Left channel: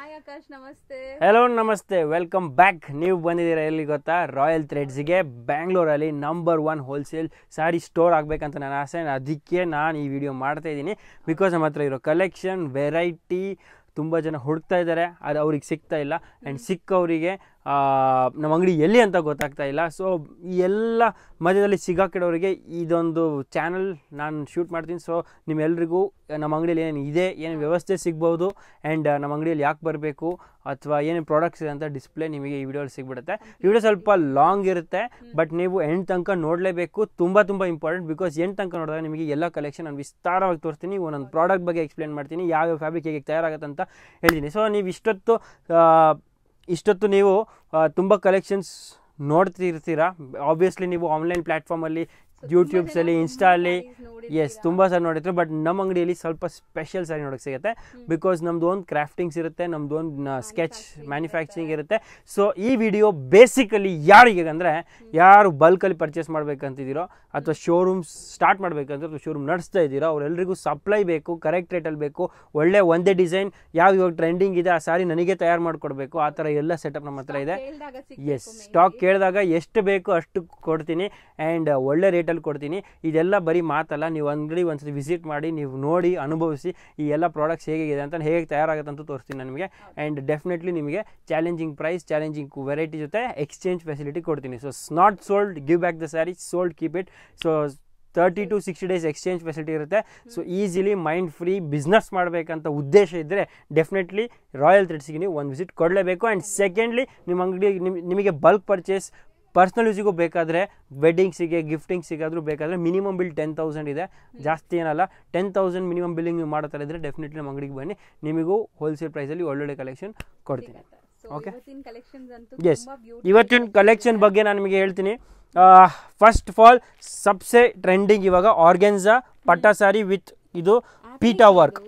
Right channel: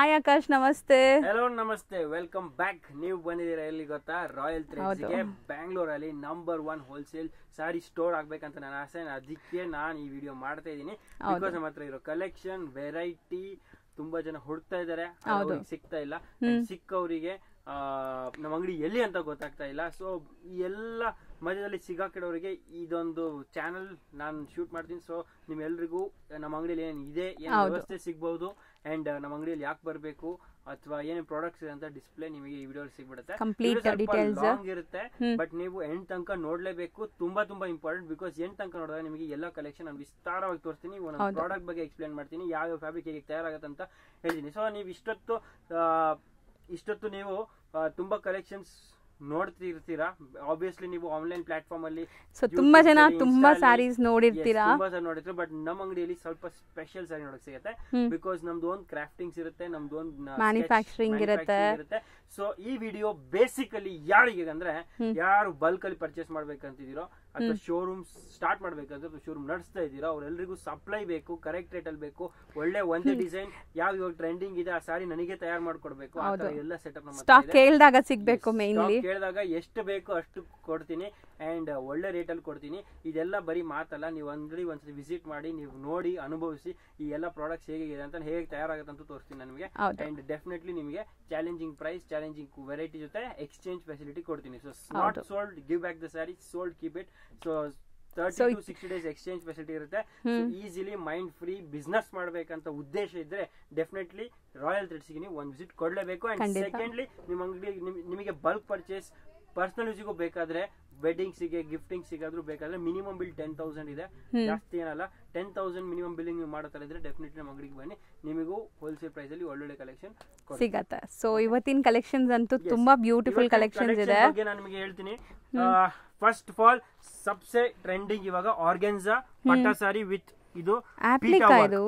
Hi Akash, ನಮಸ್ತೆ. Hello ನಮಸ್ತೆ, welcome back. ನೀವು ಬಂದಿದ್ದೀರಾ ಎಲ್ಲಿ ಗೊತ್ತಾ? ರಾಯಲ್ ಥ್ರೆಡ್ಸ್ಗೆ. ಬ್ಯಾಂಗ್ಳೂರಲ್ಲಿ ನಂಬರ್ 1 ಹೋಲ್ಸೇಲ್ ಸ್ಯಾರಿ ಸ್ಟೋರ್ ಆಗ್ಬೇಕಂತ ನನ್ನ ಆಸೆ. ಅದಕ್ಕೆ ನಾನು ಈ ವಿಡಿಯೋ ಮಾಡ್ತಾ ಇದ್ದೀನಿ. ಬಿಕಾಸ್ ನಮ್ಮ ಹತ್ರ ಇರೋ ಕಲೆಕ್ಷನ್, ವೆರೈಟಿ ತುಂಬ ಜನ ಹುಡುಕ್ತಾ ಇದ್ದಾರೆ, ಅದು ಅವ್ರಿಗೆ ಸಿಗ್ತಾ ಇಲ್ಲ. ಆ್ಯಂಡ್ ಸಿಕ್ಕವರಿಗೆ ನಮ್ಮ ಅಂಗಡಿ ಎಲ್ಲಿ ಅಂತ ಗೊತ್ತಾಗ್ತಾ ಇಲ್ಲ. ಸೊ ಈ ಎಲ್ಲ ಮಧ್ಯದಲ್ಲಿ ಸಿಗಾಕಿಡೋರಿಗೆ ಇದೊಂದು ಚಾನಲ್ ನಾನು ಶೂಟ್ ಮಾಡ್ತೀನಿ. ಸೊ ನಿಮ್ಮೆಲ್ರಿಗೂ ನಮ್ಮ ಅಂಗಡಿಯಲ್ಲಿ ಏನೇನು ಇದೆ, ಏನೇನು ವ್ಯವಸ್ಥೆ ಸಿಗ್ಬೋದು, ಆ್ಯಂಡ್ ನಮ್ಮ ಅಂಗಡಿಯಲ್ಲಿ ಯಾಕೆ ಬರಬೇಕು ಅಥವಾ ಏನೇನು ಪ್ರಾಡಕ್ಟ್ಸ್ ಇದೆ ಅಂತ ಡಿಸ್ಪ್ಲೇ ನಿಮಗೆ ಈ ವಿಡಿಯೋ ಸಿಗ್ಬಿಡುತ್ತೆ. ವಿಡಿಯೋ ಸ್ವಲ್ಪ ಲಾಂಗ್ ಇರುತ್ತೆ, ಬಟ್ ನೀವು ಎಂಡ್ ತನಕ ನೋಡಲೇಬೇಕು. ತುಂಬ ಇಂಪಾರ್ಟೆಂಟ್. ಬಿಕಾಸ್ ಎಂಡ್ ತನಕ ನೋಡಿದಾಗ ನಿಮಗೆ ಎಲ್ಲ ಕಲೆಕ್ಷನ್ ನಾನು ವಿಸ್ತಾರವಾಗಿ ತೋರಿಸ್ತೀನಿ. ಒಂದೊಂದು ಪ್ರಾಡಕ್ಟ್ ಬಗ್ಗೆ ಎಕ್ಸ್ಪ್ಲೇನ್ ಮಾಡ್ತೀನಿ, ಯಾವ್ಯಾವ ಫ್ಯಾಬ್ರಿಕ್ ಹೇಗೆ ತಯಾರಾಗುತ್ತೆ ಅಂತ ಹೇಳ್ತೀನಿ. ಸೊ ನೀವು ಇಷ್ಟೊತ್ತು ನೀವು ತುಂಬ ಕಲೆಕ್ಷನ್ಸ್ ನೋಡ್ತಿರ್ತೀರಾ. ಆಬ್ವಿಯಸ್ಲಿ ನೀವು ಆನ್ಲೈನ್ ಪ್ಲಾಟ್ಫಾರ್ಮಲ್ಲಿ ತುಂಬಾ ಸಾರಿ ನೋಡಿರ್ತೀರ. ಬಟ್ ನಮ್ಮ ಅಂಗಡಿಯಲ್ಲಿ ಸ್ವಲ್ಪ ಸ್ಪೆಷಲ್ ಸಾರಿ ನೋಡಕ್ ಸಿಗುತ್ತೆ. ಬಿಕಾಸ್ ನಮ್ದು ಒಂದು ಕ್ರಾಫ್ಟಿಂಗ್ಸ್ ಇರುತ್ತೆ, ನಮ್ದು ಒಂದು ಸ್ಕೆಚ್ ಮ್ಯಾನುಫ್ಯಾಕ್ಚರಿಂಗ್ ಇರುತ್ತೆ. ಸೊ ಈ ವಿಡಿಯೋ ಬೇಸಿಕಲಿ ಯಾರಿಗೆ ಅಂದ್ರೆ, ಯಾರು ಬಲ್ಕ್ ಅಲ್ಲಿ ಪರ್ಚೇಸ್ ಮಾಡ್ಬೇಕಂತಿದ್ದೀರೋ ಅಥವಾ ಶೋರೂಮ್ ಸ್ಟಾರ್ಟ್ ಮಾಡ್ಬೇಕಂತ ಶೋರೂಮ್ ನಡೆಸ್ತಾ ಇದ್ದೀರೋ ಅವ್ರೆಲ್ರಿಗೂ ಸಪ್ಲೈ ಬೇಕು, ಕರೆಕ್ಟ್ ರೇಟಲ್ಲಿ ಬೇಕು, ಒಳ್ಳೆ ಒಂದೇ ಡಿಸೈನ್ ಇವಾಗ ಟ್ರೆಂಡಿಂಗ್ ಇದೆ ಆ ಸಾರಿ ನನಗೆ ತಯಾರು ಮಾಡ್ಕೊಡ್ಬೇಕು. ಆ ತರ ಎಲ್ಲ ಸೆಟಪ್ ನಮ್ಮ ಹತ್ರ ಇದೆ. ಸ್ಟಾಕ್ ಕೇಳಿದಾಗ ಎಷ್ಟು ಬೇಕು ಅಷ್ಟು ಕೊಡ್ತೀನಿ, ಅಂಡ್ ಒಳ್ಳೆ ರೇಟಲ್ಲಿ ಕೊಡ್ತೀನಿ. ಇದೆಲ್ಲ ಬರೀ ಮಾತಲ್ಲ, ನೀವು ಅಂಗಡಿ ಒಂದ್ಸತಿ ವಿಸಿಟ್ ಮಾಡಿ, ನೀವು ನೋಡಿ ಅನುಭವಿಸಿ ಈ ಎಲ್ಲ ಪ್ರಾಡಕ್ಟ್ಸ್ ಹೇಗಿದೆ ಅಂತ, ಹೇಗೆ ತಯಾರಾಗುತ್ತೆ ಅಂತ ತೋರಿಸ್ತೀನಿ ನಿಮಗೆ. ಅಂಡ್ ಡೆಫಿನೆಟ್ಲಿ ನಿಮಗೆ ಚಾಲೆಂಜಿಂಗ್ ಪ್ರೈಸ್, ಚಾಲೆಂಜಿಂಗ್ ವೆರೈಟಿ ಜೊತೆ ಎಕ್ಸ್ಚೇಂಜ್ ಫೆಸಿಲಿಟಿ ಕೊಡ್ತೀನಿ. So not sold, give back the sari, sold keep it. So 30 to 60 days exchange facility ಇರುತ್ತೆ. So easily mind free business ಮಾಡಬೇಕಂತ ಉದ್ದೇಶ ಇದ್ದರೆ ಡೆಫಿನೆಟ್ಲಿ ರಾಯಲ್ ಥ್ರೆಡ್ಸ್ಗೆ ನೀವು ಒಂದು ವಿಸಿಟ್ ಕೊಡಲೇಬೇಕು. ಆ್ಯಂಡ್ ಸೆಕೆಂಡ್ಲಿ ನಿಮ್ಮ ಅಂಗಡಿ ನಿಮಗೆ ಬಲ್ಕ್ ಪರ್ಚೇಸ್ ಪರ್ಸನಲ್ ಯೂಸಿಗೂ ಬೇಕಾದರೆ, ವೆಡ್ಡಿಂಗ್ಸಿಗೆ, ಗಿಫ್ಟಿಂಗ್ಸಿಗೆ ಆದರೂ ಬೇಕಾದರೆ ಮಿನಿಮಮ್ ಬಿಲ್ 10,000 ಇದೆ, ಜಾಸ್ತಿ ಏನಲ್ಲ. 10,000 ಮಿನಿಮಮ್ ಬಿಲ್ಲಿಂಗ್ ನೀವು ಮಾಡೋ ಥರ ಇದ್ದರೆ ಡೆಫಿನೆಟ್ಲಿ ನಮ್ಮ ಅಂಗಡಿಗೆ ಬನ್ನಿ, ನಿಮಗೂ ಹೋಲ್ಸೇಲ್ ಪ್ರೈಸಲ್ಲಿ ಒಳ್ಳೊಳ್ಳೆ ಕಲೆಕ್ಷನ್ ಸಿಗುತ್ತೆ. ಸೊ ಇವತ್ತಿನ ಕಲೆಕ್ಷನ್ಸ್ ಅಂತೂ ತುಂಬಾ ಬ್ಯೂಟಿಫುಲ್. ಇವತ್ತಿನ ಕಲೆಕ್ಷನ್ ಬಗ್ಗೆ ನಾನು ನಿಮಗೆ ಹೇಳ್ತೀನಿ. First of all Sabse trending ಇವಾಗ ಆರ್ಗೆನ್ಜಾ ಪಟ್ಟಾ ಸಾರಿ ವಿತ್ ಇದು ಪೀಟಾ ವರ್ಕ್.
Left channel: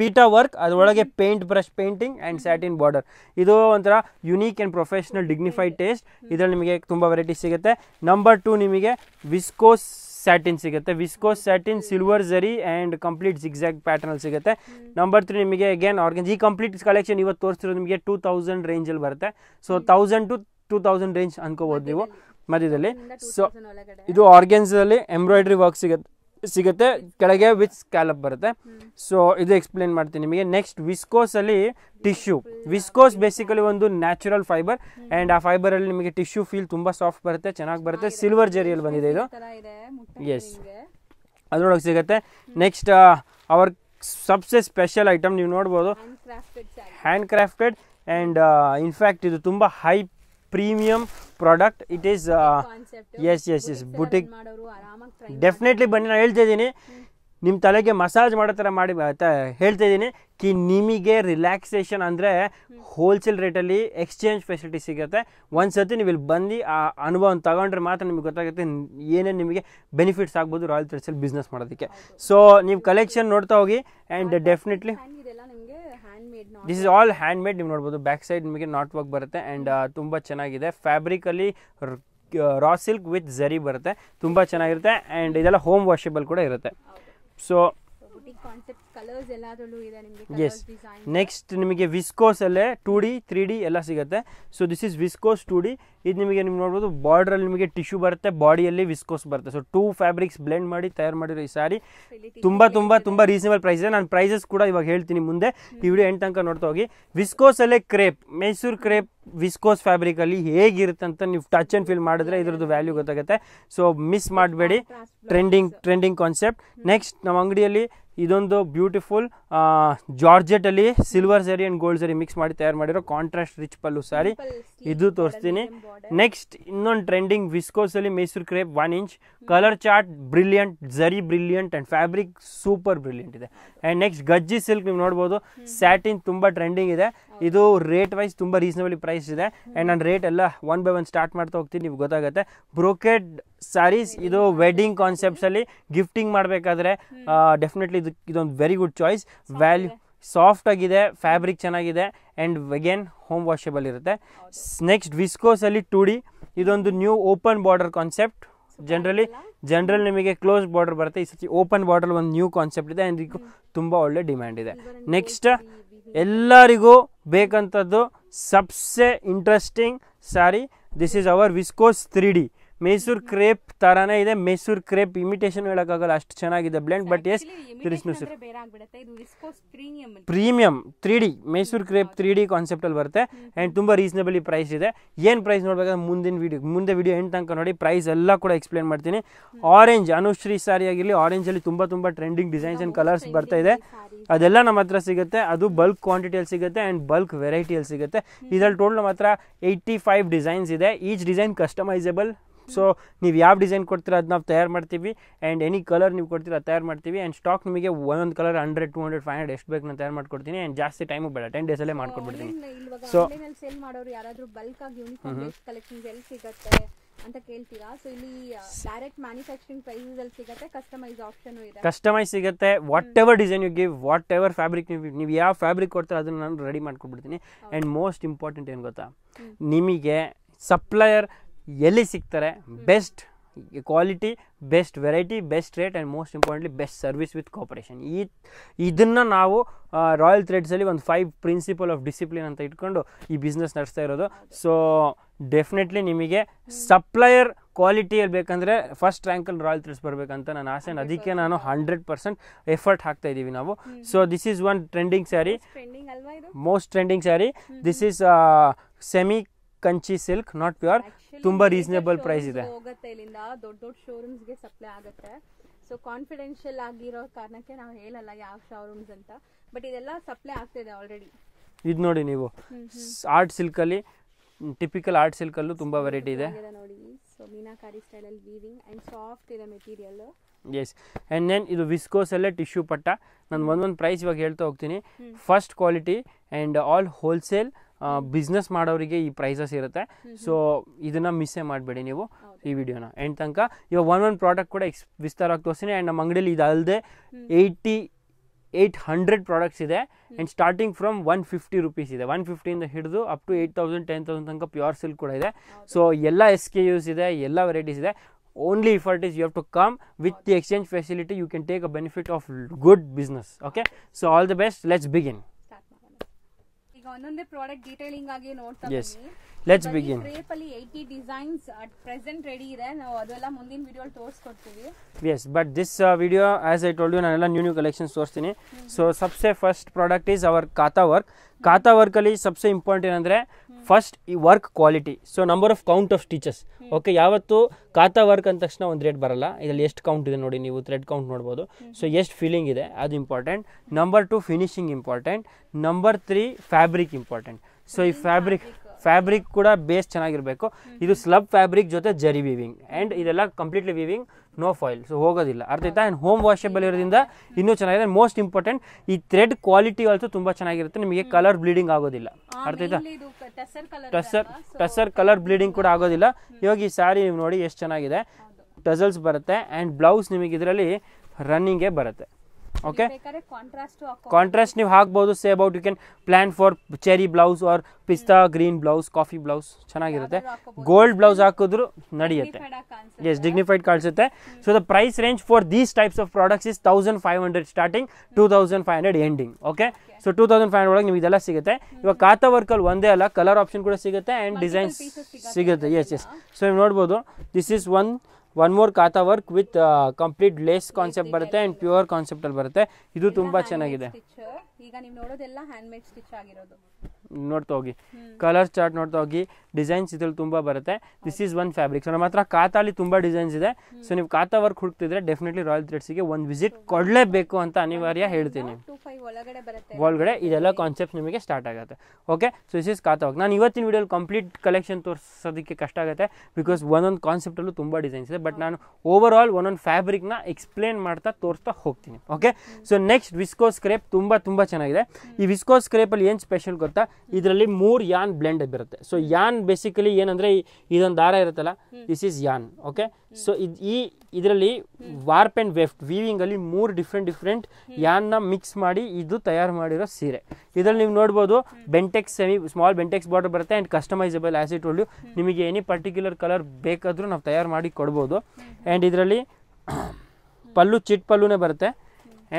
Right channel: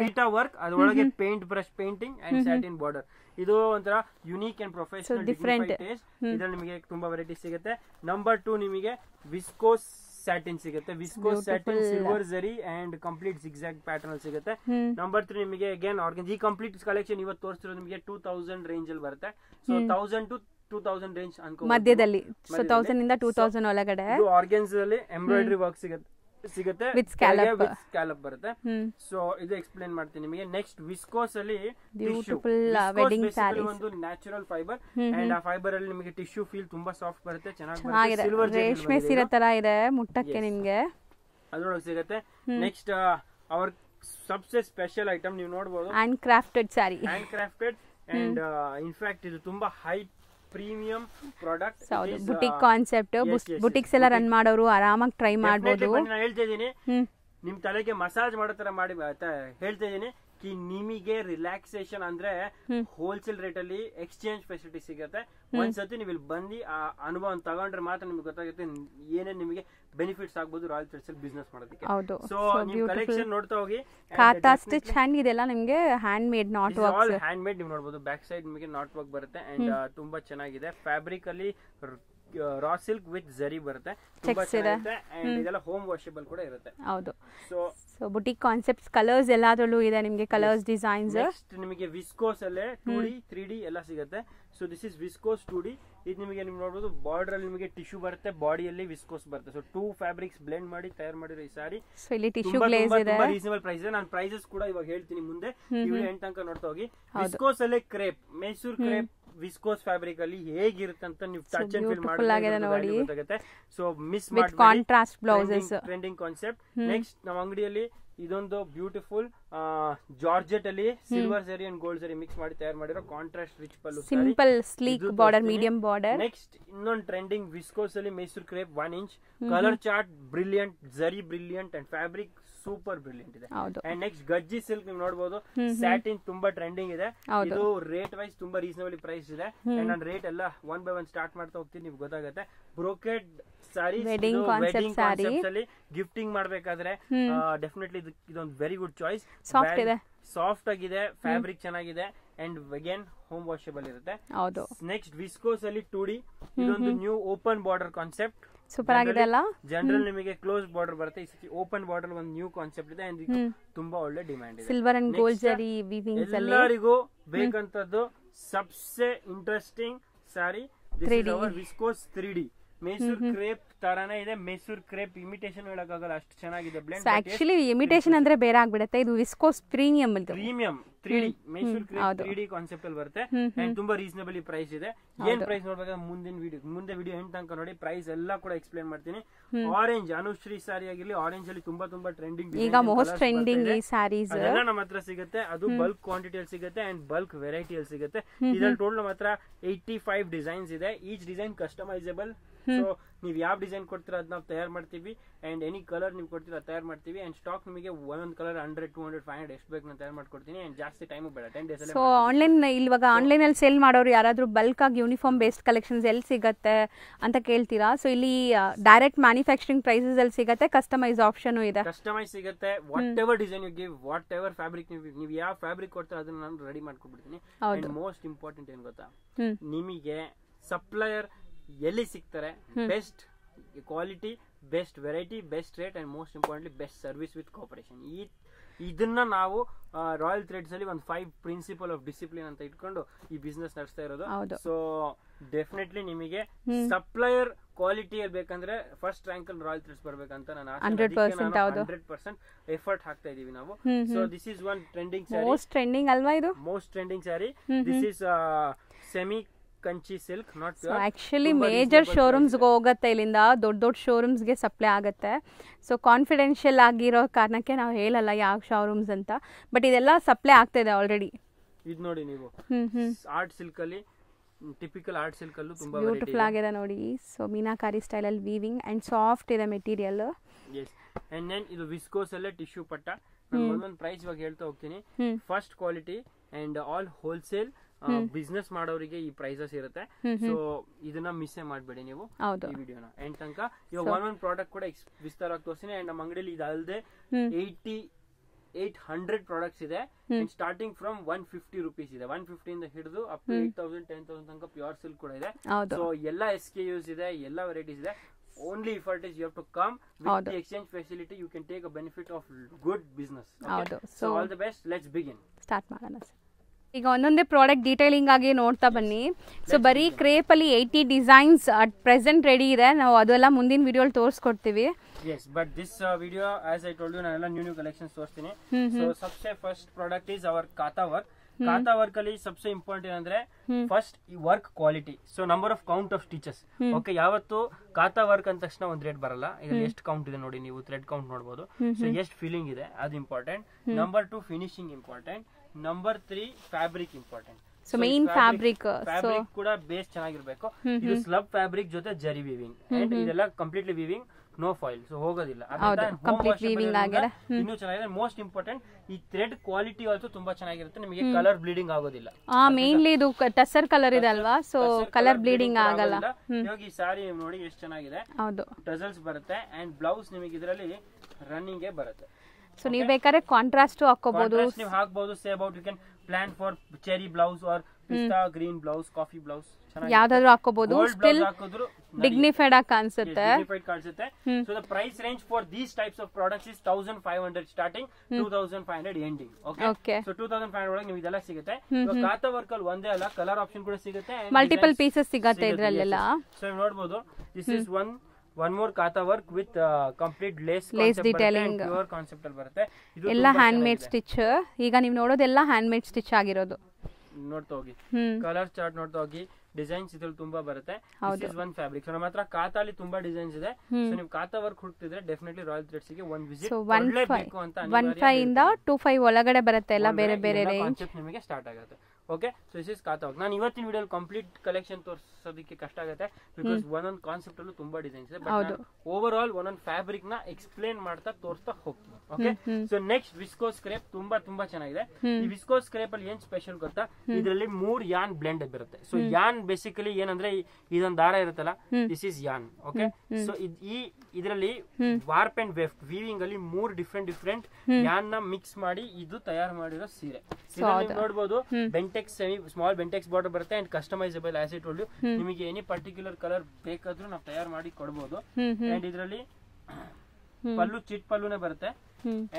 ಪೀಟಾ ವರ್ಕ್, ಅದರೊಳಗೆ paint brush painting and satin border. ಇದು ಒಂಥರ unique and professional dignified taste. ಇದರಲ್ಲಿ ನಿಮಗೆ ತುಂಬಾ ವೆರೈಟಿ ಸಿಗುತ್ತೆ. ನಂಬರ್ 2 ನಿಮಗೆ ವಿಸ್ಕೋಸ್ ಸ್ಯಾಟಿನ್ ಸಿಗುತ್ತೆ. ವಿಸ್ಕೋಸ್ ಸ್ಯಾಟಿನ್ ಸಿಲ್ವರ್ ಜರಿ ಅಂಡ್ ಕಂಪ್ಲೀಟ್ ಜಿಗ್ಜಾಗ್ ಪ್ಯಾಟರ್ನ್ ಅಲ್ಲಿ ಸಿಗುತ್ತೆ. ನಂಬರ್ 3 ನಿಮಗೆ ಅಗೇನ್ ಆರ್ಗೆನ್ಜಾ. ಈ ಕಂಪ್ಲೀಟ್ ಕಲೆಕ್ಷನ್ ಇವತ್ತು ತೋರಿಸ್ತಿರೋದು ನಿಮಗೆ 2000 ರೇಂಜ್ ಅಲ್ಲಿ ಬರುತ್ತೆ. ಸೊ 1000 to 2000 ರೇಂಜ್ ಅನ್ಕೋಬಹುದು. ಇದು ಆರ್ಗೆನ್ಜಾದಲ್ಲಿ ಎಂಬ್ರಾಯ್ಡರಿ ವರ್ಕ್ ಸಿಗುತ್ತೆ, ಕೆಳಗೆ ವಿತ್ ಸ್ಕ್ಯಾಲಪ್ ಬರುತ್ತೆ. ಸೊ ಇದು ಎಕ್ಸ್ಪ್ಲೇನ್ ಮಾಡ್ತೀನಿ ನಿಮಗೆ. ನೆಕ್ಸ್ಟ್ ವಿಸ್ಕೋಸ್ ಅಲ್ಲಿ ಟಿಶ್ಯೂ. ವಿಸ್ಕೋಸ್ ಬೇಸಿಕಲಿ ಒಂದು ನ್ಯಾಚುರಲ್ ಫೈಬರ್, ಅಂಡ್ ಆ ಫೈಬರ್ ಅಲ್ಲಿ ನಿಮಗೆ ಟಿಶ್ಯೂ ಫೀಲ್ ತುಂಬಾ ಸಾಫ್ಟ್ ಬರುತ್ತೆ, ಚೆನ್ನಾಗಿ ಬರುತ್ತೆ. ಸಿಲ್ವರ್ ಜರಿಯಲ್ಲಿ ಬಂದಿದೆ, ಅದ್ರೊಳಗೆ ಸಿಗುತ್ತೆ. Next hour Sabse special item ನೀವು ನೋಡಬಹುದು, ಹ್ಯಾಂಡ್ ಕ್ರಾಫ್ಟೆಡ್ ಅಂಡ್ ಇನ್ಫ್ಯಾಕ್ಟ್ ಇದು ತುಂಬಾ high premium product. It is concept. Boutiques ಎಲ್ಲ ರನ್ ಮಾಡೋರು ಆರಾಮಾಗಿ ಟ್ರೈ ಮಾಡಬಹುದು. ಡೆಫಿನೆಟ್ಲಿ ಬನ್ನಿ. ನಾನು ಹೇಳ್ತಾ ಇದ್ದೀನಿ, ನಿಮ್ಮ ತಲೆಗೆ ಮಸಾಜ್ ಮಾಡೋ ಥರ ಮಾಡಿ ಹೇಳ್ತಾ ಇದ್ದೀನಿ ಕಿ ನಿಮಗೆ ರಿಲ್ಯಾಕ್ಸೇಷನ್ ಅಂದರೆ ಹೋಲ್ಸೇಲ್ ರೇಟಲ್ಲಿ ಎಕ್ಸ್ಚೇಂಜ್ ಫೆಸಿಲಿಟಿ ಸಿಗುತ್ತೆ. ಒಂದ್ಸತಿ ನೀವು ಇಲ್ಲಿ ಬಂದು ಆ ಅನುಭವ ತಗೊಂಡ್ರೆ ಮಾತ್ರ ನಿಮ್ಗೆ ಗೊತ್ತಾಗುತ್ತೆ ಏನೇನು ನಿಮಗೆ ಬೆನಿಫಿಟ್ಸ್ ಆಗ್ಬೋದು ರಾಯಲ್ ಥ್ರೆಡ್ಸಲ್ಲಿ ಬಿಸ್ನೆಸ್ ಮಾಡೋದಕ್ಕೆ. ಸೊ ನೀವು ಕಲೆಕ್ಷನ್ ನೋಡ್ತಾ ಹೋಗಿ. And definitely this is all hand made. ನೀವು ನೋಡ್ಬೋದು ಬ್ಯಾಕ್ ಸೈಡ್ ನಿಮಗೆ ನಾಟ್ ವರ್ಕ್ ಬರುತ್ತೆ, ಅಂಡ್ ತುಂಬಾ ಚೆನ್ನಾಗಿದೆ. ಫ್ಯಾಬ್ರಿಕ್ ಅಲ್ಲಿ ರಾ ಸಿಲ್ಕ್ ವಿತ್ ಜರಿ ಬರುತ್ತೆ, ತುಂಬಾ ಚೆನ್ನಾಗಿರುತ್ತೆ. ಅಂಡ್ ಇದೆಲ್ಲ ಹೋಮ್ ವಾಷಬಲ್ ಕೂಡ ಇರುತ್ತೆ. ಸೊ ಬುಟಿಕ್ ಕಾನ್ಸೆಪ್ಟ್ಸ್, ಕಲರ್ಸ್ ಎಲ್ಲದರಲ್ಲೂ ಇದೆ ನಿಮಗೆ, ಕಲರ್ಸ್ ಡಿಸೈನ್ಸ್. ನೆಕ್ಸ್ಟ್ ನಿಮಗೆ ವಿಸ್ಕೋಸ್ ಅಲ್ಲೇ 2D 3D ಎಲ್ಲ ಸಿಗುತ್ತೆ. So this is viscose 2D. ಇದು ನಿಮಗೆ ನೀವು ನೋಡ್ಬೋದು ಬಾರ್ಡರ್ ಅಲ್ಲಿ ನಿಮಗೆ ಟಿಶ್ಯೂ ಬರುತ್ತೆ, ಬಾಡಿಯಲ್ಲಿ ವಿಸ್ಕೋಸ್ ಬರುತ್ತೆ. ಸೊ 2 ಫ್ಯಾಬ್ರಿಕ್ಸ್ ಬ್ಲೆಂಡ್ ಮಾಡಿ ತಯಾರು ಮಾಡಿರೋ ಈ ಸಾರಿ ತುಂಬಾ ರೀಸನಬಲ್ ಪ್ರೈಸ್ ಇದೆ. ನಾನು ಪ್ರೈಸಸ್ ಕೂಡ ಇವಾಗ ಹೇಳ್ತೀನಿ ಮುಂದೆ, ಈ ವಿಡಿಯೋ ಎಂಡ್ ತನಕ ನೋಡ್ತಾ ಹೋಗಿ. ವಿಸ್ಕೋಸ್ ಅಲ್ಲೇ crepe, Mysuru crepe viscose fabric ಅಲ್ಲಿ ಹೇಗಿರುತ್ತೆ ಅಂತ ನೀವು ಟಚ್ ಅಂಡ್ ಫೀಲ್ ಮಾಡಿದ್ರೆ ಇದ್ರದ್ದು ವ್ಯಾಲ್ಯೂ ಗೊತ್ತಾಗುತ್ತೆ. ಸೊ ಮಿಸ್ ಮಾಡಬೇಡಿ, ಟ್ರೆಂಡಿಂಗ್ ಕಾನ್ಸೆಪ್ಟ್. ನೆಕ್ಸ್ಟ್ ನಮ್ಮ ಅಂಗಡಿಯಲ್ಲಿ ಇದೊಂದು ಬ್ಯೂಟಿಫುಲ್ ಜಾರ್ಜೆಟ್ ಅಲ್ಲಿ ಸಿಲ್ವರ್ ಸರಿ ಅಂಡ್ ಗೋಲ್ಡ್ ಸರಿ ಮಿಕ್ಸ್ ಮಾಡಿ ತಯಾರು ಮಾಡಿರೋ ಕಾಂಟ್ರಾಸ್ಟ್ ರಿಚ್ ಪಲ್ಲು ಸಾರಿ, ಇದು ತೋರಿಸ್ತೀನಿ. ನೆಕ್ಸ್ಟ್ ಇನ್ನೊಂದು ಟ್ರೆಂಡಿಂಗ್ ವಿಸ್ಕೋಸ್ ಅಲ್ಲಿ Mysore crepe 1 inch. Colour chart brilliant, zari brilliant and fabric super brilliant ಇದೆ. ಅಂಡ್ ನೆಕ್ಸ್ಟ್ ಗಜ್ಜಿ ಸಿಲ್ಕ್ ನೀವು ನೋಡಬಹುದು, ಸ್ಯಾಟಿನ್ ತುಂಬಾ ಟ್ರೆಂಡಿಂಗ್ ಇದೆ. ಇದು ರೇಟ್ ವೈಸ್ ತುಂಬಾ ರೀಸನಬಲಿ ಪ್ರೈಸ್ ಇದೆ. ಅಂಡ್ ನಾನು ರೇಟ್ ಎಲ್ಲ 1 by 1 ಸ್ಟಾರ್ಟ್ ಮಾಡ್ತಾ ಹೋಗ್ತೀನಿ, ನಿಮ್ಗೆ ಗೊತ್ತಾಗುತ್ತೆ. ಬ್ರೋಕೆಡ್ ಸಾರೀಸ್, ಇದು ವೆಡ್ಡಿಂಗ್ ಕಾನ್ಸೆಪ್ಟ್ಸ್ ಅಲ್ಲಿ ಗಿಫ್ಟಿಂಗ್ ಮಾಡ್ಬೇಕಾದ್ರೆ ಡೆಫಿನೆಟ್ಲಿ ಇದೊಂದು ವೆರಿ ಗುಡ್ ಚಾಯ್ಸ್. ಸಾಫ್ಟ್ ಆಗಿದೆ, ಫ್ಯಾಬ್ರಿಕ್ ಚೆನ್ನಾಗಿದೆ, ಅಂಡ್ ಅಗೇನ್ ಹೋಮ್ ವಾಷಬಲ್ ಇರುತ್ತೆ. ನೆಕ್ಸ್ಟ್ ವಿಸ್ಕೋಸ್ ಅಲ್ಲಿ 2D, ಇದೊಂದು new open border concept. Super ಆಗಿದೆ ಅಲ್ಲ ಜನರಲ್ ನಿಮಗೆ ಕ್ಲೋಸ್ ಬಾರ್ಡರ್ ಬರುತ್ತೆ, ಈ ಸತಿ ಓಪನ್ ಬಾರ್ಡರ್ ಒಂದು ನ್ಯೂ ಕಾನ್ಸೆಪ್ಟ್ ಇದೆ ಅಂಡ್ ತುಂಬಾ ಒಳ್ಳೆ ಡಿಮ್ಯಾಂಡ್ ಇದೆ. ನೆಕ್ಸ್ಟ್ ಎಲ್ಲರಿಗೂ ಬೇಕಂತದ್ದು ಸಬ್ಸೆ interesting sari, this is our viscose 3D Mysore crepe ತರಾನೇ ಇದೆ. ಮೈಸೂರ್ ಕ್ರೇಪ್ ಇಮಿಟೇಷನ್ ಹೇಳಕ್ಕಾಗಲ್ಲ, ಅಷ್ಟು ಚೆನ್ನಾಗಿದೆ ಬ್ಲೆಂಡ್. ಬಟ್ ಇಮಿಟೇಷನ್ ಅಂದ್ರೆ ಬೇರೆ ಆಗ್ಬಿಡುತ್ತೆ, ಇದು viscose premium 3D Mysore crepe 3D concept ಅಲ್ಲಿ ಬರುತ್ತೆ ಅಂಡ್ ತುಂಬಾ ರೀಸನಬಲಿ ಪ್ರೈಸ್ ಇದೆ. ಏನ್ ಪ್ರೈಸ್ ನೋಡ್ಬೇಕಾದ್ರೆ ಮುಂದೆ ವಿಡಿಯೋ ಎಂಡ್ ತನಕ ನೋಡಿ, ಪ್ರೈಸ್ ಎಲ್ಲ ಕೂಡ ಎಕ್ಸ್ಪ್ಲೇನ್ ಮಾಡ್ತೀನಿ. ಆರೆಂಜ್ ಅನುಶ್ರೀ ಸಾರಿ ಆಗಿರ್ಲಿ, ಆರೆಂಜ್ ಅಲ್ಲಿ ತುಂಬಾ ಟ್ರೆಂಡಿಂಗ್ ಡಿಸೈನ್ಸ್ ಅಂಡ್ ಕಲರ್ಸ್ ಬರ್ತಾ ಇದೆ, ಅದೆಲ್ಲ ನಮ್ಮ ಹತ್ರ ಸಿಗುತ್ತೆ. ಅದು ಬಲ್ಕ್ ಕ್ವಾಂಟಿಟಿಯಲ್ಲಿ ಸಿಗುತ್ತೆ ಅಂಡ್ ಬಲ್ಕ್ ವೆರೈಟಿಯಲ್ಲಿ ಸಿಗುತ್ತೆ. ಇದ್ರಲ್ಲಿ ಟೋಟಲ್ ನಮ್ಮ ಹತ್ರ 85 ಡಿಸೈನ್ಸ್ ಇದೆ. Each design ಕಸ್ಟಮೈಸೇಬಲ್. ಸೊ ನೀವು ಯಾವ ಡಿಸೈನ್ ಕೊಡ್ತೀರಾ ಅದು ನಾವು ತಯಾರು ಮಾಡ್ತೀವಿ ಆ್ಯಂಡ್ ಎನಿ ಕಲರ್ ನೀವು ಕೊಡ್ತೀರಾ ತಯಾರು ಮಾಡ್ತೀವಿ. ಆ್ಯಂಡ್ ಸ್ಟಾಕ್ ನಿಮಗೆ ಒಂದೊಂದು ಕಲರ್ 100, 200, 500 ಎಷ್ಟು ಬೇಕು ನಾನು ತಯಾರು ಮಾಡ್ಕೊಡ್ತೀನಿ. ಆ್ಯಂಡ್ ಜಾಸ್ತಿ ಟೈಮು ಬೇಡ, 10 ಡೇಸಲ್ಲೇ ಆನ್ಲೈನ್. ಇವಾಗ ಆನ್ಲೈನಲ್ಲಿ ಸೇಲ್ ಮಾಡೋರು ಯಾರಾದರೂ ಬಲ್ಕ್ ಆಗಿ ಯೂನಿಫಾರ್ಮ್ ಬೇಸ್ಡ್ ಕಲೆಕ್ಷನ್ಸ್ ಎಲ್ಲಿ ಸಿಗುತ್ತೆ ಅಂತ ಕೇಳ್ತೀರಾ? ಸೊ ಇಲ್ಲಿ ಡೈರೆಕ್ಟ್ ಮ್ಯಾನುಫ್ಯಾಕ್ಚರಿಂಗ್ ಪ್ರೈಸಸ್ ಅಲ್ಲಿ ಸಿಗುತ್ತೆ, ಕಸ್ಟಮೈಸ್ ಆಪ್ಷನ್ ಇದೆ. ಕಸ್ಟಮೈಸ್ ಸಿಗುತ್ತೆ, whatever design you give, whatever fabric ನೀವು ಯಾವ ಫ್ಯಾಬ್ರಿಕ್ ಕೊಡ್ತೀರಾ ಅದನ್ನು ನಾನು ರೆಡಿ ಮಾಡ್ಕೊಡ್ಬಿಡ್ತೀನಿ. ಆ್ಯಂಡ್ ಮೋಸ್ಟ್ ಇಂಪಾರ್ಟೆಂಟ್ ಏನು ಗೊತ್ತಾ, ನಿಮಗೆ ಸಪ್ಲೈಯರ್ ಎಲ್ಲಿ ಸಿಗ್ತಾರೆ, best quality, best variety, best rate and most importantly best service with cooperation. ಇದನ್ನು ನಾವು ರಾಯಲ್ ಥ್ರೆಡ್ಸಲ್ಲಿ ಒಂದು 5 ಪ್ರಿನ್ಸಿಪಲ್ ಆಫ್ ಡಿಸಿಪ್ಲಿನ್ ಅಂತ ಇಟ್ಕೊಂಡು ಈ ಬಿಸ್ನೆಸ್ ನಡೆಸ್ತಾ ಇರೋದು. ಸೊ ಡೆಫಿನೆಟ್ಲಿ ನಿಮಗೆ ಸಪ್ಲೈಯರ್ ಕ್ವಾಲಿಟಿಯಲ್ಲಿ ಬೇಕಂದ್ರೆ ಫಸ್ಟ್ ರ್ಯಾಂಕಲ್ಲಿ ರಾಯಲ್ ಥ್ರೆಡ್ಸ್ ಬರಬೇಕಂತ ನನ್ನ ಆಸೆ. ಅದಕ್ಕೆ ನಾನು 100% ಎಫರ್ಟ್ ಹಾಕ್ತಾ ಇದ್ದೀವಿ ನಾವು. So this is one trending sari, most trending sari. This is semi Kanchi silk, not pure. ತುಂಬಾ ರೀಸನಬಲ್ ಪ್ರೈಸ್ ಇದೆ. ಹೋಗುತ್ತೆ ಇಲ್ಲಿಂದ ದೊಡ್ಡ ಶೋರೂಮ್ಸ್ ಗೆ ಸಪ್ಲೈ ಆಗುತ್ತೆ. ಸೊ ಕಾನ್ಫಿಡೆನ್ಷಿಯಲ್ ಆಗಿರೋ ಕಾರಣಕ್ಕೆ ನಾವು ಹೇಳಲ್ಲ ಯಾವ ಶೋರೂಮ್ಸ್ ಅಂತ, ಬಟ್ ಇದೆಲ್ಲ ಸಪ್ಲೈ ಆಗ್ತಾ ಇದೆ ಆಲ್ರೆಡಿ. ಇದು ನೋಡಿ ನೀವು ಆರ್ಟ್ ಸಿಲ್ಕ್ ಅಲ್ಲಿ, ಟಿಪಿಕಲ್ ಆರ್ಟ್ ಸಿಲ್ಕ್ ಅಲ್ಲೂ ತುಂಬಾ ವೆರೈಟಿ ಇದೆ ನೋಡಿ. ಸೊ ಮೀನಾಕಾರಿ ಸ್ಟೈಲ್ ಅಲ್ಲಿ ವೀವಿಂಗ್ ಅಂಡ್ ಸಾಫ್ಟ್ ಇದೆ ಮೆಟೀರಿಯಲ್. ಎಸ್ ಅಂಡ್ ದೆನ್ ಇದು ವಿಸ್ಕೋಸ್ ಅಲ್ಲೇ ಟಿಶ್ಯೂ ಪಟ್ಟ. ನಾನು ಒಂದೊಂದು ಪ್ರೈಸ್ ಇವಾಗ ಹೇಳ್ತಾ ಹೋಗ್ತೀನಿ. First quality and all wholesale business ಮಾಡೋರಿಗೆ ಈ ಪ್ರೈಸಸ್ ಇರುತ್ತೆ. ಸೊ ಇದನ್ನ ಮಿಸ್ಸೇ ಮಾಡಬೇಡಿ ನೀವು ಈ ವಿಡಿಯೋನ ಎಂಡ್ ತನಕ. ಇವಾಗ ಒಂದೊಂದು ಪ್ರಾಡಕ್ಟ್ ಕೂಡ ವಿಸ್ತಾರವಾಗಿ ತೋರಿಸ್ತೀನಿ. ಅಂಡ್ ನಮ್ಮ ಅಂಗಡಿಯಲ್ಲಿ ಇದಲ್ಲದೆ 800 ಪ್ರಾಡಕ್ಟ್ಸ್ ಇದೆ. ಅಂಡ್ ಸ್ಟಾರ್ಟಿಂಗ್ ಫ್ರಮ್ 150 ರುಪೀಸ್ ಇದೆ. 150 ಇಂದ ಹಿಡಿದು ಅಪ್ ಟು 8000, 10,000 ತನಕ ಪ್ಯೂರ್ ಸಿಲ್ಕ್ ಕೂಡ ಇದೆ. ಸೊ ಎಲ್ಲ SKUs ಇದೆ, ಎಲ್ಲ ವೆರೈಟೀಸ್ ಇದೆ. Only effort is you have to come with the exchange facility. You can take a benefit of good business. Okay. So all the best. Let's begin. Start ಮಾಡೋಣ. ಈಗ ಒಂದೊಂದೇ product detailing ಆಗಿ ನೋಡ್ತಾ ಬನ್ನಿ. So ಬರೀ crepe ಅಲ್ಲಿ 80 designs at present ready ಇದೆ. ನಾವು ಅದೆಲ್ಲ ಮುಂದಿನ ವಿಡಿಯೋಲಿ ತೋರಿಸ್ಕೊಡ್ತೀವಿ. Yes, but this video, as I told you, ನಾನೆಲ್ಲ ನ್ಯೂ ಕಲೆಕ್ಷನ್ಸ್ ತೋರಿಸ್ತೀನಿ. ಸೊ ಸಬ್ಸೆ first product is our kantha work. Kantha work ಅಲ್ಲಿ ಸಬ್ಸೆ ಇಂಪಾರ್ಟೆಂಟ್ ಏನಂದ್ರೆ ಫಸ್ಟ್ ಈ work quality. So number of count of stitches. Okay, ಯಾವತ್ತು ಕಾತಾ ವರ್ಕ್ ಅಂದ ತಕ್ಷಣ ಒಂದು ರೇಟ್ ಬರಲ್ಲ. ಇದರಲ್ಲಿ ಎಷ್ಟು ಕೌಂಟ್ ಇದೆ ನೋಡಿ, ನೀವು ಥ್ರೆಡ್ ಕೌಂಟ್ ನೋಡಬಹುದು. ಸೊ ಎಷ್ಟು ಫೀಲಿಂಗ್ ಇದೆ ಅದು important. Number 2 finishing important. Number 3 fabric important. So ಈ ಫ್ಯಾಬ್ರಿಕ್ ಕೂಡ ಬೇಸ್ ಚೆನ್ನಾಗಿರ್ಬೇಕು. ಇದು ಸ್ಲಬ್ ಫ್ಯಾಬ್ರಿಕ್ ಜೊತೆ ಜರಿ ವೀವಿಂಗ್ ಅಂಡ್ ಇದೆಲ್ಲ completely weaving, no foil. So ಹೋಗೋದಿಲ್ಲ, ಅರ್ಥ ಆಯ್ತಾ? ಅಂಡ್ ಹೋಮ್ ವಾಷಬಲ್ ಇರೋದ್ರಿಂದ ಇನ್ನೂ ಚೆನ್ನಾಗಿದೆ. ಮೋಸ್ಟ್ ಇಂಪಾರ್ಟೆಂಟ್ ಈ ಥ್ರೆಡ್ ಕ್ವಾಲಿಟಿ ಆಲ್ಸೋ ತುಂಬಾ ಚೆನ್ನಾಗಿರುತ್ತೆ. ನಿಮಗೆ ಕಲರ್ ಬ್ಲೀಡಿಂಗ್ ಆಗೋದಿಲ್ಲ. ಟಸರ್ ಕಲರ್ ಬ್ಲೀಡಿಂಗ್ ಕೂಡ ಆಗೋದಿಲ್ಲ. ಇವಾಗ ಈ ಸಾರಿ ನೀವು ನೋಡಿ ಎಷ್ಟು ಚೆನ್ನಾಗಿದೆ, ಟಸಲ್ಸ್ ಬರುತ್ತೆ ಅಂಡ್ ಬ್ಲೌಸ್ ನಿಮಗೆ ಇದರಲ್ಲಿ ರನ್ನಿಂಗ್ ಬರುತ್ತೆ. ಕಾಂಟ್ರಾಸ್ಟ್ ನೀವು ಹಾಕಬಹುದು. Say about you can plan for cherry blouse or pista green blouse, coffee blouse ಚೆನ್ನಾಗಿದೆ. ಗೋಲ್ಡ್ ಬ್ಲೌಸ್ ಹಾಕಿದ್ರು ಡಿಗ್ನಿಫೈಡ್ ಕಾಣಿಸುತ್ತೆ. So the price range for these types of products is 1500 starting, 2500 ending. Okay, so 2500 ಒಳಗೆ ನಿಮಗೆ ಇದೆಲ್ಲ ಸಿಗುತ್ತೆ. ಇವಾಗ ಕಾತಾ ವರ್ಕ್ ಅಲ್ಲಿ ಒಂದೇ ಅಲ್ಲ, ಕಲರ್ ಆಪ್ಷನ್ ಕೂಡ ಸಿಗುತ್ತೆ ಅಂಡ್ ಡಿಸೈನ್ ಸಿಗುತ್ತೆ. ಸೊ ನೀವು ನೋಡಬಹುದು, this is one more kantha work with complete lace concept ಬರುತ್ತೆ ಅಂಡ್ ಪ್ಯೂರ್ ಕಾನ್ಸೆಪ್ಟ್ ಅಲ್ಲಿ ಬರುತ್ತೆ. ಇದು ತುಂಬಾ ಚೆನ್ನಾಗಿದೆ. ಸ್ಟಿಚ್ ಈಗ ನೀವು ನೋಡೋದೆಲ್ಲ ಹ್ಯಾಂಡ್ ಮೇಡ್ ಸ್ಟಿಚ್ ಆಗಿರೋದು. ನೋಡ್ತಾ ಹೋಗಿ, ಕಲರ್ ಚಾರ್ಟ್ ನೋಡ್ತಾ ಹೋಗಿ, ಡಿಸೈನ್ಸ್ ಇದ್ರಲ್ಲಿ ತುಂಬಾ ಬರುತ್ತೆ. This is one fabric. So ನಮ್ಮ ಹತ್ರ ಕಾತಾಲಿ ತುಂಬಾ ಡಿಸೈನ್ಸ್ ಇದೆ. ಸೊ ನೀವು ಕಾತಾ ವರ್ಕ್ ಹುಡುಕ್ತಿದ್ರೆ ಡೆಫಿನೆಟ್ಲಿ ರಾಯಲ್ ಥ್ರೆಡ್ಸ್ ಗೆ ಒಂದು ವಿಸಿಟ್ ಕೊಡ್ಲೇಬೇಕು ಅಂತ ಅನಿವಾರ್ಯ. 25 ಒಳಗಡೆ ಬರುತ್ತೆ ಎಲ್ಲ ಕಾನ್ಸೆಪ್ಟ್ ನಿಮಗೆ ಸ್ಟಾರ್ಟ್ ಆಗುತ್ತೆ. Okay, so this is kantha work. ನಾನು ಇವತ್ತಿನ ವಿಡಿಯೋಲಿ ಕಂಪ್ಲೀಟ್ ಕಲೆಕ್ಷನ್ ತೋರಿಸೋದಕ್ಕೆ ಕಷ್ಟ ಆಗುತ್ತೆ, ಬಿಕಾಸ್ ಒಂದೊಂದು ಕಾನ್ಸೆಪ್ಟ್ ಅಲ್ಲೂ ತುಂಬಾ ಡಿಸೈನ್ಸ್ ಇದೆ. ಬಟ್ ನಾನು ಓವರ್ ಆಲ್ ಒಂದೊಂದು ಫ್ಯಾಬ್ರಿಕ್ ನ ಎಕ್ಸ್ಪ್ಲೇನ್ ಮಾಡ್ತಾ ತೋರಿಸ್ತಾ ಹೋಗ್ತೀನಿ. Okay, so next viscose crepe ತುಂಬಾ ಚೆನ್ನಾಗಿದೆ. ಈ ವಿಸ್ಕೋಸ್ ಕ್ರೇಪ್ ಅಲ್ಲಿ ಏನ್ ಸ್ಪೆಷಲ್ ಗೊತ್ತಾ, ಇದರಲ್ಲಿ 3 ಯಾನ್ ಬ್ಲೆಂಡ್ ಬರುತ್ತೆ. ಸೊ ಯಾನ್ ಬೇಸಿಕಲಿ ಏನಂದ್ರೆ ಇದೊಂದು ದಾರ ಇರುತ್ತಲ್ಲ, ದಿಸ್ ಇಸ್ ಯಾನ್. ಓಕೆ, ಸೊ ಈ ಇದರಲ್ಲಿ ವಾರ್ಪ್ ಅಂಡ್ ವೆಫ್ಟ್ ವೀವಿಂಗ್ ಅಲ್ಲಿ 3 ಡಿಫ್ರೆಂಟ್ ಯಾನ್ ನ ಮಿಕ್ಸ್ ಮಾಡಿ ಇದು ತಯಾರು ಮಾಡಿರೋ ಸೀರೆ. ಇದ್ರಲ್ಲಿ ನೀವು ನೋಡಬಹುದು ಬೆಂಟೆಕ್ಸ್ ಸ್ಮಾಲ್ ಬೆಂಟೆಕ್ಸ್ ಬಾರ್ಡರ್ ಬರುತ್ತೆ and customisable as it told you. ನಿಮಗೆ ಎನಿ ಪರ್ಟಿಕ್ಯುಲರ್ ಕಲರ್ ಬೇಕಾದ್ರೂ ನಾವು ತಯಾರು ಮಾಡಿ ಕೊಡಬಹುದು. ಅಂಡ್ ಇದರಲ್ಲಿ ಪಲ್ಲು ಚಿಟ್ ಪಲ್ಲುನೇ ಬರುತ್ತೆ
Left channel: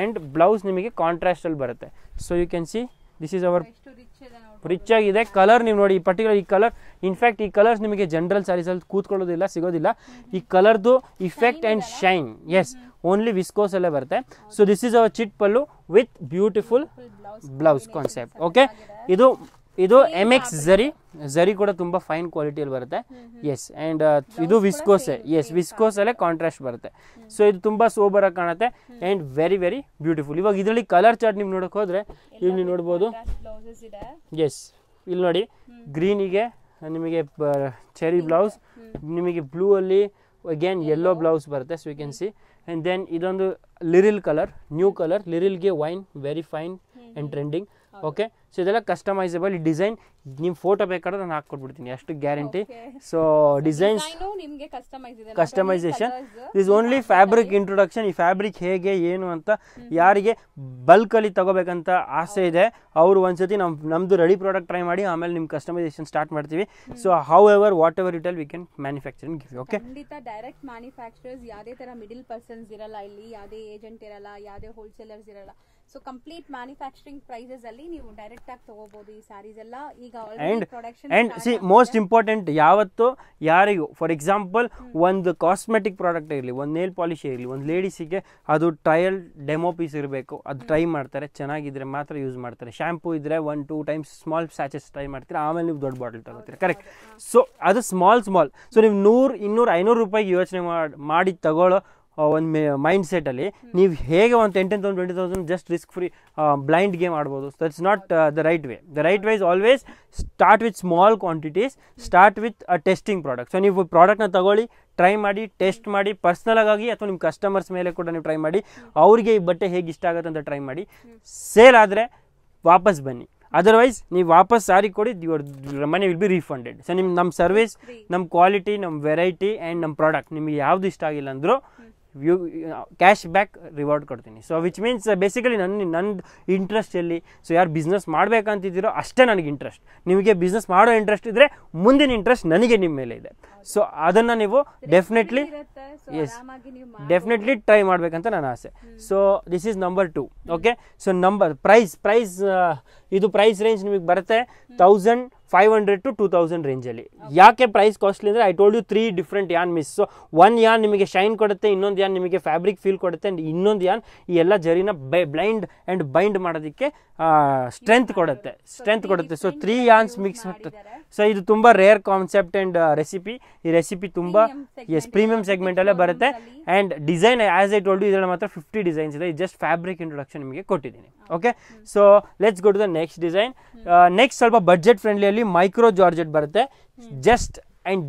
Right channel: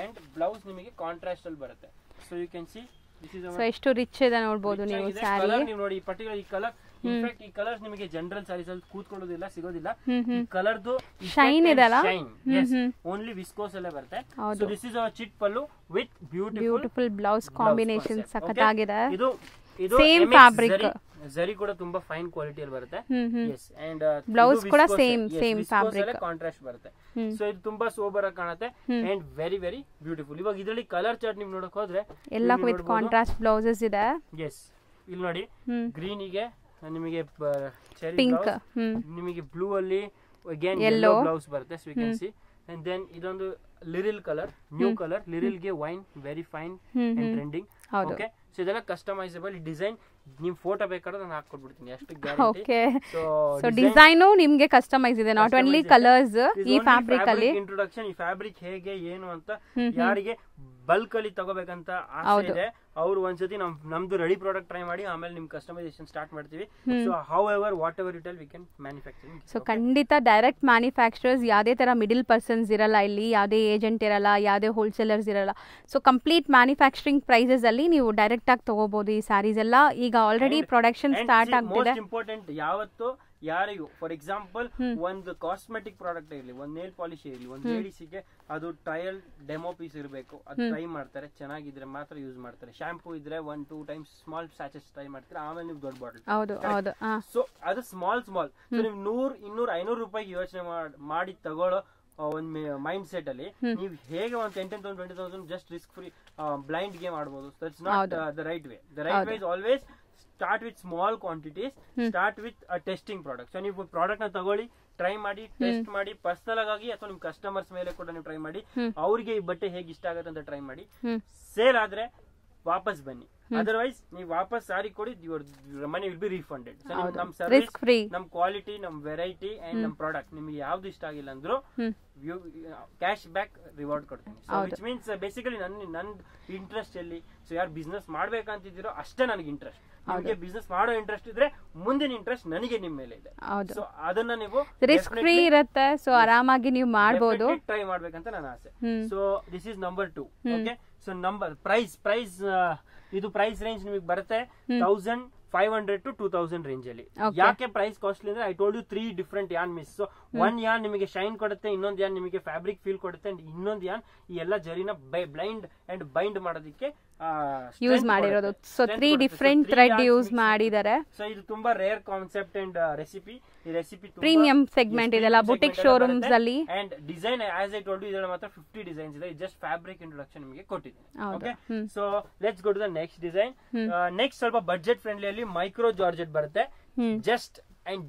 ಅಂಡ್ ಬ್ಲೌಸ್ ನಿಮಗೆ ಕಾಂಟ್ರಾಸ್ಟ್ ಅಲ್ಲಿ ಬರುತ್ತೆ. So you can see this is our ಎಷ್ಟು ರಿಚ್ ಇದೆ ನೋಡಬಹುದು. ರಿಚ್ ಆಗಿದೆ ಕಲರ್. ನೀವು ನೋಡಿ ಈ ಪರ್ಟಿಕ್ಯುಲರ್ ಈ ಕಲರ್ ಇನ್ಫ್ಯಾಕ್ಟ್ ಈ ಕಲರ್ಸ್ ನಿಮಗೆ ಜನರಲ್ ಸಾರೀಸ್ ಅಲ್ಲಿ ಕೂತ್ಕೊಳ್ಳೋದಿಲ್ಲ, ಸಿಗೋದಿಲ್ಲ. ಈ ಕಲರ್ದು effect and shine is only viscose ಅಲ್ಲೇ ಬರುತ್ತೆ. So this is our chit pallu with beautiful blouse concept. Okay, ಇದು MX ಜರಿ ಕೂಡ ತುಂಬಾ ಫೈನ್ ಕ್ವಾಲಿಟಿಯಲ್ಲಿ ಬರುತ್ತೆ. ಎಸ್ ಅಂಡ್ ಇದು ವಿಸ್ಕೋಸ್, ಎಸ್ ವಿಸ್ಕೋಸ್ ಅಲ್ಲೇ ಕಾಂಟ್ರಾಸ್ಟ್ ಬರುತ್ತೆ. ಸೊ ಇದು ತುಂಬಾ ಸೋಬರ್ ಆಗಿ ಕಾಣುತ್ತೆ ಅಂಡ್ ವೆರಿ ವೆರಿ ಬ್ಯೂಟಿಫುಲ್. ಇವಾಗ ಇದರಲ್ಲಿ ಕಲರ್ ಚಾರ್ಟ್ ನೀವು ನೋಡಕ್ ಹೋದ್ರೆ ಎಲ್ಲ ವಿತ್ ಕಾಂಟ್ರಾಸ್ಟ್ ಬ್ಲೌಸಸ್ ಇದೆ. ಎಸ್ ಇಲ್ಲಿ ನೋಡಿ ಗ್ರೀನ್ ಗೆ ನಿಮಗೆ ಚೆರಿ ಬ್ಲೌಸ್, ನಿಮಗೆ ಬ್ಲೂ ಅಲ್ಲಿ ಅಗೇನ್ ಯೆಲ್ಲೋ ಬ್ಲೌಸ್ ಬರುತ್ತೆ. So you can see and then ಇದೊಂದು Liril colour, new colour, Liril ಗೆ wine very fine and trending. Okay, so ಇದೆಲ್ಲ ಕಸ್ಟಮೈಸಬಲ್. ಡಿಸೈನ್ ನಿಮ್ ಫೋಟೋ ಬೇಕಾದ್ರೆ ನಾನು ಹಾಕೊಟ್ಬಿಡ್ತೀನಿ, ಅಷ್ಟು ಗ್ಯಾರಂಟಿ. ಸೊ ಡಿಸೈನ್ ನಿಮ್ಗೆ ಕಸ್ಟಮೈಸ್ ಇದೆ, not only colours. Is only fabric introduction. ಈ ಫ್ಯಾಬ್ರಿಕ್ ಹೇಗೆ ಏನು ಅಂತ ಯಾರಿಗೆ ಬಲ್ಕ್ ಅಲ್ಲಿ ತಗೋಬೇಕಂತ ಆಸೆ ಇದೆ ಅವರು ಒಂದ್ಸತಿ ನಮ್ದು ರೆಡಿ ಪ್ರಾಡಕ್ಟ್ ಟ್ರೈ ಮಾಡಿ, ಆಮೇಲೆ ನಿಮ್ ಕಸ್ಟಮೈಸೇಷನ್ ಸ್ಟಾರ್ಟ್ ಮಾಡ್ತೀವಿ. So how ever what ever it we can manufacturing. ಖಂಡಿತ ಡೈರೆಕ್ಟ್ ಮ್ಯಾನುಫ್ಯಾಕ್ಚರರ್ಸ್ ಯಾವುದೇ ತರ ಮಿಡಲ್ ಪರ್ಸನ್ಸ್ ಇರಲ್ಲ ಇಲ್ಲಿ, ಯಾವುದೇ ಏಜೆಂಟ್ ಇರಲ್ಲ, ಯಾವುದೇ ಹೋಲ್ಸೇಲರ್ಸ್ ಇರಲ್ಲ. ಸೊ ಕಂಪ್ಲೀಟ್ ಮ್ಯಾನುಫ್ಯಾಕ್ಚರಿಂಗ್ ಪ್ರೈಸಸ್ ಅಲ್ಲಿ ನೀವು ಡೈರೆಕ್ಟ್ ಆಗಿ ತಗೋಬಹುದು ಈ ಸ್ಯಾರೀಸ್ ಎಲ್ಲ. ಈಗ ಆಲ್ರೆಡಿ ಪ್ರೊಡಕ್ಷನ್ ಸ್ಟಾರ್ಟ್ ಆಗಿದೆ. ಮೋಸ್ಟ್ ಇಂಪಾರ್ಟೆಂಟ್, ಯಾವತ್ತು ಯಾರಿಗೂ ಫಾರ್ ಎಕ್ಸಾಂಪಲ್ ಒಂದು ಕಾಸ್ಮೆಟಿಕ್ ಪ್ರಾಡಕ್ಟ್ ಇರಲಿ, ಒಂದು ನೇಲ್ ಪಾಲಿಶ್ ಇರಲಿ, ಒಂದು ಲೇಡೀಸಿಗೆ ಅದು ಟ್ರಯಲ್ ಡೆಮೋ ಪೀಸ್ ಇರಬೇಕು. ಅದು ಟ್ರೈ ಮಾಡ್ತಾರೆ, ಚೆನ್ನಾಗಿದ್ರೆ ಮಾತ್ರ ಯೂಸ್ ಮಾಡ್ತಾರೆ. ಶಾಂಪೂ ಇದ್ರೆ 1-2 ಟೈಮ್ಸ್ ಸ್ಮಾಲ್ ಸ್ಯಾಚಸ್ ಟ್ರೈ ಮಾಡ್ತೀರಾ, ಆಮೇಲೆ ನೀವು ದೊಡ್ಡ ಬಾಟಲ್ ಕರೆಕ್ಟ್. ಸೊ ಅದು ಸ್ಮಾಲ್. ಸೊ ನೀವು 100, 200, 500 ರೂಪಾಯಿಗೆ ಯೋಚನೆ ಮಾಡಿ ತಗೊಳ್ಳೋ ಒಂದು ಮೈಂಡ್ ಸೆಟ್ ಅಲ್ಲಿ ನೀವು ಹೇಗೆ ಒಂದು 10,000 20,000 just risk free blind game ಆಡ್ಬೋದು. That's not the right way. The right way is always start with small quantities, start with a testing product. So ನೀವು ಪ್ರಾಡಕ್ಟ್ನ ತಗೊಳ್ಳಿ, ಟ್ರೈ ಮಾಡಿ, ಟೆಸ್ಟ್ ಮಾಡಿ, ಪರ್ಸನಲ್ ಆಗಿ ಅಥವಾ ನಿಮ್ಮ ಕಸ್ಟಮರ್ಸ್ ಮೇಲೆ ಕೂಡ ನೀವು ಟ್ರೈ ಮಾಡಿ, ಅವ್ರಿಗೆ ಈ ಬಟ್ಟೆ ಹೇಗೆ ಇಷ್ಟ ಆಗುತ್ತೆ ಅಂತ ಟ್ರೈ ಮಾಡಿ. ಸೇಲ್ ಆದ್ರೆ ವಾಪಸ್ ಬನ್ನಿ, ಅದರ್ವೈಸ್ ನೀವು ವಾಪಸ್ ಸಾರಿ ಕೊಡಿ, your money will be refunded. So ನಮ್ಮ ಸರ್ವಿಸ್, ನಮ್ಮ ಕ್ವಾಲಿಟಿ, ನಮ್ಮ ವೆರೈಟಿ ಅಂಡ್ ನಮ್ಮ ಪ್ರಾಡಕ್ಟ್ ನಿಮಗೆ ಯಾವ್ದು ಇಷ್ಟ ಆಗಿಲ್ಲ ಅಂದ್ರೂ ಕ್ಯಾಶ್ ಬ್ಯಾಕ್ ರಿವಾರ್ಡ್ ಕೊಡ್ತೀನಿ. ಸೊ ವಿಚ್ ಮೀನ್ಸ್ ಬೇಸಿಕಲಿ ನನ್ನ ಇಂಟ್ರೆಸ್ಟ್ ಎಲ್ಲಿ, ಸೊ ಯಾರು ಬಿಸ್ನೆಸ್ ಮಾಡ್ಬೇಕಂತಿದ್ದೀರೋ ಅಷ್ಟೇ ನನಗೆ ಇಂಟ್ರೆಸ್ಟ್. ನಿಮಗೆ ಬಿಸ್ನೆಸ್ ಮಾಡೋ ಇಂಟ್ರೆಸ್ಟ್ ಇದ್ರೆ ಮುಂದಿನ ಇಂಟ್ರೆಸ್ಟ್ ನನಗೆ ನಿಮ್ಮ ಮೇಲೆ ಇದೆ. ಸೊ ಅದನ್ನ ನೀವು ಡೆಫಿನೆಟ್ಲಿ ಟ್ರೈ ಮಾಡ್ಬೇಕಂತ ನನ್ನ ಆಸೆ. So this is number 2. Okay, so number price ಇದು ಪ್ರೈಸ್ ರೇಂಜ್ ನಿಮಗೆ ಬರುತ್ತೆ 1500 to 2000 ರೇಂಜ್ ಅಲ್ಲಿ. ಯಾಕೆ ಪ್ರೈಸ್ ಕಾಸ್ಟ್ಲಿ ಅಂದ್ರೆ I told you 3 different yarn mix. So one yarn ನಿಮಗೆ ಶೈನ್ ಕೊಡುತ್ತೆ, ಇನ್ನೊಂದು ಯಾನ್ ನಿಮಗೆ ಫ್ಯಾಬ್ರಿಕ್ ಫೀಲ್ ಕೊಡುತ್ತೆ, ಅಂಡ್ ಇನ್ನೊಂದು ಯಾನ್ ಈ ಎಲ್ಲ ಜರಿನ ಬ್ಲೈಂಡ್ ಅಂಡ್ ಬೈಂಡ್ ಮಾಡೋದಕ್ಕೆ ಸ್ಟ್ರೆಂತ್ ಕೊಡುತ್ತೆ. ಸೊ 3 ಯಾನ್ಸ್ ಮಿಕ್ಸ್ ಮಾಡಿದ್ದಾರೆ. ಸೊ ಇದು ತುಂಬಾ ರೇರ್ ಕಾನ್ಸೆಪ್ಟ್ ಅಂಡ್ ರೆಸಿಪಿ. ಈ ರೆಸಿಪಿ ತುಂಬಾ ಪ್ರೀಮಿಯಂ ಸೆಗ್ಮೆಂಟ್ ಅಲ್ಲಿ ಬರುತ್ತೆ. And design as I told you ಇದರಲ್ಲಿ ಮಾತ್ರ 50 ಡಿಸೈನ್ಸ್ ಇದೆ. ಜಸ್ಟ್ ಫ್ಯಾಬ್ರಿಕ್ ಇಂಟ್ರೊಡಕ್ಷನ್ ನಿಮಗೆ ಕೊಟ್ಟಿದ್ದೀನಿ. Okay, so let's go to the next design. Next ಸ್ವಲ್ಪ ಬಡ್ಜೆಟ್ ಫ್ರೆಂಡ್ಲಿ ಅಲ್ಲಿ ಮೈಕ್ರೋ ಜಾರ್ಜೆಟ್ ಬರುತ್ತೆ.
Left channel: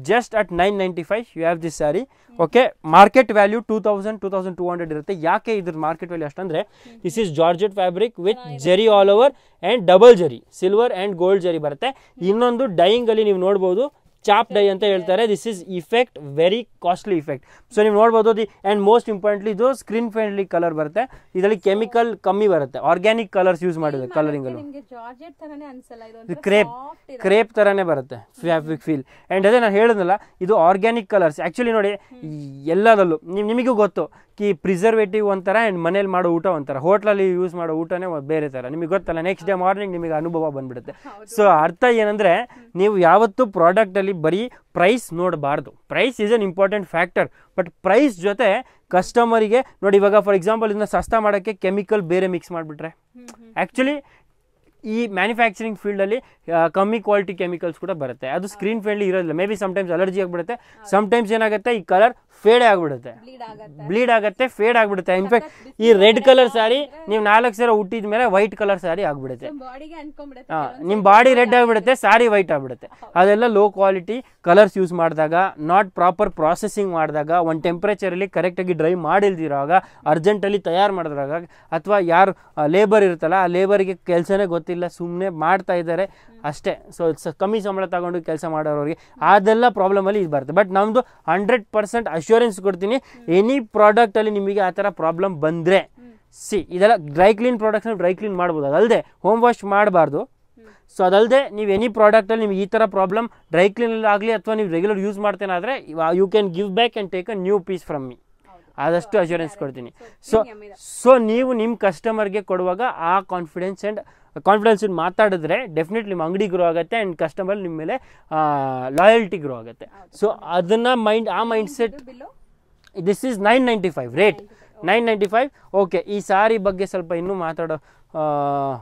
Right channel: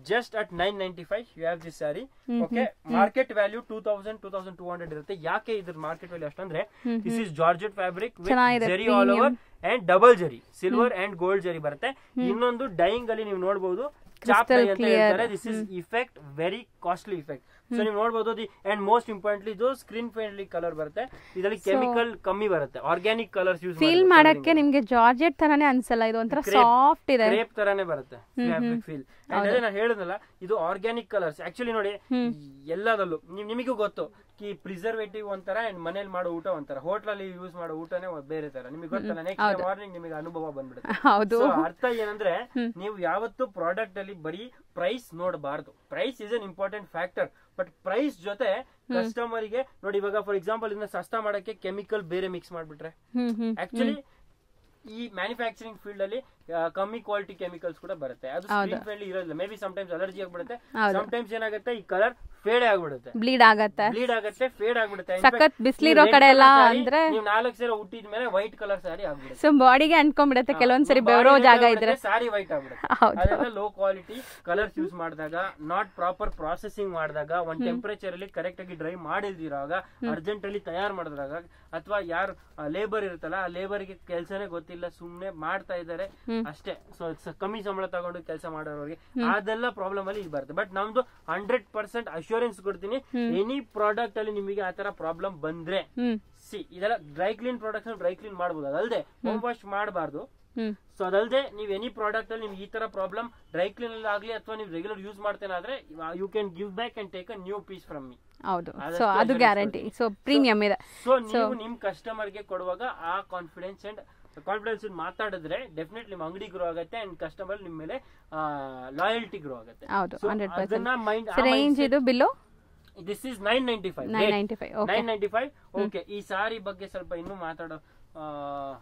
just at 995 you have this saree. Okay, market value 2200 ಇರುತ್ತೆ. ಯಾಕೆ ಇದ್ರ ಮಾರ್ಕೆಟ್ ವ್ಯಾಲ್ಯೂ ಅಷ್ಟಂದ್ರೆ this is georgette fabric with ಜರಿ all over and double ಜರಿ, silver and gold ಜರಿ ಬರುತ್ತೆ. ಇನ್ನೊಂದು ಡೈಯಿಂಗ್ ಅಲ್ಲಿ ನೀವು ನೋಡಬಹುದು ಚಾಪ್ ಡೈ ಅಂತ ಹೇಳ್ತಾರೆ. This is effect very costly effect. So ನೀವು ನೋಡಬಹುದು. ಅಂಡ್ ಮೋಸ್ಟ್ ಇಂಪಾರ್ಟೆಂಟ್ಲಿ ಇದು ಸ್ಕ್ರೀನ್ ಫ್ರೆಂಡ್ಲಿ ಕಲರ್ ಬರುತ್ತೆ. ಇದರಲ್ಲಿ ಕೆಮಿಕಲ್ ಕಮ್ಮಿ ಬರುತ್ತೆ, ಆರ್ಗ್ಯಾನಿಕ್ ಕಲರ್ಸ್ ಯೂಸ್ ಮಾಡಕ್ಕೆ ನಿಮ್ಗೆ ಜಾರ್ಜೆಟ್ ತರಾನೇ ಅನ್ಸಲ್ಲ, ಇದು ಒಂತರ ಸಾಫ್ಟ್ ಇದೆ, ಕ್ರೇಪ್ ತರಾನೇ ಬರುತ್ತೆ ಫ್ಯಾಬ್ರಿಕ್ ಫೀಲ್. ಅಂಡ್ ಅದೇ ನಾನು ಹೇಳಿದ್ನಲ್ಲ, ಇದು ಆರ್ಗ್ಯಾನಿಕ್ ಕಲರ್ಸ್. ಆಕ್ಚುಲಿ ನೋಡಿ ಎಲ್ಲದಲ್ಲೂ ನಿಮಗೂ ಗೊತ್ತು ಕಿ ಪ್ರಿಸರ್ವೇಟಿವ್ ಒಂಥರ ಅಂಡ್ ಮನೇಲಿ ಮಾಡೋ ಊಟ ಒಂಥರ, ಹೋಟ್ಲಲ್ಲಿ ಯೂಸ್ ಮಾಡೋ ಊಟನೇ ಬೇರೆ ತರ. ನಿಮಗೆ ಗೊತ್ತಲ್ಲ, ನೆಕ್ಸ್ಟ್ ಡೇ ಮಾರ್ನಿಂಗ್ ನಿಮಗೆ ಅನುಭವ ಬಂದ್ಬಿಡುತ್ತೆ. ಸೊ ಅರ್ಥ ಏನಂದ್ರೆ ನೀವು ಯಾವತ್ತು ಪ್ರಾಡಕ್ಟ್ ಅಲ್ಲಿ ಬರೀ ಪ್ರೈಸ್ ನೋಡಬಾರ್ದು. Price is an important factor, but price ಜೊತೆ ಕಸ್ಟಮರಿಗೆ ನೋಡಿ, ಇವಾಗ ಫಾರ್ ಎಕ್ಸಾಂಪಲ್ ಇದನ್ನ ಸಸ್ತಾ ಮಾಡಕ್ಕೆ ಕೆಮಿಕಲ್ ಬೇರೆ ಮಿಕ್ಸ್ ಮಾಡ್ಬಿಟ್ರೆ, ಆಕ್ಚುಲಿ ಈ ಮ್ಯಾನುಫ್ಯಾಕ್ಚರಿಂಗ್ ಫೀಲ್ಡ್ ಅಲ್ಲಿ ಕಮ್ಮಿ ಕ್ವಾಲಿಟಿ ಕೆಮಿಕಲ್ಸ್ ಕೂಡ ಬರುತ್ತೆ. ಅದು ಸ್ಕ್ರೀನ್ ಫ್ರೆಂಡ್ಲಿ ಇರೋದಿಲ್ಲ. ಮೇ ಬಿ ಸಮ್ಟೈಮ್ಸ್ ಅಲರ್ಜಿ ಆಗ್ಬಿಡುತ್ತೆ, ಸಮ್ಟೈಮ್ಸ್ ಏನಾಗುತ್ತೆ ಈ ಕಲರ್ ಫೇಡ್ ಆಗ್ಬಿಡುತ್ತೆ, ಬ್ಲೀಡ್ ಆಗುತ್ತೆ, ಫೇಡ್ ಆಗ್ಬಿಡುತ್ತೆ. ಇನ್ಫ್ಯಾಕ್ಟ್ ಈ ರೆಡ್ ಕಲರ್ ಸಾರಿ ನೀವು 4 ಸಲ ಹುಟ್ಟಿದ ಮೇಲೆ ವೈಟ್ ಕಲರ್ ಸಾರಿ ಆಗ್ಬಿಡುತ್ತೆ, ಬಾಡಿಗೆ ಅಂಟ್ಕೊಂಡ್ಬಿಡುತ್ತೆ, ಕೆಲವೊಂದ್ಸರಿ ಬಾಡಿ ರೆಡ್ ಆಗ್ಬಿಡುತ್ತೆ, ಸಾರಿ ವೈಟ್ ಆಗ್ಬಿಡುತ್ತೆ. ಅದೆಲ್ಲ ಲೋ ಕ್ವಾಲಿಟಿ ಕಲರ್ಸ್ ಯೂಸ್ ಮಾಡಿದಾಗ, ನಾಟ್ ಪ್ರಾಪರ್ ಪ್ರಾಸೆಸಿಂಗ್ ಮಾಡಿದಾಗ, ಒಂದು ಟೆಂಪರೇಚರ್ ಅಲ್ಲಿ ಕರೆಕ್ಟ್ ಆಗಿ ಡ್ರೈ ಮಾಡಿಲ್ದಿರುವಾಗ, ಅರ್ಜೆಂಟ್ ಅಲ್ಲಿ ತಯಾರು ಮಾಡಿದಾಗ, ಅಥವಾ ಯಾರು ಲೇಬರ್ ಇರುತ್ತಲ್ಲ ಆ ಲೇಬರ್ಗೆ ಕೆಲಸನೇ ಗೊತ್ತಿಲ್ಲ, ಸುಮ್ಮನೆ ಮಾಡ್ತಾ ಇದ್ದಾರೆ ಅಷ್ಟೇ. ಸೊ ಕಮ್ಮಿ ಸಂಬಳ ತಗೊಂಡು ಕೆಲಸ ಮಾಡೋರಿಗೆ ಅದೆಲ್ಲ ಪ್ರಾಬ್ಲಮ್ ಅಲ್ಲಿ ಇದು ಬರುತ್ತೆ. ಬಟ್ ನಮ್ದು 100% ಅಶ್ಯೂರ್ ಅಶ್ಯೂರೆನ್ಸ್ ಕೊಡ್ತೀನಿ. ಎನಿ ಪ್ರಾಡಕ್ಟ್ ಅಲ್ಲಿ ನಿಮಗೆ ಆ ತರ ಪ್ರಾಬ್ಲಮ್ ಬಂದ್ರೆ ಇದೆಲ್ಲ dry clean products dry clean ಮಾಡಬಹುದು, ಅದಲ್ಲದೆ ಹೋಮ್ ವಾಶ್ ಮಾಡಬಾರ್ದು. ಸೊ ಅದಲ್ಲದೆ ನೀವು ಎನಿ ಪ್ರಾಡಕ್ಟ್ ಅಲ್ಲಿ ನಿಮ್ಗೆ ಈ ತರ ಪ್ರಾಬ್ಲಮ್ ಡ್ರೈ ಕ್ಲೀನ್ ಆಗಲಿ ಅಥವಾ ನೀವು ರೆಗ್ಯುಲರ್ ಯೂಸ್ ಮಾಡ್ತೇನಾದ್ರೆ you can give back and take a new piece from me. ಅದಷ್ಟು ಅಶ್ಯೂರೆನ್ಸ್ ಕೊಡ್ತೀನಿ. ಸೊ ನೀವು ನಿಮ್ ಕಸ್ಟಮರ್ಗೆ ಕೊಡುವಾಗ ಆ ಕಾನ್ಫಿಡೆನ್ಸ್ ಮಾತಾಡಿದ್ರೆ ಡೆಫಿನೆಟ್ಲಿ ನಿಮ್ಮ ಅಂಗಡಿ ಗ್ರೋ ಆಗುತ್ತೆ ಅಂಡ್ ಕಸ್ಟಮರ್ ನಿಮ್ಮ ಮೇಲೆ ಲಾಯಲ್ಟಿ ಗ್ರೋ ಆಗುತ್ತೆ. ಸೊ ಅದನ್ನ mind set. This is 995 rate, 995. Okay, ಈ ಸಾರಿ ಬಗ್ಗೆ ಸ್ವಲ್ಪ ಇನ್ನೂ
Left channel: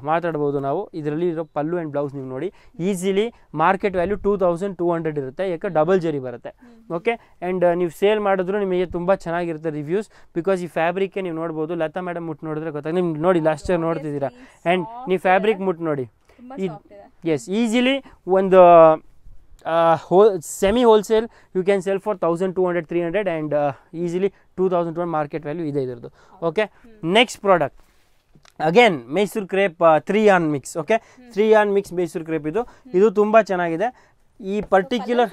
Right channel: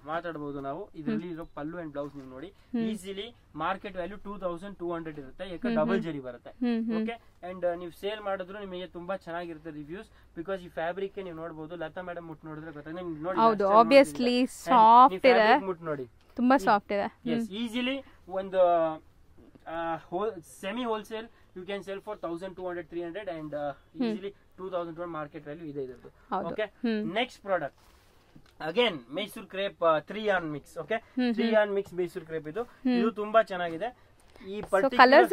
ಮಾತಾಡಬಹುದು ನಾವು. ಇದರಲ್ಲಿ ಇರೋ ಪಲ್ಲು ಅಂಡ್ ಬ್ಲೌಸ್ ನೀವು ನೋಡಿ, ಈಸಿಲಿ ಮಾರ್ಕೆಟ್ ವ್ಯಾಲ್ಯೂ 2200 ಇರುತ್ತೆ, ಯಾಕೆ ಡಬಲ್ ಜರಿ ಬರುತ್ತೆ. ಓಕೆ, ಅಂಡ್ ನೀವು ಸೇಲ್ ಮಾಡಿದ್ರು ನಿಮಗೆ ತುಂಬಾ ಚೆನ್ನಾಗಿರುತ್ತೆ ರಿವ್ಯೂಸ್. ಬಿಕಾಸ್ ಈ ಫ್ಯಾಬ್ರಿಕ್ ನೀವು ನೋಡಬಹುದು, ಲತಾ ಮೇಡಮ್ ಮುಟ್ಟು ನೋಡಿದ್ರೆ ಗೊತ್ತಾಗ ನಿಮ್ಗೆ ನೋಡಿ, ಲಾಸ್ಟ್ ಟೈಮ್ ನೋಡ್ತಿದ್ದೀರಾ. ಅಂಡ್ ನೀವು ಫ್ಯಾಬ್ರಿಕ್ ಮುಟ್ಟು ನೋಡಿ, ತುಂಬಾ ಸಾಫ್ಟ್ ಇದೆ. ಎಸ್, ಈಸಿಲಿ ಒಂದು semi wholesale you can sell for 1200 300 and easily 2200 market value ಇದೆ ಇದರದು. Okay, next product again Mysore crepe 3 yarn mix. Okay, 3 yarn mix Mysore crepe ಇದು ತುಂಬಾ ಚೆನ್ನಾಗಿದೆ. ಈ ಪರ್ಟಿಕ್ಯುಲರ್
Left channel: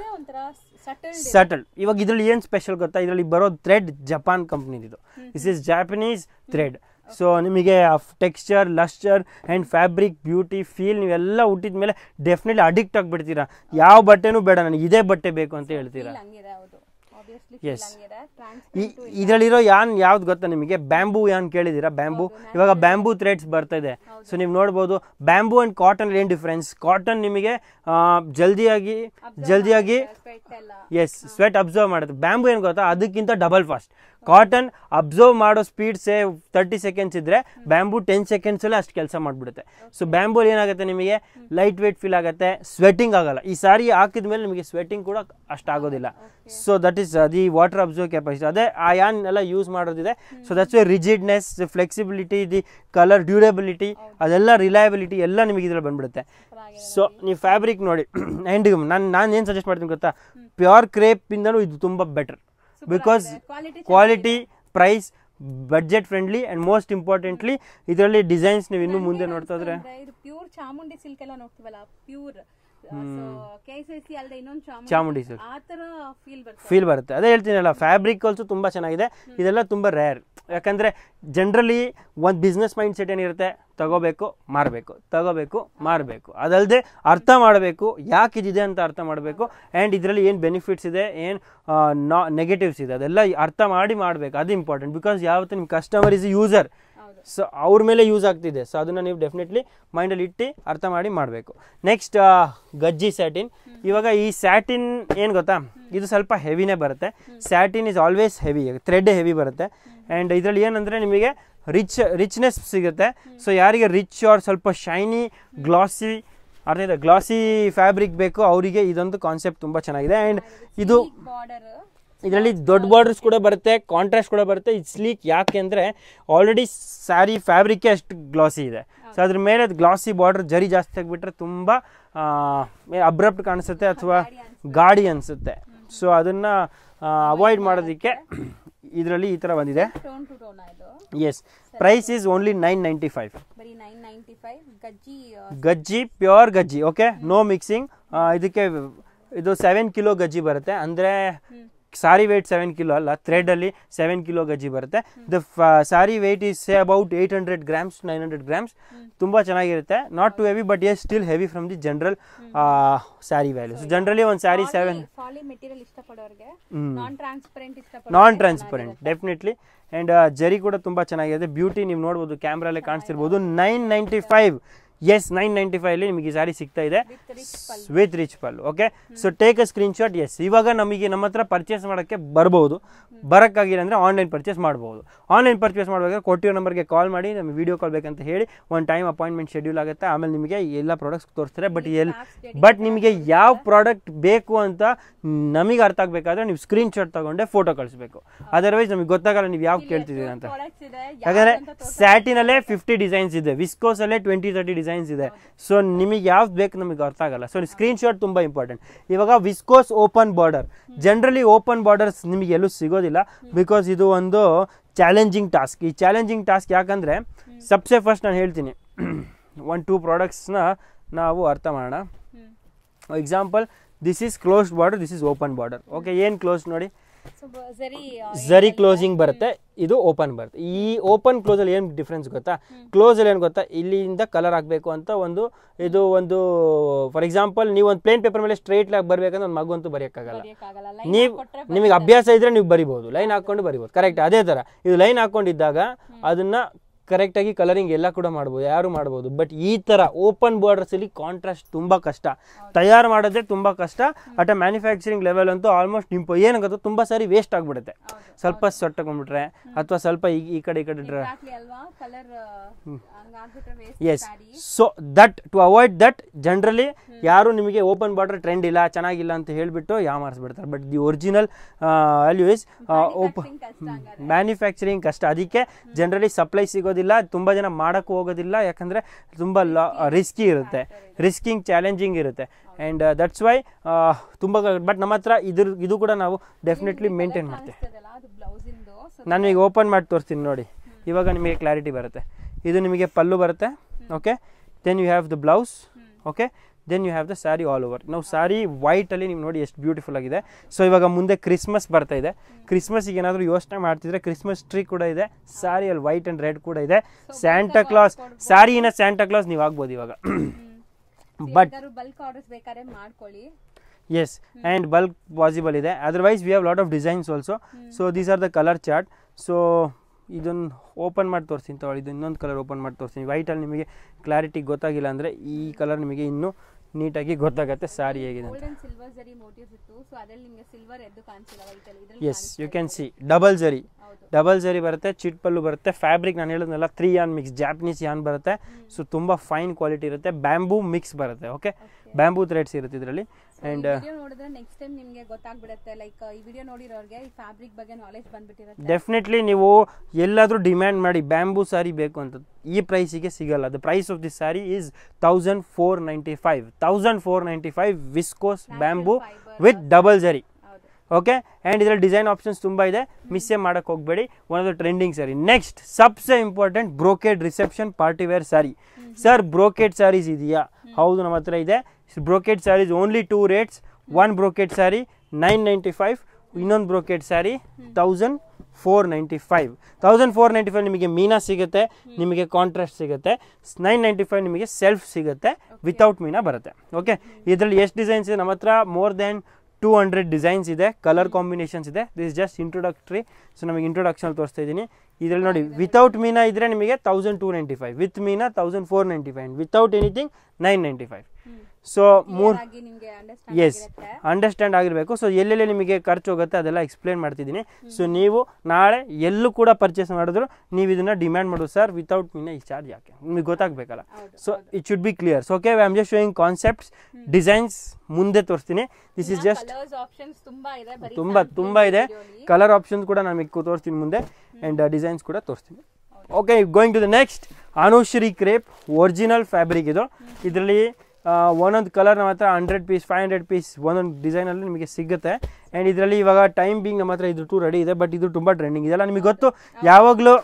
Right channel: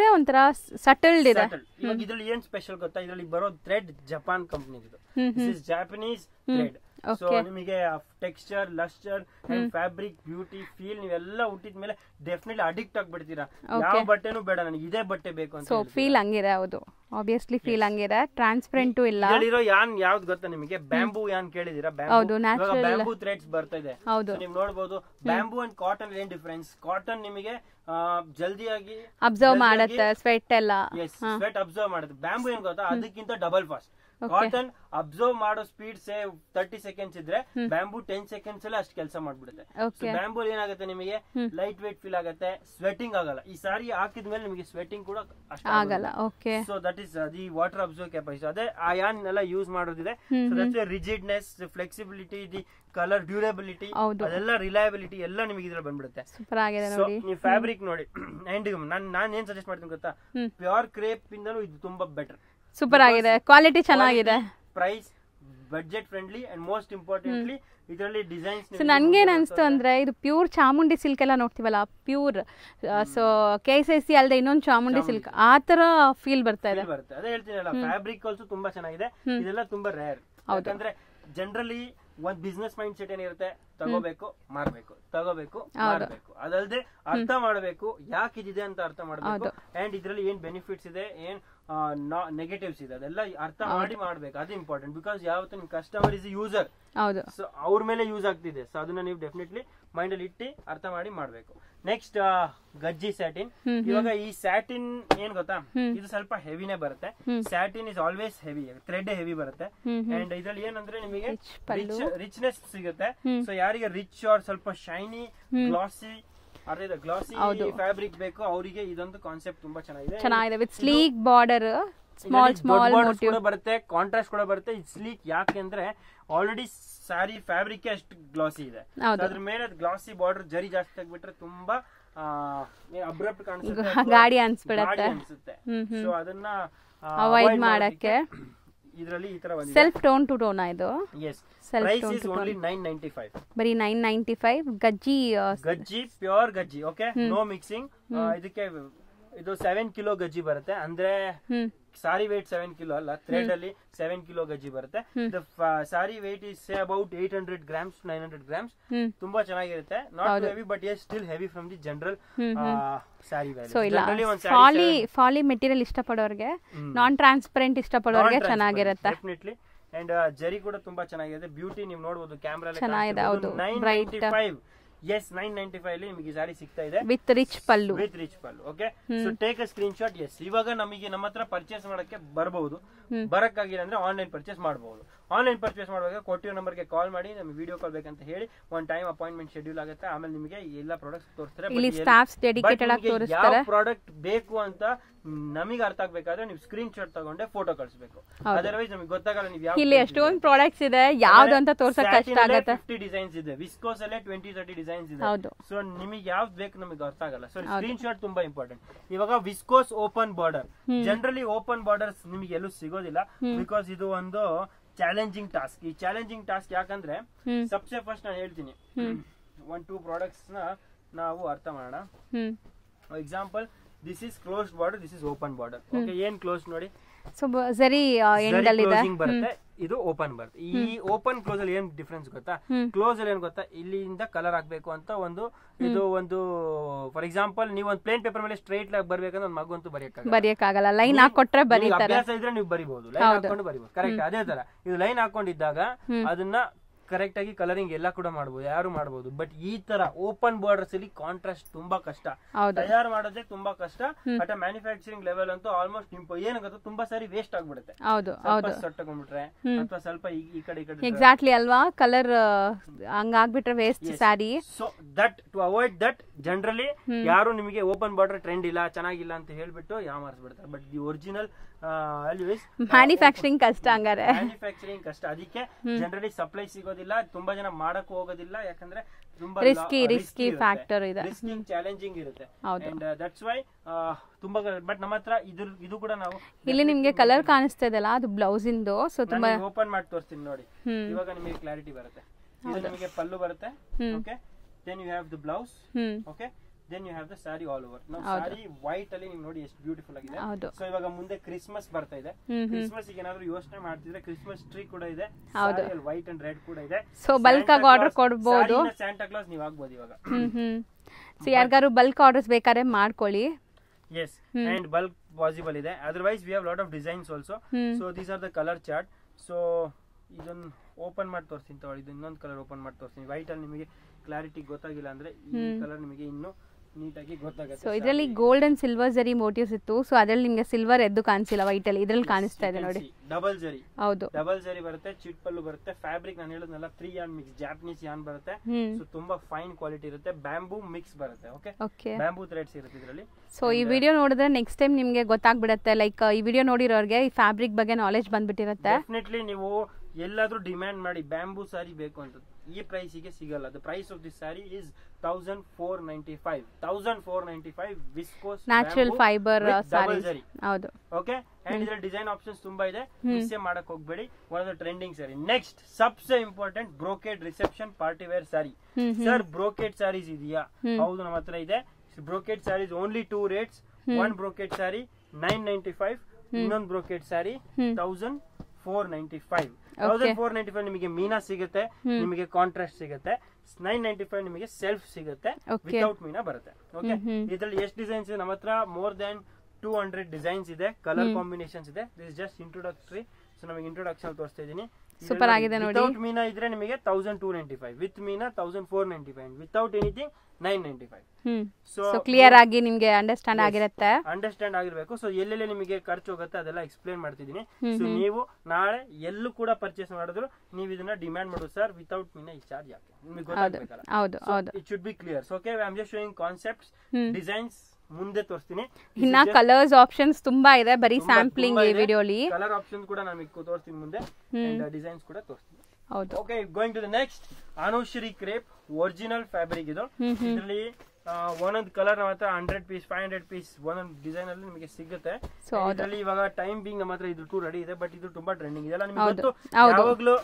ಸಟಲ್. ಇವಾಗ ಇದ್ರಲ್ಲಿ ಏನ್ ಸ್ಪೆಷಲ್ ಗೊತ್ತಾ, ಇದ್ರಲ್ಲಿ ಬರೋ ಥ್ರೆಡ್ ಜಪಾನ್ ಕಂಪನಿ ಇದು. This is Japanese thread. So ನಿಮಗೆ texture, lustre and fabric beauty feel ನೀವೆಲ್ಲ ಹುಟ್ಟಿದ ಮೇಲೆ ಡೆಫಿನೆಟ್ಲಿ ಅಡಿಕ್ಟ್ ಆಗಿಬಿಡ್ತೀರಾ. ಯಾವ ಬಟ್ಟೆನೂ ಬೇಡ, ನನಗೆ ಇದೇ ಬಟ್ಟೆ ಬೇಕು ಅಂತ ಹೇಳ್ತೀರಾ. ಫೀಲ್ ಹಂಗಿದೆ, ಹೌದು, ಆಬ್ವಿಯಸ್ಲಿ ಫೀಲ್ ಹಂಗಿದೆ. ಟ್ರಾನ್ಸ್ಪರೆಂಟ್ ಇಲ್ಲ. ಇದರಲ್ಲಿರೋ ಯಾನ್ ಯಾವ್ದು ಗೊತ್ತಾ ನಿಮಗೆ, ಬ್ಯಾಂಬೂ ಯಾನ್ ಕೇಳಿದೀರಾ? ಬ್ಯಾಂಬೂ, ಇವಾಗ ಬ್ಯಾಂಬೂ ಥ್ರೆಡ್ಸ್ ಬರ್ತಾ ಇದೆ. ಸೊ ನೀವು ನೋಡಬಹುದು ಬ್ಯಾಂಬೂ ಅಂಡ್ ಕಾಟನ್ ಏನ್ ಡಿಫರೆನ್ಸ್. ಕಾಟನ್ ನಿಮಗೆ ಜಲ್ದಿಯಾಗಿ ಸ್ವೆಟ್ ಅಬ್ಸರ್ವ್ ಮಾಡುತ್ತೆ. ಬ್ಯಾಂಬೂ ಏನ್ ಗೊತ್ತಾ, ಅದಕ್ಕಿಂತ ಡಬಲ್ ಫಾಸ್ಟ್. ಕಾಟನ್ ಅಬ್ಸರ್ವ್ ಮಾಡೋ ಸ್ಪೀಡ್ 30 ಸೆಕೆಂಡ್ಸ್ ಇದ್ರೆ ಬ್ಯಾಂಬೂ 10 ಸೆಕೆಂಡ್ಸ್ ಅಲ್ಲಿ ಅಷ್ಟು ಕೆಲಸ ಮಾಡ್ಬಿಡುತ್ತೆ. ಸೊ ಬ್ಯಾಂಬೂ ಏನಾಗುತ್ತೆ ನಿಮಗೆ ಲೈಟ್ ವೇಟ್ ಫೀಲ್ ಆಗುತ್ತೆ, ಸ್ವೆಟಿಂಗ್ ಆಗಲ್ಲ. ಈ ಸಾರಿ ಹಾಕಿದ್ಮೇಲೆ ನಿಮಗೆ ಸ್ವೆಟಿಂಗ್ ಕೂಡ ಅಷ್ಟು ಆಗೋದಿಲ್ಲ. So that is the water observe capacity. ಅದೇ ಆ ಯಾನ್ ಎಲ್ಲ ಯೂಸ್ ಮಾಡೋದಿದೆ. So that's rigidness, flexibility, the colour, durability, ಅದೆಲ್ಲ ರಿಲಯಬಿಲಿಟಿ ಎಲ್ಲ ನಿಮಗೆ ಇದ್ರಲ್ಲಿ ಬಂದ್ಬಿಡುತ್ತೆ. ಸೊ ನೀವು ಫ್ಯಾಬ್ರಿಕ್ ನೋಡಿ. ಅಂಡ್ ನಾನು ಏನ್ ಸಜೆಸ್ಟ್ ಮಾಡ್ತೀನಿ ಗೊತ್ತಾ, ಪ್ಯೂರ್ ಕ್ರೇಪ್ ಇಂದಲೂ ಇದು ತುಂಬಾ better. Quality, price, budget friendly and most importantly ಇದರಲ್ಲಿ ಡಿಸೈನ್ಸ್. ನನ್ಗೇನ್ ಅನ್ಸ್ತು ಅಂದ್ರೆ, ಇದು ಪ್ಯೂರ್ ಚಾಮುಂಡಿ ಸಿಲ್ಕ್ ಎಲ್ಲ ನೋಡ್ತೀವಲ್ಲ, ಪ್ಯೂರ್ ಸೊ KSIC ಅಲ್ಲದೆ ಇನ್ನೊಂದು ಚಾಮುಂಡಿ ಸಿಲ್ಕ್ ಆ ತರ ಫೀಲ್ ಬರುತ್ತೆ. ಅದೇ ಹೇಳ್ತೀನಲ್ಲ, ಫ್ಯಾಬ್ರಿಕ್ ಆಲ್ಸೋ ತುಂಬಾ ಚೆನ್ನಾಗಿದೆ. ಇದೆಲ್ಲ ತುಂಬಾ ರೇರ್. ಯಾಕಂದ್ರೆ ಜನರಲಿ ಒಂದ್ ಬಿಸ್ನೆಸ್ ಮೈಂಡ್ ಸೆಟ್ ಏನಿರುತ್ತೆ, ತಗೋಬೇಕು ಮಾರಬೇಕು, ತಗೋಬೇಕು ಮಾರಬೇಕು. ಅದಲ್ಲದೆ ಅರ್ಥ ಮಾಡಬೇಕು ಯಾಕೆ ಇದಿದೆ ಅಂತ ಅರ್ಥ ಮಾಡಬೇಕು. ಅಂಡ್ ಇದರಲ್ಲಿ ಏನ್ ಬೆನಿಫಿಟ್ಸ್ ಇದೆ, ಏನ್ ನೆಗೆಟಿವ್ಸ್ ಇದೆ, ಅದೆಲ್ಲ ಅರ್ಥ ಮಾಡಿ ಮಾಡ್ಬೇಕು. ಅದು ಇಂಪಾರ್ಟೆಂಟ್. ಬಿಕಾಸ್ ಯಾವತ್ತು ನಿಮ್ ಕಸ್ಟಮರ್ ಇಸ್ ಯೂಸರ್, ಸೊ ಅವ್ರ ಮೇಲೆ ಯೂಸ್ ಆಗ್ತಿದೆ. ಸೊ ಅದನ್ನ ನೀವು ಡೆಫಿನೆಟ್ಲಿ ಮೈಂಡ್ ಅಲ್ಲಿ ಇಟ್ಟು ಅರ್ಥ ಮಾಡಿ ಮಾಡ್ಬೇಕು. Next gajji satin. ಇವಾಗ ಈ ಸ್ಯಾಟಿನ್ ಏನ್ ಗೊತ್ತಾ, ಇದು ಸ್ವಲ್ಪ ಹೆವಿನೇ ಬರುತ್ತೆ. Satin is always heavy, thread heavy ಬರುತ್ತೆ. ಅಂಡ್ ಇದ್ರಲ್ಲಿ ಏನಂದ್ರೆ ನಿಮಗೆ ರಿಚ್ನೆಸ್ ಸಿಗುತ್ತೆ. ಸೊ ಯಾರಿಗೆ ರಿಚ್ ಆರ್ ಸ್ವಲ್ಪ ಶೈನಿ, ಗ್ಲಾಸಿ ಫ್ಯಾಬ್ರಿಕ್ ಬೇಕು ಅವರಿಗೆ ಇದೊಂದು ಕಾನ್ಸೆಪ್ಟ್ ತುಂಬಾ ಚೆನ್ನಾಗಿದೆ. ಇದು ಇದರಲ್ಲಿ ದೊಡ್ಡ ಬಾರ್ಡರ್ಸ್ ಕೂಡ ಬರುತ್ತೆ, ಕಾಂಟ್ರಾಸ್ಟ್ ಕೂಡ ಬರುತ್ತೆ. ಇದು ಸ್ಲೀಕ್ ಯಾಕೆ ಅಂದ್ರೆ ಆಲ್ರೆಡಿ ಸ್ಯಾರಿ ಫ್ಯಾಬ್ರಿಕ್ ಅಷ್ಟು ಗ್ಲಾಸಿ ಇದೆ. ಸೊ ಅದ್ರ ಮೇಲೆ ಗ್ಲಾಸಿ ಬಾರ್ಡರ್ ಜರಿ ಜಾಸ್ತಿ ಆಗಿಬಿಟ್ರೆ ತುಂಬಾ ಅಬ್ರಪ್ಟ್ ಕಾಣಿಸುತ್ತೆ ಅಥವಾ ಗಾಡಿ ಅನ್ಸುತ್ತೆ. ಸೊ ಅದನ್ನ ಅವಾಯ್ಡ್ ಮಾಡೋದಕ್ಕೆ ಇದರಲ್ಲಿ ಈ ತರ ಬಂದಿದೆ. ಸೆಲ್ಫ್ ಟೋನ್ ಟು ಟೋನ್ ಇದು. Yes, price is only 995. ಬರೀ 995. Gajji pure gajji. Okay, no mixing. ಇದಕ್ಕೆ ಇದು 7 ಕಿಲೋ ಗಜ್ಜಿ ಬರುತ್ತೆ. ಅಂದ್ರೆ ಸಾರಿ ವೇಟ್ 7 ಕಿಲೋ ಅಲ್ಲ, ಥ್ರೆಡ್ ಅಲ್ಲಿ 7 ಕಿಲೋ ಗಜ್ಜಿ ಬರುತ್ತೆ. The sari weight is about 800 grams to 900 grams. ತುಂಬಾ ಚೆನ್ನಾಗಿರುತ್ತೆ. Not too heavy but yes still heavy from the general sari value. Generally ಒಂದು ಸ್ಯಾರಿ ಫಾಲಿ ಮೆಟೀರಿಯಲ್ ಇಷ್ಟಪಡೋರಿಗೆ, ನಾನ್ ಟ್ರಾನ್ಸ್ಪರೆಂಟ್ ಇಷ್ಟಪಡೋರಿಗೆ ಚೆನ್ನಾಗಿರುತ್ತೆ ಡೆಫಿನೆಟ್ಲಿ. ಅಂಡ್ ಜರಿ ಕೂಡ ತುಂಬಾ ಚೆನ್ನಾಗಿದೆ. ಬ್ಯೂಟಿ ನೀವು ನೋಡಬಹುದು, ಕ್ಯಾಮ್ರಾಲೆ ಕಾಣಿಸ್ತಿರ್ಬೋದು. 995. ಎಸ್, 995 ಅಲ್ಲಿ ನಿಮಗೆ ಸಾರಿ ಸಿಗ್ತಾ ಇದೆ with rich pallu. Okay, so take a screenshot. Yes, ಇವಾಗ ನಮಗೆ ನಮ್ಮ ಹತ್ರ ಪರ್ಚೇಸ್ ಮಾಡಕ್ಕೆ ಬರಬಹುದು. ಬರಕ್ಕಾಗಿಲ್ಲ ಅಂದ್ರೆ ಆನ್ಲೈನ್ ಪರ್ಚೇಸ್ ಮಾಡಬಹುದು. ಆನ್ಲೈನ್ ಪರ್ಚೇಸ್ ಮಾಡುವಾಗ ಕೊಟ್ಟಿರೋ ನಂಬರ್ಗೆ ಕಾಲ್ ಮಾಡಿ ನಮಗೆ ವಿಡಿಯೋ ಕಾಲ್ ಬೇಕಂತ ಹೇಳಿ ಒಂದು ಟೈಮ್ ಅಪಾಯಿಂಟ್ಮೆಂಟ್ ಶೆಡ್ಯೂಲ್ ಆಗುತ್ತೆ. ಆಮೇಲೆ ನಿಮಗೆ ಎಲ್ಲ ಪ್ರಾಡಕ್ಟ್ಸ್ ತೋರಿಸ್ತಾರೆ. ಬಟ್ ನಿಮಗೆ ಯಾವ ಪ್ರಾಡಕ್ಟ್ ಬೇಕು ಅಂತ ನಮಗೆ ಅರ್ಥ ಆಗ್ಬೇಕಾದ್ರೆ ನೀವು ಸ್ಕ್ರೀನ್ ಶಾಟ್ ತಗೊಂಡೆ ಫೋಟೋ ಕಳಿಸಬೇಕು. ಅದರ್ವೈಸ್ ನಮಗೆ ಗೊತ್ತಾಗಲ್ಲ ನೀವು ಯಾವ ಸ್ಯಾಟಿನ್ ಅಲ್ಲೇ 50 ಡಿಸೈನ್ಸ್ ಇದೆ, ವಿಸ್ಕೋಸ್ ಅಲ್ಲೇ 20-30 ಡಿಸೈನ್ಸ್ ಇದೆ. ಸೊ ನಿಮಗೆ ಯಾವ್ದು ಬೇಕು ನಮಗೆ ಅರ್ಥ ಆಗಲ್ಲ. ಸೊ ಸ್ಕ್ರೀನ್ ಶಾಟ್ ತುಂಬಾ ಇಂಪಾರ್ಟೆಂಟ್. ಇವಾಗ viscose open border, generally open borders ನಿಮಗೆ ಎಲ್ಲೂ ಸಿಗೋದಿಲ್ಲ. ಬಿಕಾಸ್ ಇದು ಒಂದು ಚಾಲೆಂಜಿಂಗ್ ಟಾಸ್ಕ್. ಈ ಚಾಲೆಂಜಿಂಗ್ ಟಾಸ್ಕ್ ಯಾಕಂದ್ರೆ ಸಬ್ಸೆ ಫಸ್ಟ್ ನಾನು ಹೇಳ್ತೀನಿ, 1-2 ಪ್ರಾಡಕ್ಟ್ಸ್ ನ ನಾವು ಅರ್ಥ ಮಾಡೋಣ. Example, this is closed border, this is open border. Okay, ಏನ್ ಕ್ಲೋಸ್ ನೋಡಿ, ಸೊ ಜರಿ ಜರಿ ಕ್ಲೋಸಿಂಗ್ ಬರುತ್ತೆ, ಇದು ಓಪನ್ ಬರುತ್ತೆ. ಈ ಓಪನ್ ಕ್ಲೋಸ್ ಅಲ್ಲಿ ಏನ್ ಡಿಫ್ರೆನ್ಸ್ ಗೊತ್ತಾ? ಕ್ಲೋಸ್ ಅಲ್ಲಿ ಏನ್ ಗೊತ್ತಾ, ಇಲ್ಲಿಂದ ಕಲರ್ ಹಾಕ್ಬೇಕು ಅಂತ ಒಂದು ಇದು ಒಂದು ಫಾರ್ ಎಕ್ಸಾಂಪಲ್ ನೀವು ಒಂದು ಪ್ಲೇನ್ ಪೇಪರ್ ಮೇಲೆ ಸ್ಟ್ರೈಟ್ ಆಗಿ ಬರ್ಬೇಕಂದ್ರೆ ಒಂದು ಮಗು ಅಂತೂ ಬರೆಯಕ್ಕಾಗಲ್ಲ. ಲೈನ್ ಹಾಕೊಟ್ರೆ ನಿಮಗೆ ಅಭ್ಯಾಸ ಇದ್ರೆ ನೀವು ಬರಿಬಹುದು, ಲೈನ್ ಹಾಕೊಂಡು ಬರಿಬಹುದು. ಕರೆಕ್ಟ್ ಅದೇ ತರ ಇದು ಲೈನ್ ಹಾಕೊಂಡಿದ್ದಾಗ ಅದನ್ನ ಕರೆಕ್ಟ್ ಆಗಿ ಕಲರಿಂಗ್ ಎಲ್ಲ ಕೂಡ ಮಾಡಬಹುದು, ಯಾರು ಮಾಡಬಹುದು. ಬಟ್ ಈ ತರ ಓಪನ್ ಬಾರ್ಡರ್ಸ್ ಅಲ್ಲಿ ಕಾಂಟ್ರಾಸ್ಟ್ ತುಂಬಾ ಕಷ್ಟ, ತಯಾರು ಮಾಡೋದೇ ತುಂಬಾ ಕಷ್ಟ. ಅಟ್ ಮ್ಯಾನುಫ್ಯಾಕ್ಚರಿಂಗ್ ಲೆವೆಲ್ ಅಂತೂ ಆಲ್ಮೋಸ್ಟ್ ಏನಾಗುತ್ತೆ ತುಂಬಾ ಸಾರಿ ವೇಸ್ಟ್ ಆಗ್ಬಿಡುತ್ತೆ, ಸ್ವಲ್ಪ ಸೊಟ್ಟಕೊಂಡ್ಬಿಟ್ರೆ ಅಥವಾ ಸ್ವಲ್ಪ ಈ ಕಡೆ ಎಕ್ಸಾಕ್ಟ್ಲಿ ಅಲ್ವಾ, ಕಲರ್ ಹಂಗಾಗ್ಬಿಟ್ರೆ waste sari. So that to avoid that generally ಯಾರು ನಿಮಗೆ ಓಪನ್ ಬಾರ್ಡರ್ ಟ್ರೆಂಡ್ ಇಲ್ಲ ಚೆನ್ನಾಗಿಲ್ಲ ಅಂತ ಹೇಳ್ಬಿಟ್ಟು ಯಾಮಾರಿಸ್ಬಿಡ್ತಾರೆ. But the original always manufacturing ಕಷ್ಟ, ಹಂಗಾರೆ ಮ್ಯಾನುಫ್ಯಾಕ್ಚರಿಂಗ್ ಕಷ್ಟ. ಅದಕ್ಕೆ ಜನರಲಿ ಸಪ್ಲೈ ಸಿಗೋದಿಲ್ಲ, ತುಂಬಾ ಜನ ಮಾಡಕ್ಕೂ ಹೋಗೋದಿಲ್ಲ, ಯಾಕಂದ್ರೆ ತುಂಬಾ ರಿಸ್ಕಿ ಇರುತ್ತೆ, ರಿಸ್ಕಿಂಗ್ ಚಾಲೆಂಜಿಂಗ್ ಇರುತ್ತೆ. ಅಂಡ್ ದಟ್ಸ್ ವೈ ತುಂಬಾ. ಬಟ್ ನಮ್ಮ ಹತ್ರ ಇದು ಕೂಡ ನಾವು ಕಲರ್ ಕಾಣಿಸ್ತಾ ಇದೆಲ್ಲ ಅದು ಬ್ಲೌಸ್ ಇಂದು. ನಾನು ಈಗ ಓಪನ್ ಮಾಡಿ ತೋರಿಸ್ತೀನಿ ನೋಡಿ, ಇವಾಗ ನಿಮಗೆ ಕ್ಲಾರಿಟಿ ಬರುತ್ತೆ. ಇದು ನಿಮಗೆ ಪಲ್ಲು ಬರುತ್ತೆ, okay. Then you have the blouse, okay. Then you have the sari all over. ನಾವು ಸ್ಯಾರಿ ವೈಟ್ ಅಲ್ಲಿ ನೀವು ನೋಡಿ ಎಷ್ಟು ಬ್ಯೂಟಿಫುಲ್ ಆಗಿದೆ. ಸೊ ಇವಾಗ ಮುಂದೆ ಕ್ರಿಸ್ಮಸ್ ಬರ್ತಾ ಇದೆ, ಕ್ರಿಸ್ಮಸ್ ಈಗ ಏನಾದ್ರು ಯೋಚನೆ ಮಾಡ್ತಿದ್ರೆ ಕ್ರಿಸ್ಮಸ್ ಟ್ರೀ ಕೂಡ ಇದೆ, ಸ್ಯಾರಿ ಅಲ್ಲಿ ವೈಟ್ ಅಂಡ್ ರೆಡ್ ಕೂಡ ಇದೆ. ಸ್ಯಾಂಟಾ ಕ್ಲಾಸ್ ಸ್ಯಾರಿನ ಸ್ಯಾಂಟಾ ಕ್ಲಾಸ್ ನೀವು ಆಗ್ಬೋದು ಇವಾಗ. ಯಾರಿಗಾರು ಬಲ್ಕ್ ಆರ್ಡರ್ಸ್ ಬೇಕಾದ್ರೆ ಮಾಡ್ಕೊಳ್ಳಿ. Yes, and bulk possible ಇದೆ. Otherwise we have lot of designs also. So these are the color chart. So ಇದನ್ನ ಓಪನ್ ಮಾಡಿ ತೋರಿಸ್ತೀನಿ ತಗೊಳ್ಳಿ. ಇದು ಇನ್ನೊಂದು ಕಲರ್ ಓಪನ್ ಮಾಡಿ ತೋರಿಸ್ತೀನಿ. ವೈಟ್ ಅಲ್ಲಿ ನಿಮಗೆ ಕ್ಲಾರಿಟಿ ಗೊತ್ತಾಗಿಲ್ಲ ಅಂದ್ರೆ ಈ ಕಲರ್ ನಿಮಗೆ ಇನ್ನೂ ನೀಟಾಗಿ ಗೊತ್ತಾಗುತ್ತೆ. ಇದರಲ್ಲಿ ಗೋಲ್ಡ್ ಅಂಡ್ ಸಿಲ್ವರ್ ಜರಿ ಮೋಟಿವ್ಸ್ ಇತ್ತು, ಸೊ ಅದರಲ್ಲಿ ನಿಮಗೆ ಸಿಲ್ವರ್ ಎದ್ದು ಕಾಣಿಸಿಲ್ಲ, ವೈಟ್ ಅಲ್ಲಿ ಇದರಲ್ಲಿ ಕಾಣಿಸ್ತಾ ಇದೆ ನೋಡಿ. ಡಬಲ್ ಜರಿ, ಹೌದು ಡಬಲ್ ಜರಿ ಬರುತ್ತೆ, ಚಿಟ್ ಪಲ್ಲು ಬರುತ್ತೆ. ಫ್ಯಾಬ್ರಿಕ್ ನಾನು ಹೇಳಿದ್ನಲ್ಲ 3 ಯಾನ್ ಮಿಕ್ಸ್, ಜಾಪನೀಸ್ ಯಾನ್ ಬರುತ್ತೆ. ಸೊ ತುಂಬಾ ಫೈನ್ ಕ್ವಾಲಿಟಿ ಇರುತ್ತೆ. ಬ್ಯಾಂಬೂ ಮಿಕ್ಸ್ ಬರುತ್ತೆ, ಓಕೆ. ಬ್ಯಾಂಬೂ ಥ್ರೆಡ್ಸ್ ಇರುತ್ತೆ ಇದರಲ್ಲಿ. ಸೊ ಈ ವಿಡಿಯೋ ನೋಡಿದ್ರೆ ನೆಕ್ಸ್ಟ್ ಟೈಮ್ ನಿಮಗೆ ಗೊತ್ತಾಗ್ಬಿಡುತ್ತೆ, ಲೈಕ್ ಈ ವಿಡಿಯೋ ನೋಡಿರೋರಿಗೆ ಈ ಫ್ಯಾಬ್ರಿಕ್ ಬಗ್ಗೆ ನಾಲೆಜ್ ಬಂದ್ಬಿಟ್ಟಿರುತ್ತೆ. ಡೆಫಿನೆಟ್ಲಿ ನೀವು ಎಲ್ಲಾದ್ರೂ ಡಿಮ್ಯಾಂಡ್ ಮಾಡಿ ಬ್ಯಾಂಬೂ ಸಾರಿ ಬೇಕು ಅಂತ, ಈ ಪ್ರೈಸಿಗೆ ಸಿಗಲ್ಲ. The price of this sari is 1495. 1495 viscose bamboo with double zari, okay. And ಇದರಲ್ಲಿ ಡಿಸೈನ್ ಆಪ್ಷನ್ಸ್ ತುಂಬಾ ಇದೆ, ಮಿಸ್ ಮಾಡಕ್ ಹೋಗ್ಬೇಡಿ. One of the trending sari. Next ಸಬ್ಸೆ important brocade reception party wear sari. Sir brocade saris ಇದೆಯಾ? ಹೌದು, ನಮ್ಮ ಹತ್ರ ಇದೆ. Brocade saris only 2 rates. One brocade sari 995, ಇನ್ನೊಂದು ಬ್ರೋಕೆಡ್ ಸಾರಿ 1495. 1495 ನಿಮಗೆ ಮೀನಾ ಸಿಗುತ್ತೆ, ನಿಮಗೆ ಕಾಂಟ್ರಾಸ್ಟ್ ಸಿಗುತ್ತೆ. 995 ನಿಮಗೆ ಸೆಲ್ಫ್ ಸಿಗುತ್ತೆ, ವಿತೌಟ್ ಮೀನಾ ಬರುತ್ತೆ, ಓಕೆ. ಇದರಲ್ಲಿ ಎಷ್ಟು ಡಿಸೈನ್ಸ್ ಇದೆ ನಮ್ಮ ಹತ್ರ? ಮೋರ್ ದೆನ್ 200 ಡಿಸೈನ್ಸ್ ಇದೆ, ಕಲರ್ ಕಾಂಬಿನೇಷನ್ಸ್ ಇದೆ. This just introductory. ಸೊ ನಮಗೆ ಇಂಟ್ರೊಡಕ್ಷನ್ ತೋರಿಸ್ತಾ ಇದ್ದೀನಿ. ಇದರಲ್ಲಿ ವಿತೌಟ್ ಮೀನಾ ಇದ್ರೆ ನಿಮಗೆ 1295, with Meena 1495, without anything 995. So clear ಆಗಿ ನಿಮಗೆ ಅಂಡರ್ಸ್ಟ್ಯಾಂಡ್ ಆಗಿರುತ್ತೆ, ಅಂಡರ್ಸ್ಟ್ಯಾಂಡ್ ಆಗಿರಬೇಕು. ಸೊ ಎಲ್ಲೆಲ್ಲಿ ನಿಮಗೆ ಖರ್ಚು ಹೋಗುತ್ತೆ ಅದೆಲ್ಲ ಎಕ್ಸ್ಪ್ಲೇನ್ ಮಾಡ್ತಿದ್ದೀನಿ. ಸೊ ನೀವು ನಾಳೆ ಎಲ್ಲೂ ಕೂಡ ಪರ್ಚೇಸ್ ಮಾಡಿದ್ರು ನೀವು ಇದನ್ನ ಡಿಮ್ಯಾಂಡ್ ಮಾಡೋದು, ಸರ್ ವಿತೌಟ್ ಮೀನಾ ಈ ಚಾರ್ಜ್ ಯಾಕೆ, ನಿಮಗೆ ಗೊತ್ತಾಗಬೇಕಲ್ಲ. So it should be clear. So okay, I am just showing concepts, designs ಮುಂದೆ ತೋರಿಸ್ತೀನಿ. ಕಲರ್ಸ್ ಆಪ್ಷನ್ಸ್ ತುಂಬಾ ಇದೆ, ಬರೀ ಸ್ಯಾಂಪಲಿಂಗ್ ವಿಡಿಯೋಲಿ ಕಲರ್ ಆಪ್ಷನ್ಸ್ ಕೂಡ ನಾನು ತೋರಿಸ್ತೀನಿ ಮುಂದೆ, ಅಂಡ್ ಡಿಸೈನ್ಸ್ ಕೂಡ ತೋರಿಸ್ತೀನಿ. Okay, going to the next. Anushree crepe original fabric ಇದು. ಇದರಲ್ಲಿ ಒಂದೊಂದು ಕಲರ್ ನಮ್ಮ ಹತ್ರ 100 ಪೀಸ್ 500 ಪೀಸ್ ಒಂದೊಂದು ಡಿಸೈನ್ ಅಲ್ಲಿ ನಿಮಗೆ ಸಿಗುತ್ತೆ. ಅಂಡ್ ಇದರಲ್ಲಿ ಇವಾಗ ಟೈಮ್ ಬಿಂಗ್ ನಮ್ಮ ಹತ್ರ ಇದು 2 ರೆಡಿ ಇದೆ, ಬಟ್ ಇದು ತುಂಬಾ ಟ್ರೆಂಡಿಂಗ್ ಇದೆಲ್ಲ ನಿಮಗೆ ಗೊತ್ತು. ಯಾವಾಗ್ಲೂ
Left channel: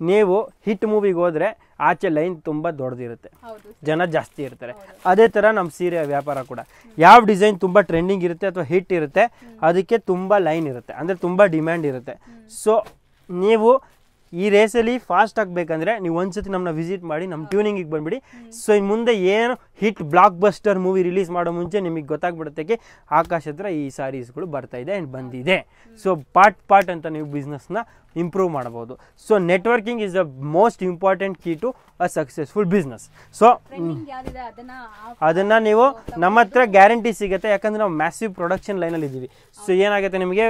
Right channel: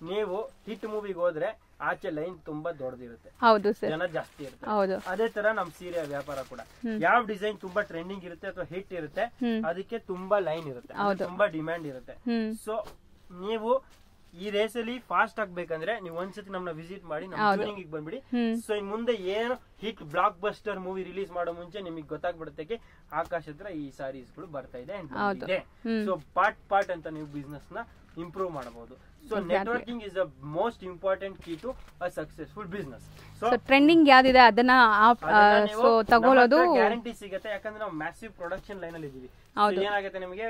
ನೀವು ಹಿಟ್ ಮೂವಿಗೆ ಹೋದ್ರೆ ಆಚೆ ಲೈನ್ ತುಂಬಾ ದೊಡ್ಡದಿರುತ್ತೆ, ಜನ ಜಾಸ್ತಿ ಇರ್ತಾರೆ. ಅದೇ ತರ ನಮ್ ಸೀರೆ ವ್ಯಾಪಾರ ಕೂಡ, ಯಾವ ಡಿಸೈನ್ ತುಂಬಾ ಟ್ರೆಂಡಿಂಗ್ ಇರುತ್ತೆ ಅಥವಾ ಹಿಟ್ ಇರುತ್ತೆ ಅದಕ್ಕೆ ತುಂಬಾ ಲೈನ್ ಇರುತ್ತೆ, ಅಂದ್ರೆ ತುಂಬಾ ಡಿಮ್ಯಾಂಡ್ ಇರುತ್ತೆ. ಸೊ ನೀವು ಈ ರೇಸಲ್ಲಿ ಫಾಸ್ಟ್ ಆಗ್ಬೇಕಂದ್ರೆ ನೀವು ಒಂದ್ಸತಿ ನಮ್ಮನ್ನ ವಿಸಿಟ್ ಮಾಡಿ ನಮ್ಮ ಟ್ಯೂನಿಂಗ್ ಬಂದ್ಬಿಡಿ. ಸೊ ಇನ್ ಮುಂದೆ ಏನು hit blockbuster movie release ಮಾಡೋ ಮುಂಚೆ ನಿಮಗೆ ಗೊತ್ತಾಗ್ಬಿಡುತ್ತೆ ಆಕಾಶ ಹತ್ರ ಈ ಸಾರೀಸ್ಗಳು ಬರ್ತಾ ಇದೆ ಅಂಡ್ ಬಂದಿದೆ. ಸೊ ಪಾರ್ಟ್ ಅಂತ ನೀವು ಬಿಸ್ನೆಸ್ ನ ಇಂಪ್ರೂವ್ ಮಾಡಬಹುದು. So networking is the most important key to a successful business. So trending ಯಾವ್ದಿದೆ ಅದನ್ನ ನೀವು ನಮ್ಮ ಹತ್ರ ಗ್ಯಾರಂಟಿ ಸಿಗುತ್ತೆ, ಯಾಕಂದ್ರೆ ನಾವು ಮ್ಯಾಸಿವ್ ಪ್ರೊಡಕ್ಷನ್ ಲೈನ್ ಅಲ್ಲಿ ಇದೀವಿ. ಸೊ ಏನಾಗುತ್ತೆ ನಿಮಗೆ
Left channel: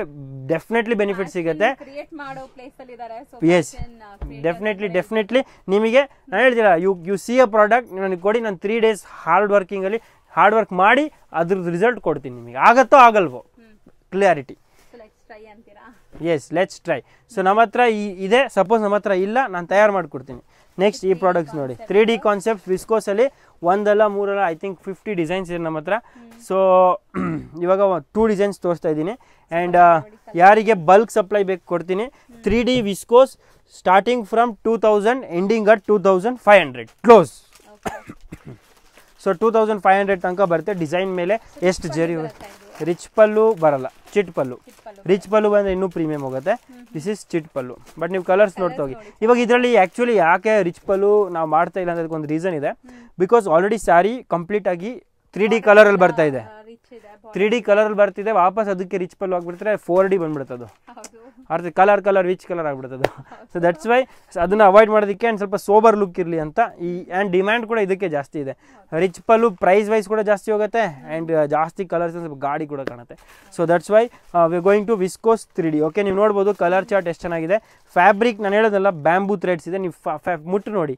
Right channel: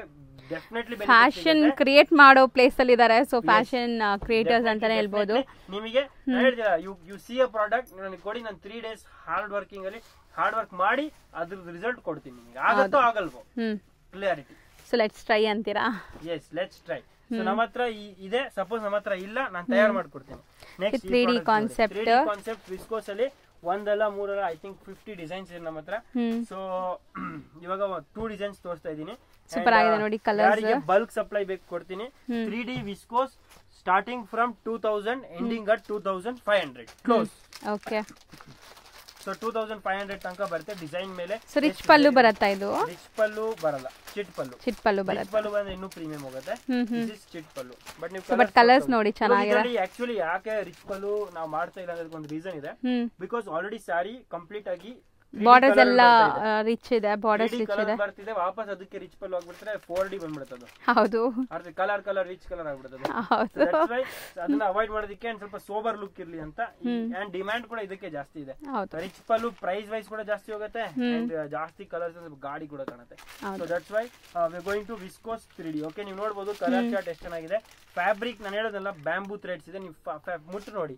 ಡೆಫಿನೆಟ್ಲಿ ಬೆನಿಫಿಟ್ ಸಿಗುತ್ತೆ. ಕ್ರಿಯೇಟ್ ಮಾಡೋ ಪ್ಲೇಸ್ ಅಲ್ಲಿ ಇದ್ದಾರೆ. ಸೊ ಫ್ಯಾಷನ್ ಕ್ರಿಯೇಟರ್ಸ್ ಅಂತ ಡೆಫಿನೆಟ್ಲಿ ನಿಮಗೆ ನಾನು ಹೇಳ್ತೀರಾ, ಯು ಸಿ ಅ ಪ್ರಾಡಕ್ಟ್ ನನಗೆ ಕೊಡಿ, ನಾನು 3 days ಹಾರ್ಡ್ ವರ್ಕ್ ಮಾಡಿ ಅದ್ರ ರಿಸಲ್ಟ್ ಕೊಡ್ತೀನಿ ನಿಮಗೆ. ಆಗತ್ತೋ ಆಗಲ್ವೋ ಕ್ಲಿಯಾರಿಟಿ. ಸೊ ಲೆಟ್ಸ್ ಟ್ರೈ ಅಂತೀರಾ? Yes, let's try. ಸೊ ನಮ್ಮ ಹತ್ರ ಇದೆ, ಸಪೋಸ್ ನಮ್ಮ ಹತ್ರ ಇಲ್ಲ, ನಾನು ತಯಾರು ಮಾಡ್ಕೊಡ್ತೀನಿ. ನೆಕ್ಸ್ಟ್ ಈ ಪ್ರಾಡಕ್ಟ್ ನೋಡಿ, 3D ಕಾನ್ಸೆಪ್ಟ್ ವಿಸ್ಕೋಸ್ ಅಲ್ಲಿ 1 ಅಲ್ಲ 3 ಅಲ್ಲ, ಐ ಥಿಂಕ್ 50 ಡಿಸೈನ್ಸ್ ಇದೆ ನಮ್ಮ ಹತ್ರ. ಸೊ ಇವಾಗ 2 ಡಿಸೈನ್ಸ್ ತೋರಿಸ್ತಾ ಇದ್ದೀನಿ. ಅಂಡ್ ಯಾರಿಗೆ ಬಲ್ಕ್ ಸಪ್ಲೈ ಬೇಕು ಕೊಡ್ತೀನಿ. 3D viscose starting from 2000 ending at 2500 close. Okay, so 2500 ತನಕ ಬರುತ್ತೆ ಡಿಸೈನ್ ಮೇಲೆ. ಎಷ್ಟು ಪಲ್ಲು ಬರುತ್ತೆ ಇದು? ರಿಚ್ ಪಲ್ಲು ಬರಲ್ಲ, ಚಿಟ್ ಪಲ್ಲು. ರಿಚ್ ಪಲ್ಲು ಬಂದ್ರೆ ಇನ್ನೂ ಪ್ರೀಮಿಯಂ ಹೋಗುತ್ತೆ. This is chit pallu. But ನೀವು ಕಲರ್ಸ್ ನೋಡಿ. ಇವಾಗ ಇದರಲ್ಲಿ ಆಕ್ಚುಲಿ ಯಾಕೆ ರಿಚ್ ಪಲ್ಲು ನಾವು ಮಾಡ್ತಾ ಇಲ್ಲ ಅನ್ನೋದಕ್ಕೆ ಒಂದು ರೀಸನ್ ಇದೆ. ಬಿಕಾಸ್ ಆಲ್ರೆಡಿ ಸ್ಯಾರಿ ಕಂಪ್ಲೀಟ್ ಆಗಿ 3D ಕಲರ್ ಅಲ್ಲಿ ಬರ್ತಾ ಇದೆ. 3D ಕಲರ್ ಬರ್ತಿದೆ, ವಾಪಸ್ ಅದಕ್ಕೆ ರಿಚ್ ಪಲ್ಲು ಆಗ್ಬಿಡ್ತಾರೆ, 4D ಬಂದ್ಬಿಡುತ್ತೆ. ಹೌದು, ಅರ್ಥ ಕಲರ್ ರಿಚ್ ಕಲರ್ ಆಗ್ಬಿಡುತ್ತೆ. ಸೊ ದಟ್ಸ್ ವೈ ಅದನ್ನ ಅವಾಯ್ಡ್ ಮಾಡೋದಕ್ಕೆ ಅಂಡ್ ಸ್ವಲ್ಪ ಸೋಬರ್ ಲುಕ್ ಇರ್ಲಿ ಅಂತ. ಅಂಡ್ ಡಿಮ್ಯಾಂಡ್ ಕೂಡ ಇದಕ್ಕೆ ಜಾಸ್ತಿ ಇದೆ. ರಿಚ್ ಪಲ್ಲು ಪ್ರೈಸ್ ವೈಸ್ ಕೂಡ ಜಾಸ್ತಿ ಹೋಗುತ್ತೆ ಅಂಡ್ ಜಾಸ್ತಿ ಕಲರ್ಸ್ ಸ್ವಲ್ಪ ಗಾಡಿ ಕೂಡ ಕಾಣುತ್ತೆ. So that's why we going to viscose 3D. Okay, ನೀವು ನೋಡ್ಬೋದು ಕಲರ್ ಚಾರ್ಟ್ ಎಷ್ಟು ಚೆನ್ನಾಗಿದೆ. ಫ್ಯಾಬ್ರಿಕ್ ನಾನು ಹೇಳೋದಲ್ಲ, ಬ್ಯಾಂಬೂ ಥ್ರೆಡ್ಸ್ ಇದೆ. ನೀವು ಮುಟ್ಟು ನೋಡಿ,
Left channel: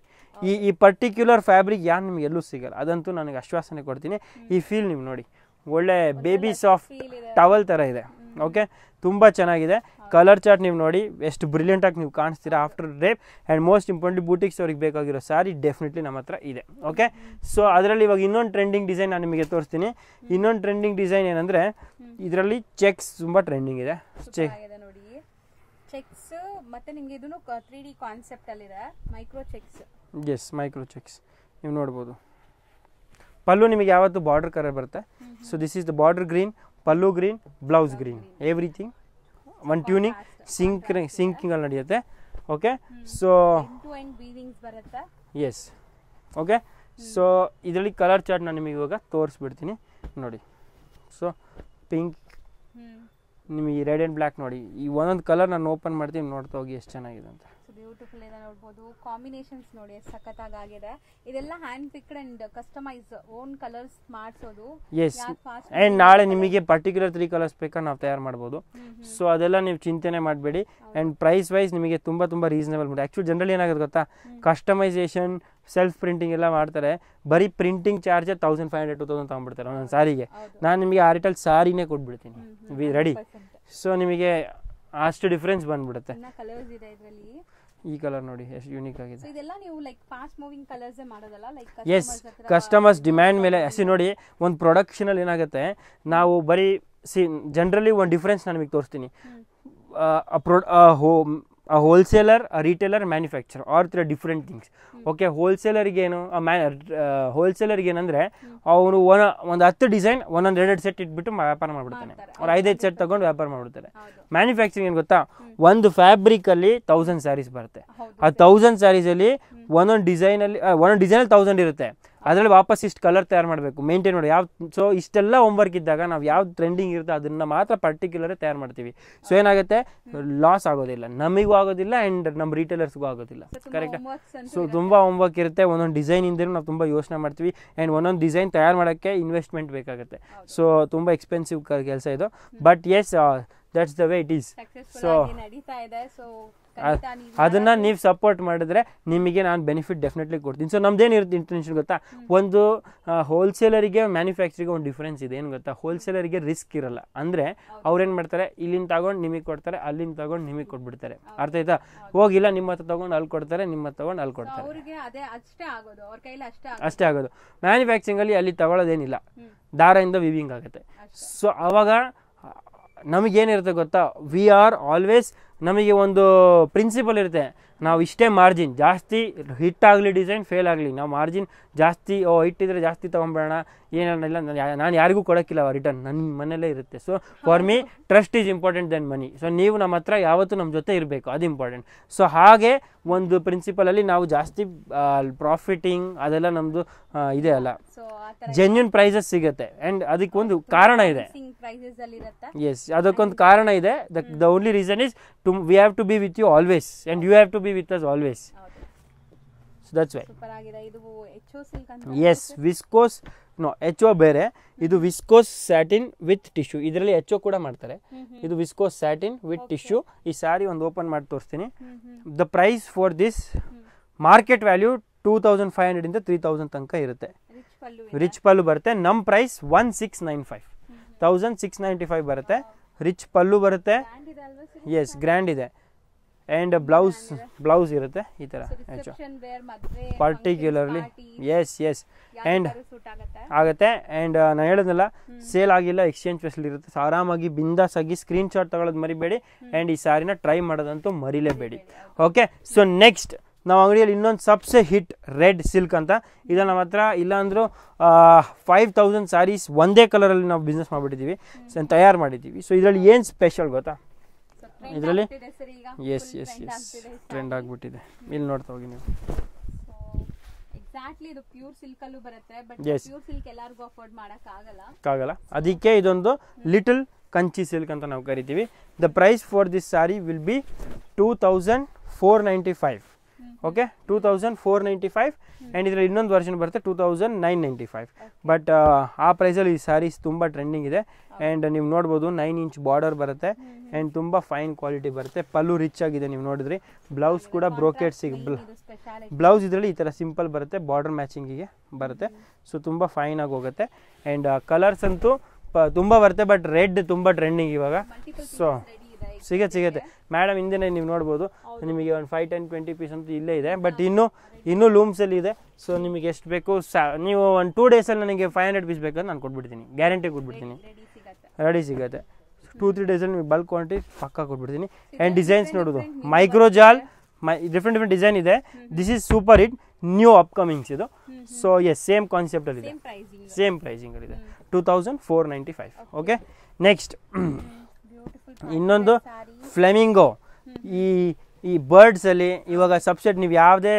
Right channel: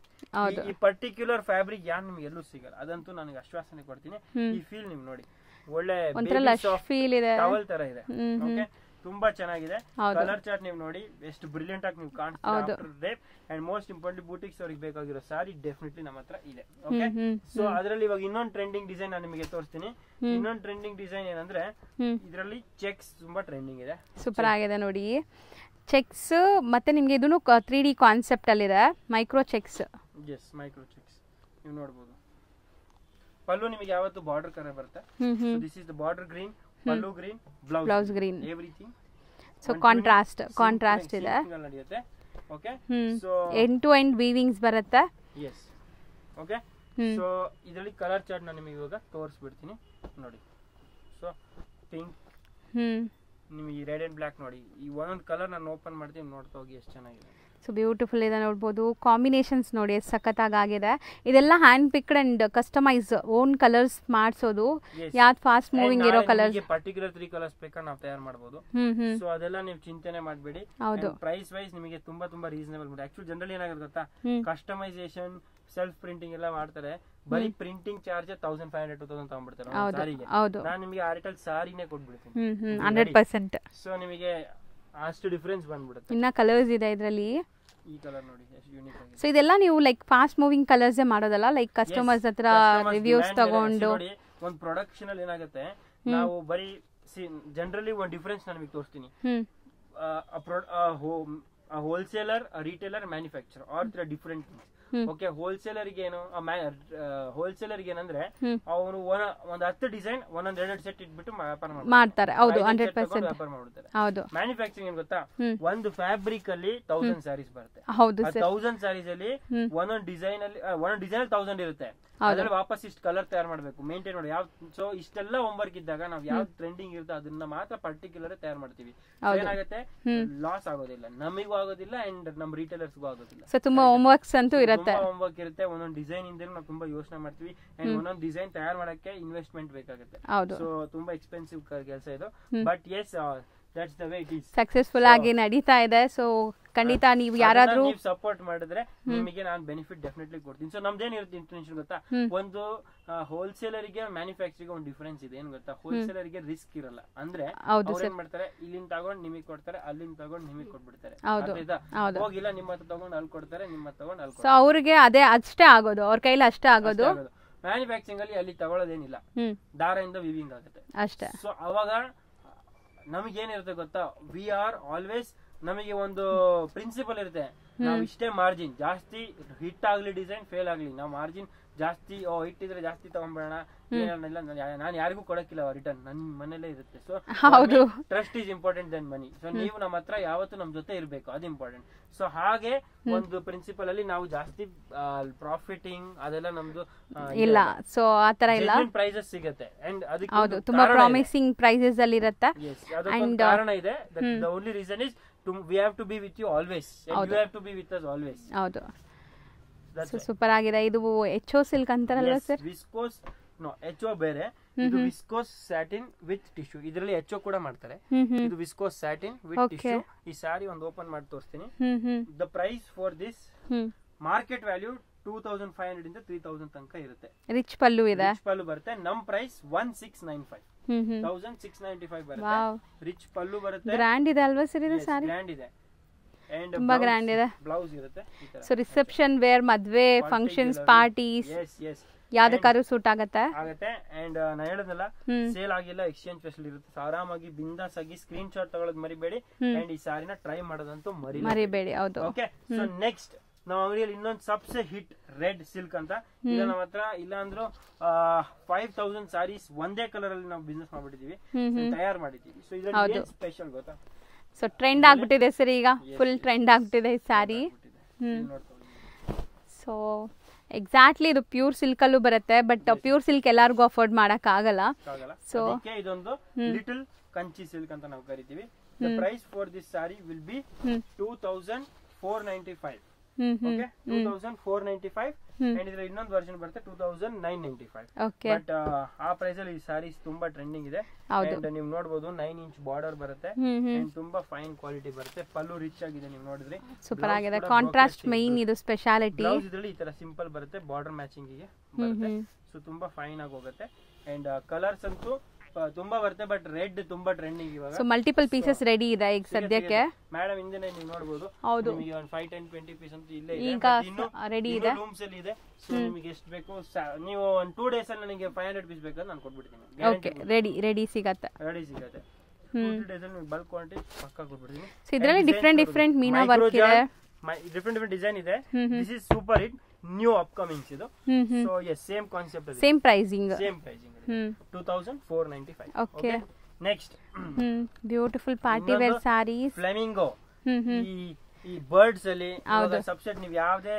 ಈ ಪರ್ಟಿಕ್ಯುಲರ್ ಫ್ಯಾಬ್ರಿಕ್ ಯಾರು ನಿಮ್ಗೆ ಎಲ್ಲೂ ಸಿಗಲ್ಲ, ಅದಂತೂ ನನಗೆ ಆಶ್ವಾಸನೆ ಕೊಡ್ತೀನಿ. ಈ ಫೀಲ್ ನೀವು ನೋಡಿ, ಒಳ್ಳೆ ಬೇಬಿ ಸಾಫ್ಟ್ ಟವಲ್ ತರ ಇದೆ. ಓಕೆ, ತುಂಬಾ ಚೆನ್ನಾಗಿದೆ. ಕಲರ್ ಚಾರ್ಟ್ ನೀವು ನೋಡಿ ಎಷ್ಟು ಬ್ರಿಲಿಯಂಟ್ ಆಗಿ ನೀವು ಕಾಣಿಸ್ತೀರಾ ಆಫ್ಟರ್ ರೇಪ್. ಅಂಡ್ ಮೋಸ್ಟ್ ಇಂಪಾರ್ಟೆಂಟ್ ಬೂಟಿಕ್ಸ್ ಅವ್ರಿಗೆ ಬೇಕಾಗಿರೋ ಸಾರಿ ಡೆಫಿನೆಟ್ಲಿ ನಮ್ಮ ಹತ್ರ ಇದೆ. ಓಕೆ, ಸೊ ಅದರಲ್ಲಿ ಇವಾಗ ಇನ್ನೊಂದು ಟ್ರೆಂಡಿಂಗ್ ಡಿಸೈನ್ ನಾನು ನಿಮಗೆ ತೋರಿಸ್ತೀನಿ. ಇನ್ನೊಂದು ಟ್ರೆಂಡಿಂಗ್ ಡಿಸೈನ್ ಏನಂದ್ರೆ ಇದರಲ್ಲಿ ಚೆಕ್ಸ್ ತುಂಬಾ ಟ್ರೆಂಡಿಂಗ್ ಇದೆ. ಸೂಪರ್ ಆಗಿದೆ ನೋಡಿ, ಚೆಕ್ಸ್ ಮತ್ತೆ ನಿಮಗೆ ಇದನ್ನು 3D ಕಾನ್ಸೆಪ್ಟ್ ಅಲ್ಲಿ ಇದೆ, micro checks. Yes, micro checks ನೀವು ನೋಡಬಹುದು. ಪಲ್ಲು ನಿಮಗೆ ಯಾವತ್ತು ಬಾರ್ಡರ್ ಕಲರ್ ಬರುತ್ತೆ. So this is the border green, pallu green, blouse green, everything syncing ಅಲ್ಲಿ ನಡೆಯುತ್ತೆ. Okay, so end to end weavings ಬರುತ್ತೆ. Yes, okay. ಸೊ ಇದರಲ್ಲಿ ಕಲರ್ ಚಾರ್ಟ್ ನಾನು ನಿಮಗೆ ಇವಾಗ ತೋರಿಸ್ಬಿಡ್ತೀನಿ ನೋಡಿ. ಸೊ ಪಿಂಕ್, ನಿಮಗೆ ರೆಡ್ ಅಂಡ್ ಬ್ಲ್ಯಾಕ್ ನೋಡಿ, ಈ ಒಂದೊಂದು ಕಲರ್ ನಾನು ಓಪನ್ ಮಾಡ್ತೀನಿ, ನೋಡ್ತಾ ಹೋಗಿ ಎಷ್ಟು ಚೆನ್ನಾಗಿದೆ ಅಂತ. ಸೊ ಬ್ಯೂಟಿಫುಲ್ ಇದೆ ನೋಡ್ಬೋದು. ಕಾಂಬಿನೇಷನ್ಸ್ ನೋಡಿ ಎಷ್ಟು ಸಖತ್ತಾಗಿದೆ. ಇದೆಲ್ಲ hand picked and customise own colours ಮಾಡಿಸೋದು. ಯಾವ್ದು ಫಾಸ್ಟ್ ಮೂವಿಂಗ್ ನಾಳೆ ನಿಮಗೆ ಪರ್ಟಿಕ್ಯುಲರ್ 3 ಕಲರ್ಸ್ ಬೇಕಾದ್ರೆ ನಾವು ತಯಾರು ಮಾಡಬಹುದು. ಸೊ ಅದೆಲ್ಲ ನೀವು ಚಿಂತನೆ ಮಾಡಬೇಡಿ. ಅಂಡ್ ಪ್ರೈಸ್ ವೈಸ್ ನಿಮಗೆ ತುಂಬಾ ತುಂಬಾ ರೀಸನಬಲ್ ಮಾಡಿ. ಆಕ್ಚುಲಿ ಜನರಲಿ ಏನಾಗುತ್ತೆ ಗೊತ್ತಾ, ಕಸ್ಟಮೈಸೇಷನ್ ಸೆಲ್ಫ್ ಪ್ರಿಂಟಿಂಗ್ ಎಲ್ಲ ಮಾಡ್ತಾರೆ, ಬರೀ ಪ್ರಿಂಟಿಂಗ್ ಚಾರ್ಜ್ 1500-2000 ತಗೊಂಡ್ಬಿಡ್ತಾರೆ ಒಂದು ಸಾರಿಗೆ. ನಾನು ನಿಮಗೆ ಆ ರೇಟಲ್ಲಿ ಸಾರಿನೇ ಕೊಟ್ಬಿಡ್ತೀನಿ. ಸೊ ನಿಮಗೆ ಅಷ್ಟು ಡಿಫರೆನ್ಸ್ ಬಂದ್ಬಿಡುತ್ತೆ. ಇನ್ನ ಕಲರ್ಸ್ ಇದೆ ಇದರಲ್ಲಿ. ಈ ಕಲರ್ ನೋಡಿ ಎಷ್ಟು ಯೂನಿಕ್ ಆಗಿದೆ. ಸೊ ಇದೆಲ್ಲ ನೀವು ಲೈಕ್ ಫಾಸ್ಟ್ ಮೂವಿಂಗ್ ಕಲರ್ಸ್ ಮಾಡೋದಲ್ಲ, ಲೈಕ್ ಕಸ್ಟಮರ್ಸ್ ಹತ್ರ ಕಸ್ಟಮರ್ಸ್ ಡಿಮ್ಯಾಂಡ್ ಮೇಲೆ ಅಷ್ಟೇ. ನೋಡಿ, ಒಂದು ಪ್ರೊಡಕ್ಷನ್ ಅಲ್ಲಿ ಏನಾಗುತ್ತೆ, ನಾವು ಬರೀ ಜನರಲಿ ಒಂದು ಡಿಫರೆನ್ಸ್ ನಾನು ನಿಮಗೆ ತೋರಿಸ್ತೀನಿ. Wholesaler, retailer, manufacture are 3 different things. Okay, ಹೋಲ್ಸೇಲರ್ಗೆ ಏನು, ಹೋಲ್ಸೇಲರ್ಗೆ ಏನಂದ್ರೆ ಅವನು ಒಂದು 10 ಡಿಸೈನ್ ಒಂದೊಂದು 2 ಸೆಟ್ ಇಟ್ಬಿಟ್ಟು ವ್ಯಾಪಾರ ಮಾಡ್ತಾರೆ, 5 ಸೆಟ್ ತಗೊಂಡು ವ್ಯಾಪಾರ ಮಾಡ್ಬಿಡ್ತಾರೆ. ಮ್ಯಾನುಫ್ಯಾಕ್ಚರಿಂಗ್ ಏನ್ ಗೊತ್ತಾ, ಒಂದು ಫ್ಯಾಬ್ರಿಕ್ ಅಲ್ಲಿ 1000 ಸ್ಯಾರೀಸ್ ಬರುತ್ತೆ. ಆ 1000 ಸ್ಯಾರೀಸ್ ಅಲ್ಲಿ ಒಂದೊಂದು ಡಿಸೈನ್ ಅಲ್ಲಿ 1000 ಇರುತ್ತೆ. ಅದ್ರಲ್ಲಿ ವಾಪಸ್ ಇಷ್ಟು ಕಲರ್ ತಯಾರು ಮಾಡಬೇಕು, ಮೇಂಟೈನ್ ಮಾಡಿ ಯಾವ. ಸೊ ಇಷ್ಟೆಲ್ಲ ಹೋಮ್ವರ್ಕ್ ಇದ್ದಾಗ ನಾವು ಯಾವ್ದು ಟ್ರೆಂಡಿಂಗ್ ಇರುತ್ತೆ ಅದನ್ನ ಮಾತ್ರ ಪರ್ಟಿಕ್ಯುಲರ್ ತಯಾರು ಮಾಡ್ತೀವಿ. ಸೊ ಏನಾಗುತ್ತೆ, ಲಾಸ್ ಆಗೋದಿಲ್ಲ, ನಮಗೂ ಆಗೋದಿಲ್ಲ ಅಂಡ್ ನಮ್ಮ ರಿಟೇಲರ್ಸ್ಗೂ ಆಗೋದಿಲ್ಲ. ತುಂಬಾ ಹೋಮ್ವರ್ಕ್ ಇರುತ್ತೆ. ಒಂದೊಂದು ಡಿಸೈನ್ ಇಂದ ನಾವು ತುಂಬಾ ಯೋಚನೆ ಮಾಡ್ತೀವಿ ಅಂಡ್ ಒಂದೊಂದು ಡಿಸೈನ್ ತಯಾರು ಮಾಡಕ್ಕೆ ಇನ್ವೆಸ್ಟ್ಮೆಂಟ್ ಬೇಕಾಗುತ್ತೆ. ಸೊ ತುಂಬಾ ಎಕ್ಸ್ಪೆನ್ಸಿವ್ ಕೆಲಸ ಇದು. But yes, that's the way it is. Successful ಆಗಿ ನಡೀತಾ ಇದೆ. ಸೊ ಖಂಡಿತ ನೀವು ಸಪೋರ್ಟ್ ಮಾಡಿದ್ರೆ ನಿಮಗೆ ನಾನು ಬೆನಿಫಿಟ್ ಡೆಫಿನೆಟ್ಲಿ ಕೊಡ್ತೀನಿ. ಸೊ ನಮ್ದೇನಿರುತ್ತೆ ಇಂಟೆನ್ಷನ್ ಗೊತ್ತಾ, ಒಂದು ಹೋಲ್ಸೇಲರ್ಗೆ ಮ್ಯಾನುಫ್ಯಾಕ್ಚರಿಂಗ್ ಒಂದು ಡಿಫರೆನ್ಸ್ ಇದೆ. ಏನ್ ಗೊತ್ತಾ, ಹೋಲ್ಸೇಲರ್ಗೆ ರಿಸ್ಕ್ ಇರಲ್ಲ. ಅಂದ್ರೆ ಅವ್ರೇನ್ ಮಾಡ್ತಾರೆ, ಇಲ್ಲಿಂದ ತಗೊಂಡು ನಿಮಗೆ ಕೊಡ್ತಾರೆ, ಅಲ್ಲಿಂದ ತಗೊಂಡು ನಿಮಗೆ ಕೊಟ್ಬಿಡ್ತಾರೆ. ಅರ್ಥ ಆಯ್ತಾ? ಹೋಗಿಲ್ಲ, ನಿಮ್ಮ ಹತ್ರ ತಗೊಂಡು ಅಲ್ಲಿ ಕೊಡ್ತಾರೆ, ನಿಮ್ಮ ಹತ್ರ ತಗೊಂಡು ಅಲ್ಲಿ ಕೊಡ್ತಾರೆ. ಅವ್ರಿಗೆ ಅದೇ ಅಷ್ಟೇ ಆಗೋದು, ಅವ್ರ ಕೈಲಿ ಅಷ್ಟೇ ಆಗೋದು. ಮ್ಯಾನುಫ್ಯಾಕ್ಚರಿಂಗ್ ಅಲ್ಲಿ ತಗೊಳ್ಳೋದೇನಿಲ್ಲ, ದಾರದಿಂದ ವಿವಿಂಗ್ ಆಗುತ್ತೆ. ಸೊ ಅವಾಗ ನಮಗೇನಿರುತ್ತೆ ಗೊತ್ತಾ, ವಿ ಆರ್ ಆಲ್ವೇಸ್, ನಮಗೆ ಒಂದು ಪ್ರಿನ್ಸಿಪಲ್ ಇರುತ್ತೆ, ನಾವು ಇಷ್ಟೇ ಮಾರ್ಜಿನ್, ಜಾಸ್ತಿ ಹಿಟ್ ಆಗಲಿ ಡಿಸೈನ್ ಫೇಲ್ ಆಗಲಿ, ನಾವು ಮಾರ್ಜಿನ್ ಜಾಸ್ತಿ ಇಟ್ಟಿದ್ರೆ ಜಾಸ್ತಿ ತಗೊಂಡ್ಬೇಡ, ಏನಿಲ್ಲ, ನಾನು ಯಾರಿಗೂ ಕೊಡೋಕ್ಕಿಲ್ಲ ರಿಟರ್ನ್, ನನ್ನ ಮನೇಲೇ ಇರುತ್ತೆ. So for me trust is important then money. So ನೀವು ನಮ್ಮ ಹತ್ರ ಯಾವತ್ತೂ ನಮ್ಮ ಜೊತೆ ಇರಬೇಕು, ಅದು ಇಂಪಾರ್ಟೆಂಟ್. ಸೊ ಹಾಗೆ ಒಂದು ಪ್ರಿನ್ಸಿಪಲ್ ಅಲ್ಲಿ ನಾವು ಜಾಸ್ತಿ ಪ್ರಾಫಿಟಿಂಗ್ ಅದೆಲ್ಲ ನಮ್ದು ಇದೆಲ್ಲ ಜೆನ್ಯೂನ್ ಪ್ರೈಸಸ್ ಸಿಗುತ್ತೆ. ಅಂಡ್ ಅದಕ್ಕೊಂದು ಕಾರಣ ಇದೆ. ಎಸ್, ಅದಕ್ಕೊಂದು ಕಾರಣ ಇದೆ. The only reason is we have to be with you always and you have to be with us always. Super ಆಗಿದೆ. ಇದು ಎಚ್ಒ ಸಿಲ್ಕ್ ಅಂತ. ಎಸ್, ವಿಸ್ಕೋಸ್ ಎಚ್ಒ ಬೇರೆ, ಇದು ವಿಸ್ಕೋಸ್ ಸ್ಯಾಟಿನ್ ವಿತ್ ಟಿಶ್ಯೂ. ಇದರಲ್ಲಿ ಎಚ್ಒ ಕೂಡ ಮಾಡ್ತಾರೆ. ಇದು ವಿಸ್ಕೋಸ್ ಸ್ಯಾಟಿನ್ ವಿತ್ ಟಿಶ್ಯೂ. ಈ ಸ್ಯಾರಿ ಒಂದು ಓಪನ್ ಮಾಡಿ ತೋರಿಸ್ತೀನಿ. The price for this market value 2500 ಇಂದ 3000 ತನಕ ಇರುತ್ತೆ. ರಿಚ್ ಪಲ್ಲು ಬರುತ್ತೆ. ನಮ್ ಪ್ರೈಸ್ 1695, 1695 ಬರುತ್ತೆ. ರಿಚ್ ಪಲ್ಲು ಬರುತ್ತೆ. ಎಸ್, ಗ್ರ್ಯಾಂಡ್ ಇದೆ. ಅಂಡ್ ಬ್ಲೌಸ್ ಇರುತ್ತೆ ಈ ತರ. ಸೊ ರಿಸೆಪ್ಷನ್ ವೇರ್, ಮದ್ವೆ ಫಂಕ್ಷನ್ಸ್, ಪಾರ್ಟೀಸ್, ಎಸ್ ಯಾವ್ದಕ್ಕಾದ್ರೂ ಸೂಟ್ ಆಗುತ್ತೆ. ಅಂಡ್ ನಾನು ಹೇಳೋದಲ್ಲ, ಸೇಲ್ ಆಗಿಲ್ಲ, ಎಕ್ಸ್ಚೇಂಜ್ ಫೆಸಿಲಿಟಿ ಇರುತ್ತೆ. ಆರಾಮಾಗಿ ಬಿಂದಾಸ್ ಆಗಿ ಸ್ಕ್ರೀನ್ ಶಾಟ್ ತಗೊಳ್ಳೋದು ಮರಿಬೇಡಿ. ಅಂಡ್ ಈ ಸಾರಿನ ಟ್ರೈ ಮಾಡೋದಂತೂ ಮರಿಲೇಬೇಡಿ. ಓಕೆ, ಸೊ ನೆಕ್ಸ್ಟ್ ನಾವು ಅಂಗಡಿಯಲ್ಲಿ ಇನ್ನೊಂದು ಸಬ್ಸೆ ಹಿಟ್ ರೆಡ್ ಸಿಲ್ಕ್ ಅಂತ ಇಲ್ಲ ನಮ್ಮ ಹತ್ರ ಇಲ್ಲ ಅಂದ್ರೂ 5000 ಸ್ಯಾರೀಸ್ ಒಂದೇ ಕಲರ್ ಅಲ್ಲಿ ನಾವು ಬಿಸ್ನೆಸ್ ಮಾಡ್ಬಿಟ್ಟಿದೀವಿ, ತಯಾರು ಮಾಡಿದೀವಿ. ಸೊ ಇದರಲ್ಲಿ ಏನ್ ಸ್ಪೆಷಲ್ ಗೊತ್ತಾ? ಸೊ ಟ್ರೆಂಡ್ ಆಗ್ಬಿಟ್ಟಿದೆ ಸರ್, ಈಗ ಫುಲ್ ಟ್ರೆಂಡ್ ಆಗ್ಬಿಟ್ಟಿದೆ ಈ ಸ್ಯಾರಿ. ಇಲ್ಲಿ ನೋಡ್ತಾ ಹೋಗಿ ನೀವು. ಸೊ ಎಕ್ಸಾಕ್ಟ್ಲಿ ಇದು ಪ್ಯೂರ್ ಸಿಲ್ಕ್ ಅಲ್ಲೂ ಬರುತ್ತೆ, ಬಟ್ ಪ್ಯೂರ್ ಸಿಲ್ಕ್ ಎಲ್ಲರಿಗೂ ಅಫೋರ್ಡ್ ಮಾಡಕ್ ಆಗಲ್ಲ. ಅದಕ್ಕೆ ಇದೊಂದು ಲಿಟಲ್ ಕಂಚಿ ಸಿಲ್ಕ್ ಅಂತ ನಾವು ಕರಿತೀವಿ. The price for this sari will be 2495. Okay, 2495. And ಇದ್ರಲ್ಲಿ ಇನ್ನೊಂದು ವರ್ಷನ್ ಬರುತ್ತೆ 2995. ಬಟ್ ಆ ಪ್ರೈಸ್ ಅಲ್ಲಿ ಈ ಸ್ಯಾರೀಸ್ ತುಂಬಾ ಟ್ರೆಂಡಿಂಗ್ ಇದೆ. ಅಂಡ್ ನೀವು ನೋಡಬಹುದು 9 ಇಂಚ್ ಬಾರ್ಡರ್ ಬರುತ್ತೆ ಅಂಡ್ ತುಂಬಾ ಫೈನ್ ಕ್ವಾಲಿಟಿ ಬರುತ್ತೆ. ಪಲ್ಲು ರಿಚ್ ಆಗಿದೆ, ನೀವು ನೋಡಿದ್ರಿ. ಬ್ಲೌಸ್ ಕೂಡ ಬ್ರೋಕೆಡ್ ಬ್ಲೌಸ್ ಇದರಲ್ಲಿ ಈ ತರ ಸಿಂಪಲ್ ಬರುತ್ತೆ, ಬಾರ್ಡರ್ ಮ್ಯಾಚಿಂಗ್ ಗೆ ಬರುತ್ತೆ. ಸೊ ತುಂಬಾ ಫೈನ್ ಆಗಿ ಹೋಗುತ್ತೆ. ಅಂಡ್ ಕಲರ್ಸ್ ಅಂತೂ ತುಂಬಾ ಬರುತ್ತೆ, ಬಟ್ ರೆಡ್ ತುಂಬಾ ಟ್ರೆಂಡಿಂಗ್ ಇವಾಗ. ಮಲ್ಟಿಪಲ್ ಪೀಸಸ್ ರೆಡಿ ಇದೆ ಈಗ ಸದ್ಯಕ್ಕೆ. ಮೇಡಮ್ ಹಿಂದೆ ನೀವು ನೋಡಬಹುದು, ನಿಮಗೆ ಒಂದು 5, 10, 20 ಪೀಸ್ ಅಂತ ಇಲ್ಲೇ ಇದೆ, ಬಟ್ ಇನ್ನು ಲೂಮ್ಸ್ ಅಲ್ಲಿ ಇದೆ. ಸೊ ನಿಮಗೆ ಎಷ್ಟು ಬೇಕು, ನೀವು ಒಂದು 2 days ಅಲ್ಲಿ ನನಗೆ 500 ಪೀಸ್ ಬೇಕಂತ ನಾನು ಕೊಟ್ಬಿಡ್ತೀನಿ, ಗ್ಯಾರಂಟಿ ಕೊಡ್ತೀನಿ. ರೆಡಿ ಸಿಗುತ್ತೆ 2-3 days ಅಲ್ಲಿ ನಿಮಗೆ ಬಲ್ಕ್ ಕ್ವಾಂಟಿಟಿ ಪಕ್ಕಾ ಕೊಟ್ಬಿಡ್ತೀನಿ. ಮೈಕ್ರೋಜಾಲ್ ಡಿಫ್ರೆಂಟ್ ಡಿಸೈನ್ ಇದೆ. This is super hit new upcomings ಇದು. ಸೊ ಎಸ್, ಸೇಮ್ ಕಾನ್ಸೆಪ್ಟ್ ಅಲ್ಲಿ, ಸೇಮ್ ಪ್ರೈಸಿಂಗ್ ಅಲ್ಲಿ 2495. ಓಕೆ, ನೆಕ್ಸ್ಟ್ ಬ್ಯೂಟಿಫುಲ್ ಇನ್ನೊಂದು ಫ್ಲೆಮಿಂಗೋ. ಈ ಬರ್ಡ್ಸ್ ಅಲ್ಲಿ ಇವಾಗ ಸಬ್ಸೆಟ್ ನೀವು ಯಾವ್ದೇ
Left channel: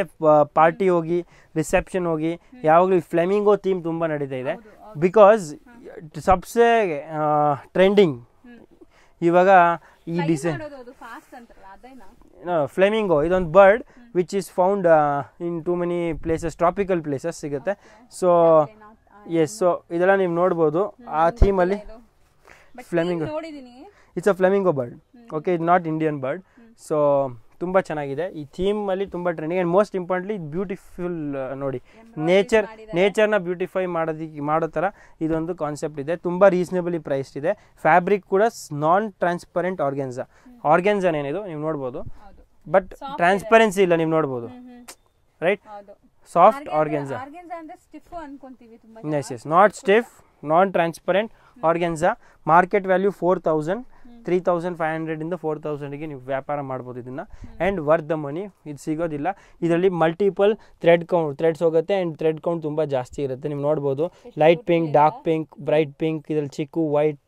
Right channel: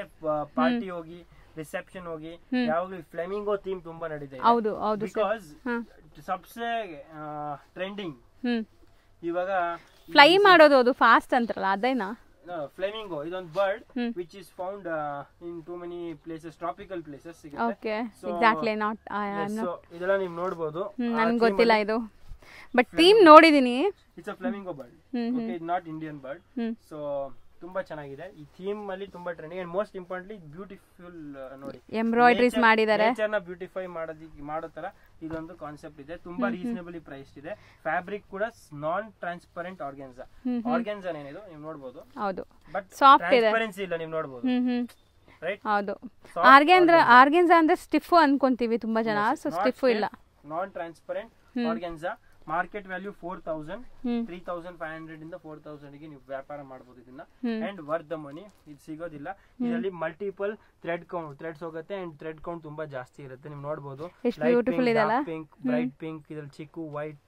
ಪಾರ್ಟಿ ಹೋಗಿ, ರಿಸೆಪ್ಷನ್ ಹೋಗಿ, ಯಾವಾಗ್ಲೂ ಫ್ಲೆಮಿಂಗೋ ಥೀಮ್ ತುಂಬಾ ನಡೀತಾ ಇದೆ. ಬಿಕಾಸ್ ಸಬ್ಸೆ ಟ್ರೆಂಡಿಂಗ್ ಇವಾಗ. ಫ್ಲೈ ಮಾಡೋದು ಅದು ಫಾಸ್ಟ್ ಅಂತಾರಲ್ಲ ಅದೇನಾ? ಫ್ಲೆಮಿಂಗೋ ಇದೊಂದು bird which is found in too many places, tropical places ಸಿಗುತ್ತೆ. ಸೊ ಎಸ್, ಸೊ ಇದೆಲ್ಲ ನೀವು ನೋಡಬಹುದು. It's a flamingo bird. Okay, it not Indian bird. So ತುಂಬಾ ಚೆನ್ನಾಗಿದೆ ಈ ಥೀಮ್ ಅಲ್ಲಿ, ತುಂಬಾ trending. And most importantly beautiful. ನೋಡಿ, ನೇಚರ್ ನ ಬ್ಯೂಟಿಫೈ ಮಾಡೋ ತರ ಇದೊಂದು ಕಾನ್ಸೆಪ್ಟ್ ಇದೆ. ತುಂಬಾ ರೀಸನೇಬಲಿ ಪ್ರೈಸ್ ಇದೆ. ಫ್ಯಾಬ್ರಿಕ್ ಕೂಡ ನಾನ್ ಟ್ರಾನ್ಸ್ಪರೆಂಟ್ ಆರ್ಗ್ಯಾನ್ಸಾ ಏನಿದು ನೀವು ನೋಡಬಹುದು, ಬಟ್ ಟ್ರಾನ್ಸ್ಪರೆನ್ಸಿ ಇಲ್ಲ, ನೀವು ನೋಡಬಹುದು. ರೈಟ್, ಆರ್ಗ್ಯಾನ್ಸಾ ಅಂದ್ರೆ ಸ್ಟಿಫ್ ಅನ್ಕೊಂತೀವಿ ತುಂಬಾ ಜನ. Not stiff, non transparent organza. Market value 4000, 3500 ಇಂದ 4000 ಗೆ ನೀವು ವ್ಯಾಪಾರ ಮಾಡಬಹುದು ಇದನ್ನ. ಅಂಡ್ ವರ್ತ್ ದ ಮನಿ, ಇದು ಸಿಗೋದಿಲ್ಲ. ಇದರಲ್ಲಿ ಮಲ್ಟಿಪಲ್ ಥ್ರೆಡ್ಸ್ ಹೋಗುತ್ತೆ. ಅಂಡ್ ಥ್ರೆಡ್ ಕೌಂಟ್ ತುಂಬಾ ಜಾಸ್ತಿ ಇರುತ್ತೆ. ನೀವು ನೋಡಬಹುದು, light pink, dark pink, bright pink, ಇದ್ರಲ್ಲಿ ಚಿಕ್ಕು ವೈಟ್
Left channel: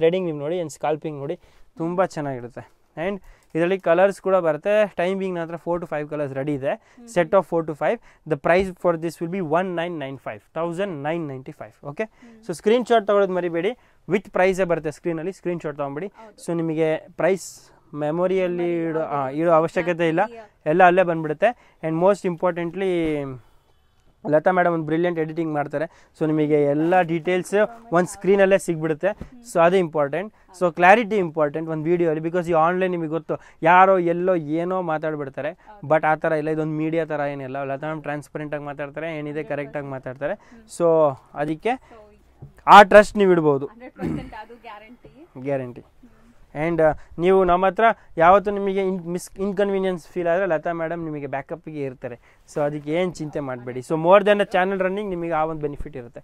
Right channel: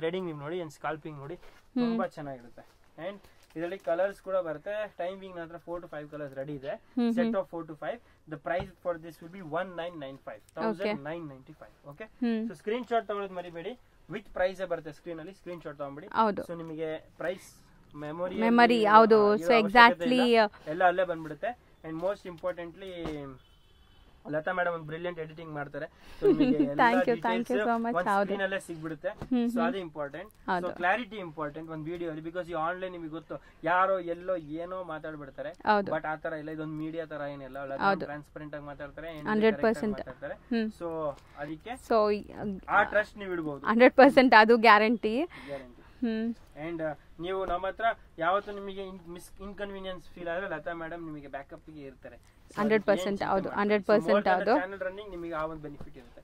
ಥ್ರೆಡಿಂಗ್ ನೀವು ನೋಡಿ. ಅಂಡ್ ಸ್ಕಾಲ್ಪಿಂಗ್ ನೋಡಿ, ತುಂಬಾ ಚೆನ್ನಾಗಿರುತ್ತೆ. ಅಂಡ್ ಇದರಲ್ಲಿ ಕಲರ್ಸ್ ಕೂಡ ಬರುತ್ತೆ. ಟೈಮಿಂಗ್ ನಂತರ 4 to 5 ಕಲರ್ಸ್ ರೆಡಿ ಇದೆ. Set of 4 to 5. The price for this will be 1995, 1995. Okay, so screenshot ತಗೊಳ್ಳೋದು ಮರಿಬೇಡಿ. ವಿತ್ ಪ್ರೈಸ್ ಬರುತ್ತೆ ಸ್ಕ್ರೀನ್ ಅಲ್ಲಿ, ಸ್ಕ್ರೀನ್ ಶಾಟ್ ತಗೊಂಡ್ಬಿಡಿ. ಸೊ ನಿಮಗೆ ಪ್ರೈಸ್ ಮೆಮೊರಿ ಇರೋ ಅವಶ್ಯಕತೆ ಇಲ್ಲ, ಎಲ್ಲ ಅಲ್ಲೇ ಬಂದ್ಬಿಡುತ್ತೆ. And most importantly Lata madam ಒಂದು ಬ್ರಿಲಿಯಂಟ್ ಎಡಿಟಿಂಗ್ ಮಾಡ್ತಾರೆ. ಸೊ ನಿಮಗೆ ಎಲ್ಲ ಡೀಟೇಲ್ಸ್ ಒಂದು ಸ್ಕ್ರೀನ್ ಅಲ್ಲೇ ಸಿಗ್ಬಿಡುತ್ತೆ. ಸೊ ಅದೇ ಇಂಪಾರ್ಟೆಂಟ್. ಸೊ ಕ್ಲಾರಿಟಿ ಇಂಪಾರ್ಟೆಂಟ್ ಒಂದು ವಿಡಿಯೋ ಅಲ್ಲಿ. ಬಿಕಾಸ್ ಈ ಆನ್ಲೈನ್ ನಿಮಗೆ ಗೊತ್ತು, ಯಾರೋ ಎಲ್ಲೋ ಏನೋ ಮಾತಾಡ್ಬಿಡ್ತಾರೆ, ಬಟ್ ಆ ತರ ಇಲ್ಲ. ಇದೊಂದು ಮೀಡಿಯಾ ತರ ಏನಿಲ್ಲ. ಲತಾ ಟ್ರಾನ್ಸ್ಪರೆಂಟ್ ಆಗಿ ಮಾತಾಡ್ತಾರೆ, ಏನಿದೆ ಕರೆಕ್ಟ್ ಆಗಿ ಮಾತಾಡ್ತಾರೆ. ಸೊ ಅದಕ್ಕೆ ಆ ಟ್ರಸ್ಟ್ ನೀವು ಇಡಬಹುದು, 100% ಅದು ಗ್ಯಾರಂಟಿ. ಅಂಡ್ ನೀವು ನಮ್ಮ ಹತ್ರ ಯಾವತ್ತು ನಿಮಗೆ ಇನ್ಕನ್ವೀನಿಯನ್ಸ್ ಫೀಲ್ ಆದ್ರೆ ಲತಾ ಮೇಡಮ್ ನಿಮಗೆ ಬ್ಯಾಕಪ್ ಗೆ ಇರ್ತಾರೆ. ಸೊ ಅದಕ್ಕೆ ಏನ್ ಚಿಂತೆ ಮಾಡಬೇಡಿ. So more than channel running ನಿಮಗೆ ಆ ಒಂದು ಬೆನಿಫಿಟ್ ಇರುತ್ತೆ.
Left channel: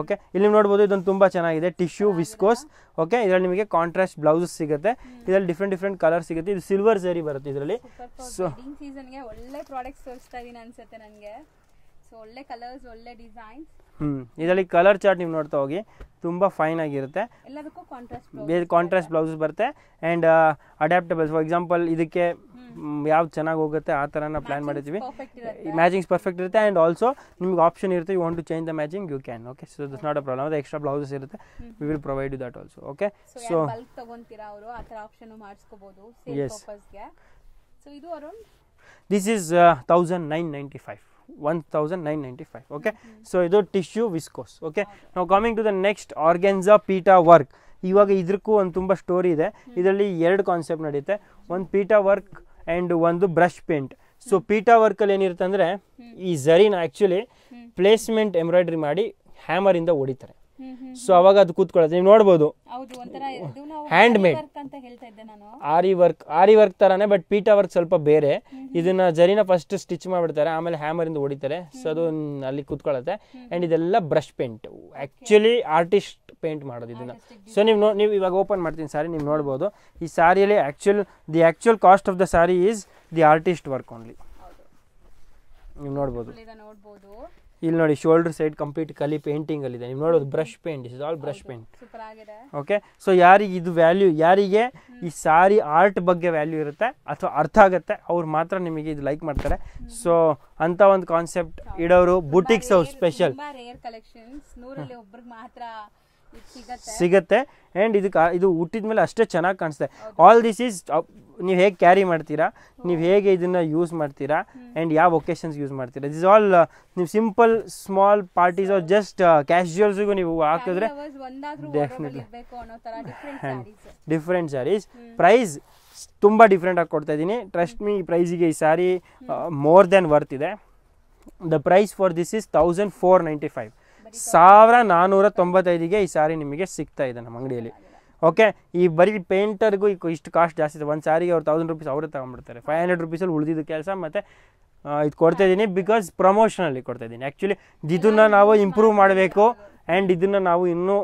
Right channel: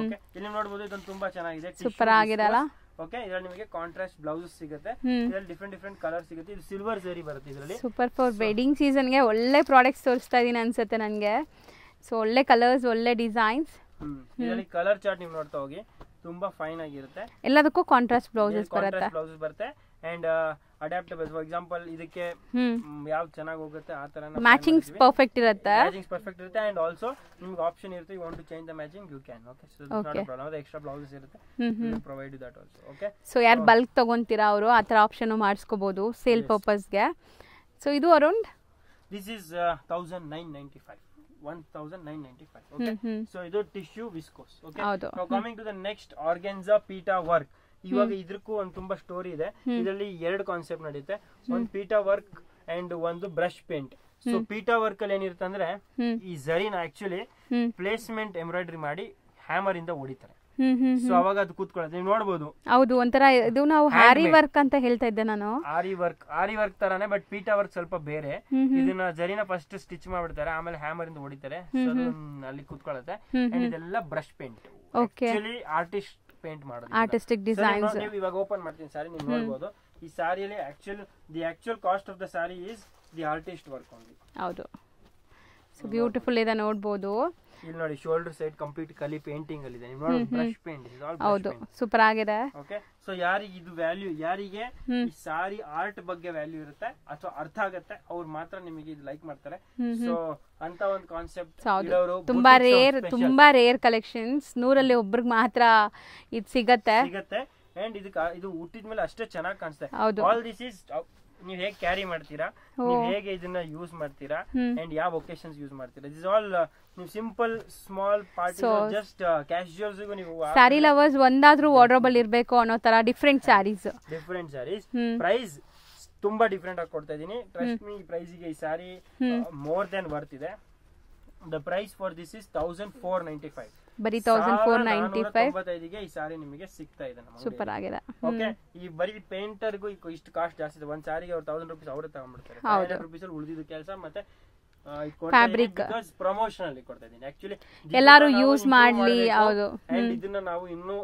ಓಕೆ, ಇಲ್ಲಿ ನೋಡಬಹುದು, ಇದೊಂದು ತುಂಬಾ ಚೆನ್ನಾಗಿದೆ. Tissue viscose. ಓಕೆ, ಇದರಲ್ಲಿ ನಿಮಗೆ ಕಾಂಟ್ರಾಸ್ಟ್ ಬ್ಲೌಸಸ್ ಸಿಗುತ್ತೆ. ಇದರಲ್ಲಿ ಡಿಫ್ರೆಂಟ್ ಕಲರ್ ಸಿಗುತ್ತೆ. ಇದು ಸಿಲ್ವರ್ ಸರಿ ಬರುತ್ತೆ ಇದರಲ್ಲಿ. ಸೂಪರ್. ಫಾರ್ ವೆಡ್ಡಿಂಗ್ ಸೀಸನ್ ಗೆ ಒಳ್ಳೆ ಪ್ರಾಡಕ್ಟ್ಸ್ ತೋರಿಸ್ತಾ ಇದೀನಿ ಅನ್ಸುತ್ತೆ ನನಗೆ. ಸೊ ಒಳ್ಳೆ ಕಲರ್ಸ್, ಒಳ್ಳೆ ಡಿಸೈನ್ಸ್. ಇದರಲ್ಲಿ ಕಲರ್ ಚಾರ್ಟ್ ನೀವು ನೋಡ್ತಾ ಹೋಗಿ, ತುಂಬಾ ಫೈನ್ ಆಗಿರುತ್ತೆ. ಎಲ್ಲದಕ್ಕೂ ಕಾಂಟ್ರಾಸ್ಟ್ ಬ್ಲೌಸಸ್ ಬರುತ್ತೆ. And adaptable. ಫಾರ್ ಎಕ್ಸಾಂಪಲ್ ಇದಕ್ಕೆ ಯಾವ್ದು ಚೆನ್ನಾಗಿ ಹೋಗುತ್ತೆ ಆ ತರ ಮ್ಯಾಚಿಂಗ್ ಪರ್ಫೆಕ್ಟ್ ಇರುತ್ತೆ. ಅಂಡ್ ಆಲ್ಸೋ ನಿಮ್ಗೆ ಆಪ್ಷನ್ ಇರುತ್ತೆ, you want to change the matching, you can. Okay, so it's not a problem. ಅದು ಎಕ್ಸ್ಟ್ರಾ ಬ್ಲೌಸಸ್ ಇರುತ್ತೆ, we will provide you that also. Okay, so ಯಾರು ಬಲ್ಕ್ ತಗೊಂತೀರಾ ಅವರು ಆ ತರ ಆಪ್ಷನ್ ಮಾಡಿಸ್ಕೋಬಹುದು ಸೇಲ್ ಪರ್ಪಸ್ ಗೆ. ಸೊ ಇದು around this is 1995. 1995. Okay, so ಇದು ಟಿಶ್ಯೂ ವಿಸ್ಕೋಸ್. ಓಕೆ, ನಾವು coming to the next organza ಪೀಟಾ ವರ್ಕ್. ಇವಾಗ ಇದಕ್ಕೂ ಒಂದು ತುಂಬಾ ಸ್ಟೋರಿ ಇದೆ. ಇದರಲ್ಲಿ 2 ಕಾನ್ಸೆಪ್ಟ್ ನಡೆಯುತ್ತೆ. ಒಂದು ಪೀಟಾ ವರ್ಕ್ ಅಂಡ್ ಒಂದು brush paint. So pita work ಅಲ್ಲಿ ಏನಿರುತ್ತೆ ಅಂದ್ರೆ, ಈ ಝರಿನ ಆಕ್ಚುಲಿ ಪ್ಲೇಸ್ಮೆಂಟ್ ಎಂಬ್ರಾಯ್ಡ್ರಿ ಮಾಡಿ ಹ್ಯಾಮರ್ ಇಂದ ಹೊಡಿತಾರೆ. ಸೊ ಅವಾಗ ಅದು ಕೂತ್ಕೊಳ್ಳುತ್ತೆ, ನೀವು ನೋಡಬಹುದು. ಹೌದು, ಒಂಥರ ಇದು ನಾವು ಆರಿ ವರ್ಕ್ ಅಂತ ಹೇಳ್ತಾ ಇದ್ದೆ ನಾನು. ಆರಿ ವರ್ಕ್ ತರಾನೇ, ಬಟ್ ಪೀಟಾ ವರ್ಕ್ ಸ್ವಲ್ಪ ಬೇರೆ. ಇದನ್ನ ಜರಿನ ಫಸ್ಟ್ ಸ್ಟಿಚ್ ಮಾಡ್ಬಿಡ್ತಾರೆ, ಆಮೇಲೆ ಹ್ಯಾಮರ್ ಇಂದ ಹೊಡಿತಾರೆ. ಸೊ ಅದು ಅಲ್ಲಿ ಕೂತ್ಕೊಳ್ಳುತ್ತೆ. ಅಂಡ್ ಇದೆಲ್ಲ brush paint, actually artist paint ಮಾಡೋದು. ಸೊ ನೀವು ಇವಾಗ ಓಪನ್ ಮಾಡ್ತೀನಿ ಸಾರಿ, ನೀವು ನೋಡಬಹುದು. ಈ ಸಾರಿಯಲ್ಲಿ the actual cost of the sari is the artist work only. ಹೌದು. ಬ್ಯೂಟಿಫುಲ್ ಇದೆ ನೋಡಬಹುದು. ಇಲ್ಲಿ ನೋಡಿ ಶೋಲ್ಡರ್ ಸೈಡ್ ಕಂಪ್ಲೀಟ್ ಕಲಿ ಪೇಂಟಿಂಗ್ ಅಲ್ಲಿ ಇದೆ. ನೀವು ನೋಡೋದು brush paint, is all brush paint. Super ಆಗಿದೆ. ಓಕೆ, ಸೊ ಯಾರಿಗೆ ಇದು ವ್ಯಾಲ್ಯೂ, ಯಾರಿಗೆ ಈ ಸಾರಿ ಆರ್ಟ್ ಬಗ್ಗೆ ವ್ಯಾಲ್ಯೂ ಇರುತ್ತೆ ಅಥವಾ ಅರ್ಥ ಆಗುತ್ತೆ ಅವ್ರು ಮಾತ್ರ ನಿಮಗೆ ಇದು ಲೈಕ್ ಮಾಡ್ತಾರೆ. ಸೊ ಅಂತ ಒಂದು ಕಾನ್ಸೆಪ್ಟ್ ಇಡೋರು ಬುಟಿಕ್ಸ್ ಸ್ಪೆಷಲ್, ತುಂಬಾ ರೇರ್ ಕಲೆಕ್ಷನ್ಸ್, 100ರಲ್ಲಿ ಒಬ್ರಿಗೆ ಮಾತ್ರ ಇದು ಸಿಗುತ್ತೆ. ಅಂಡ್ ಇದು ಹುಟ್ಟಿದ ಮೇಲೆ ಅಷ್ಟೇ ಚೆನ್ನಾಗಿ ಕಾಣಿಸುತ್ತೆ. ಆಲ್ ದಿಸ್ ಈಸ್ ನೀವು ಹೇಗೆ ಕ್ಯಾರಿ ಮಾಡ್ತೀರಾ, ನೀವು ಹೇಗೆ ಇದನ್ನ ಯೂಸ್ ಮಾಡ್ತೀರಾ, ಅಂಡ್ ಯಾವ ಒಕೇಶನ್ಸ್ ಯೂಸ್ ಮಾಡ್ತೀರಾ. ದಿಸ್ ಆಲ್ ನೀವು simple small parties just casuals ನೀವು ಸ್ಯಾರಿ ಲವರ್ಸ್ ಒಂದಾದ್ರೂ ವಾರ್ಡ್ರೋಬ್ ಅಲ್ಲಿ ಇರಬೇಕು ಅನ್ನೋ ತರ ಡಿಫರೆಂಟ್ ಸ್ಯಾರೀಸ್. ಪ್ರೈಸ್ ತುಂಬಾ ಡಿಫರೆಂಟ್ ಆಗಿ ಕೊಡ್ತಾ ಇದೀನಿ. ಟ್ರಸ್ಟ್ ಮೀ, ಈ ಪ್ರೈಸಿಗೆ ಈ ಸ್ಯಾರಿ ಮೋರ್ ದೆನ್ ವರ್ತ್ ಇದೆ. The price for this is 1495. 1495ಗೆ ಈ ಸಾರಿ ನಿಮಗೆ ಸಿಗ್ತಾ ಇದೆ ನಮ್ಮ ಅಂಗಡಿಯಲ್ಲಿ. ಓಕೆ, ಈ ಬರೀ ಪೇಂಟರ್ಗೂ ಇಷ್ಟು ಕಾಸ್ಟ್ ಜಾಸ್ತಿ ಇದೆ. ಒಂದ್ ಸಾರಿಗೆ ಅವ್ರು 1000 ರೂಪೀಸ್ ಅವರೇ ತಗೊಂಡ್ಬಿಡ್ತಾರೆ. 500 ರೂಪೀಸ್ ಅಲ್ಲಿ ಉಳಿದಿದ್ದ ಕೆಲಸ ಮತ್ತೆ ಇದು ಕೊಡ್ತಾ ಇದೀನಿ ಬಿಕಾಸ್ ಪ್ರಮೋಷನ್ ಅಲ್ಲಿ ಕೊಡ್ತಾ ಇದೀನಿ. ಆಕ್ಚುಲಿ ಇದನ್ನ ನಾವು ಇಂಪ್ರೂವ್ ಮಾಡಬೇಕು ಅಂಡ್ ಇದನ್ನ ನಾವು ಇನ್ನೂ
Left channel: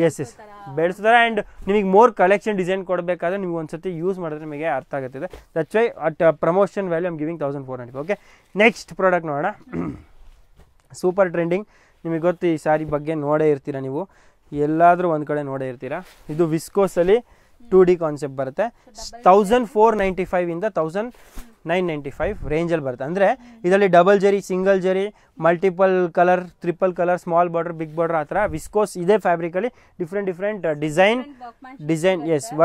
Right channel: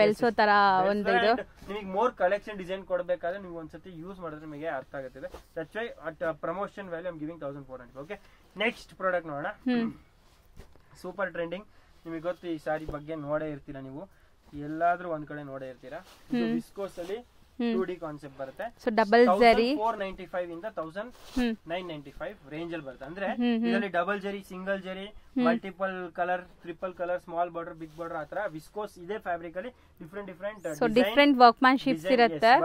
ಬೆಳೆಸ್ತಾರೆ. ಅಂಡ್ ನಿಮಗೆ ಮೋರ್ ಕಲೆಕ್ಷನ್ ಡಿಸೈನ್ ಕೊಡಬೇಕಾದ್ರೆ ನೀವು ಒಂದ್ಸತಿ ಯೂಸ್ ಮಾಡಿದ್ರೆ ನಿಮಗೆ ಅರ್ಥ ಆಗುತ್ತದೆ. That's why at promotion value I'm giving 1495. Okay, next product ನೋಡೋಣ. Super trending. ನಿಮಗೆ ಗೊತ್ತು ಈ ಸಾರಿ ಬಗ್ಗೆ ನೋಡೇ ಇರ್ತೀರಾ, ನೀವು ಎಲ್ಲಾದ್ರೂ ಒಂದ್ ಕಡೆ ನೋಡೇ ಇರ್ತೀರಾ. ಇದು ವಿಸ್ಕೋಸ್ ಅಲ್ಲಿ 2D ಕಾನ್ಸೆಪ್ಟ್ ಬರುತ್ತೆ. 1495 ಇಂದ 1995 ರೇಂಜ್ ಅಲ್ಲಿ ಬರುತ್ತೆ. ಅಂದ್ರೆ ಇದರಲ್ಲಿ double zari, single zari, multiple colour, triple colour, small border, big border, ಆತರ ವಿಸ್ಕೋಸ್ ಇದೆ ಫ್ಯಾಬ್ರಿಕ್ ಅಲ್ಲಿ ಡಿಫ್ರೆಂಟ್ ಡಿಸೈನ್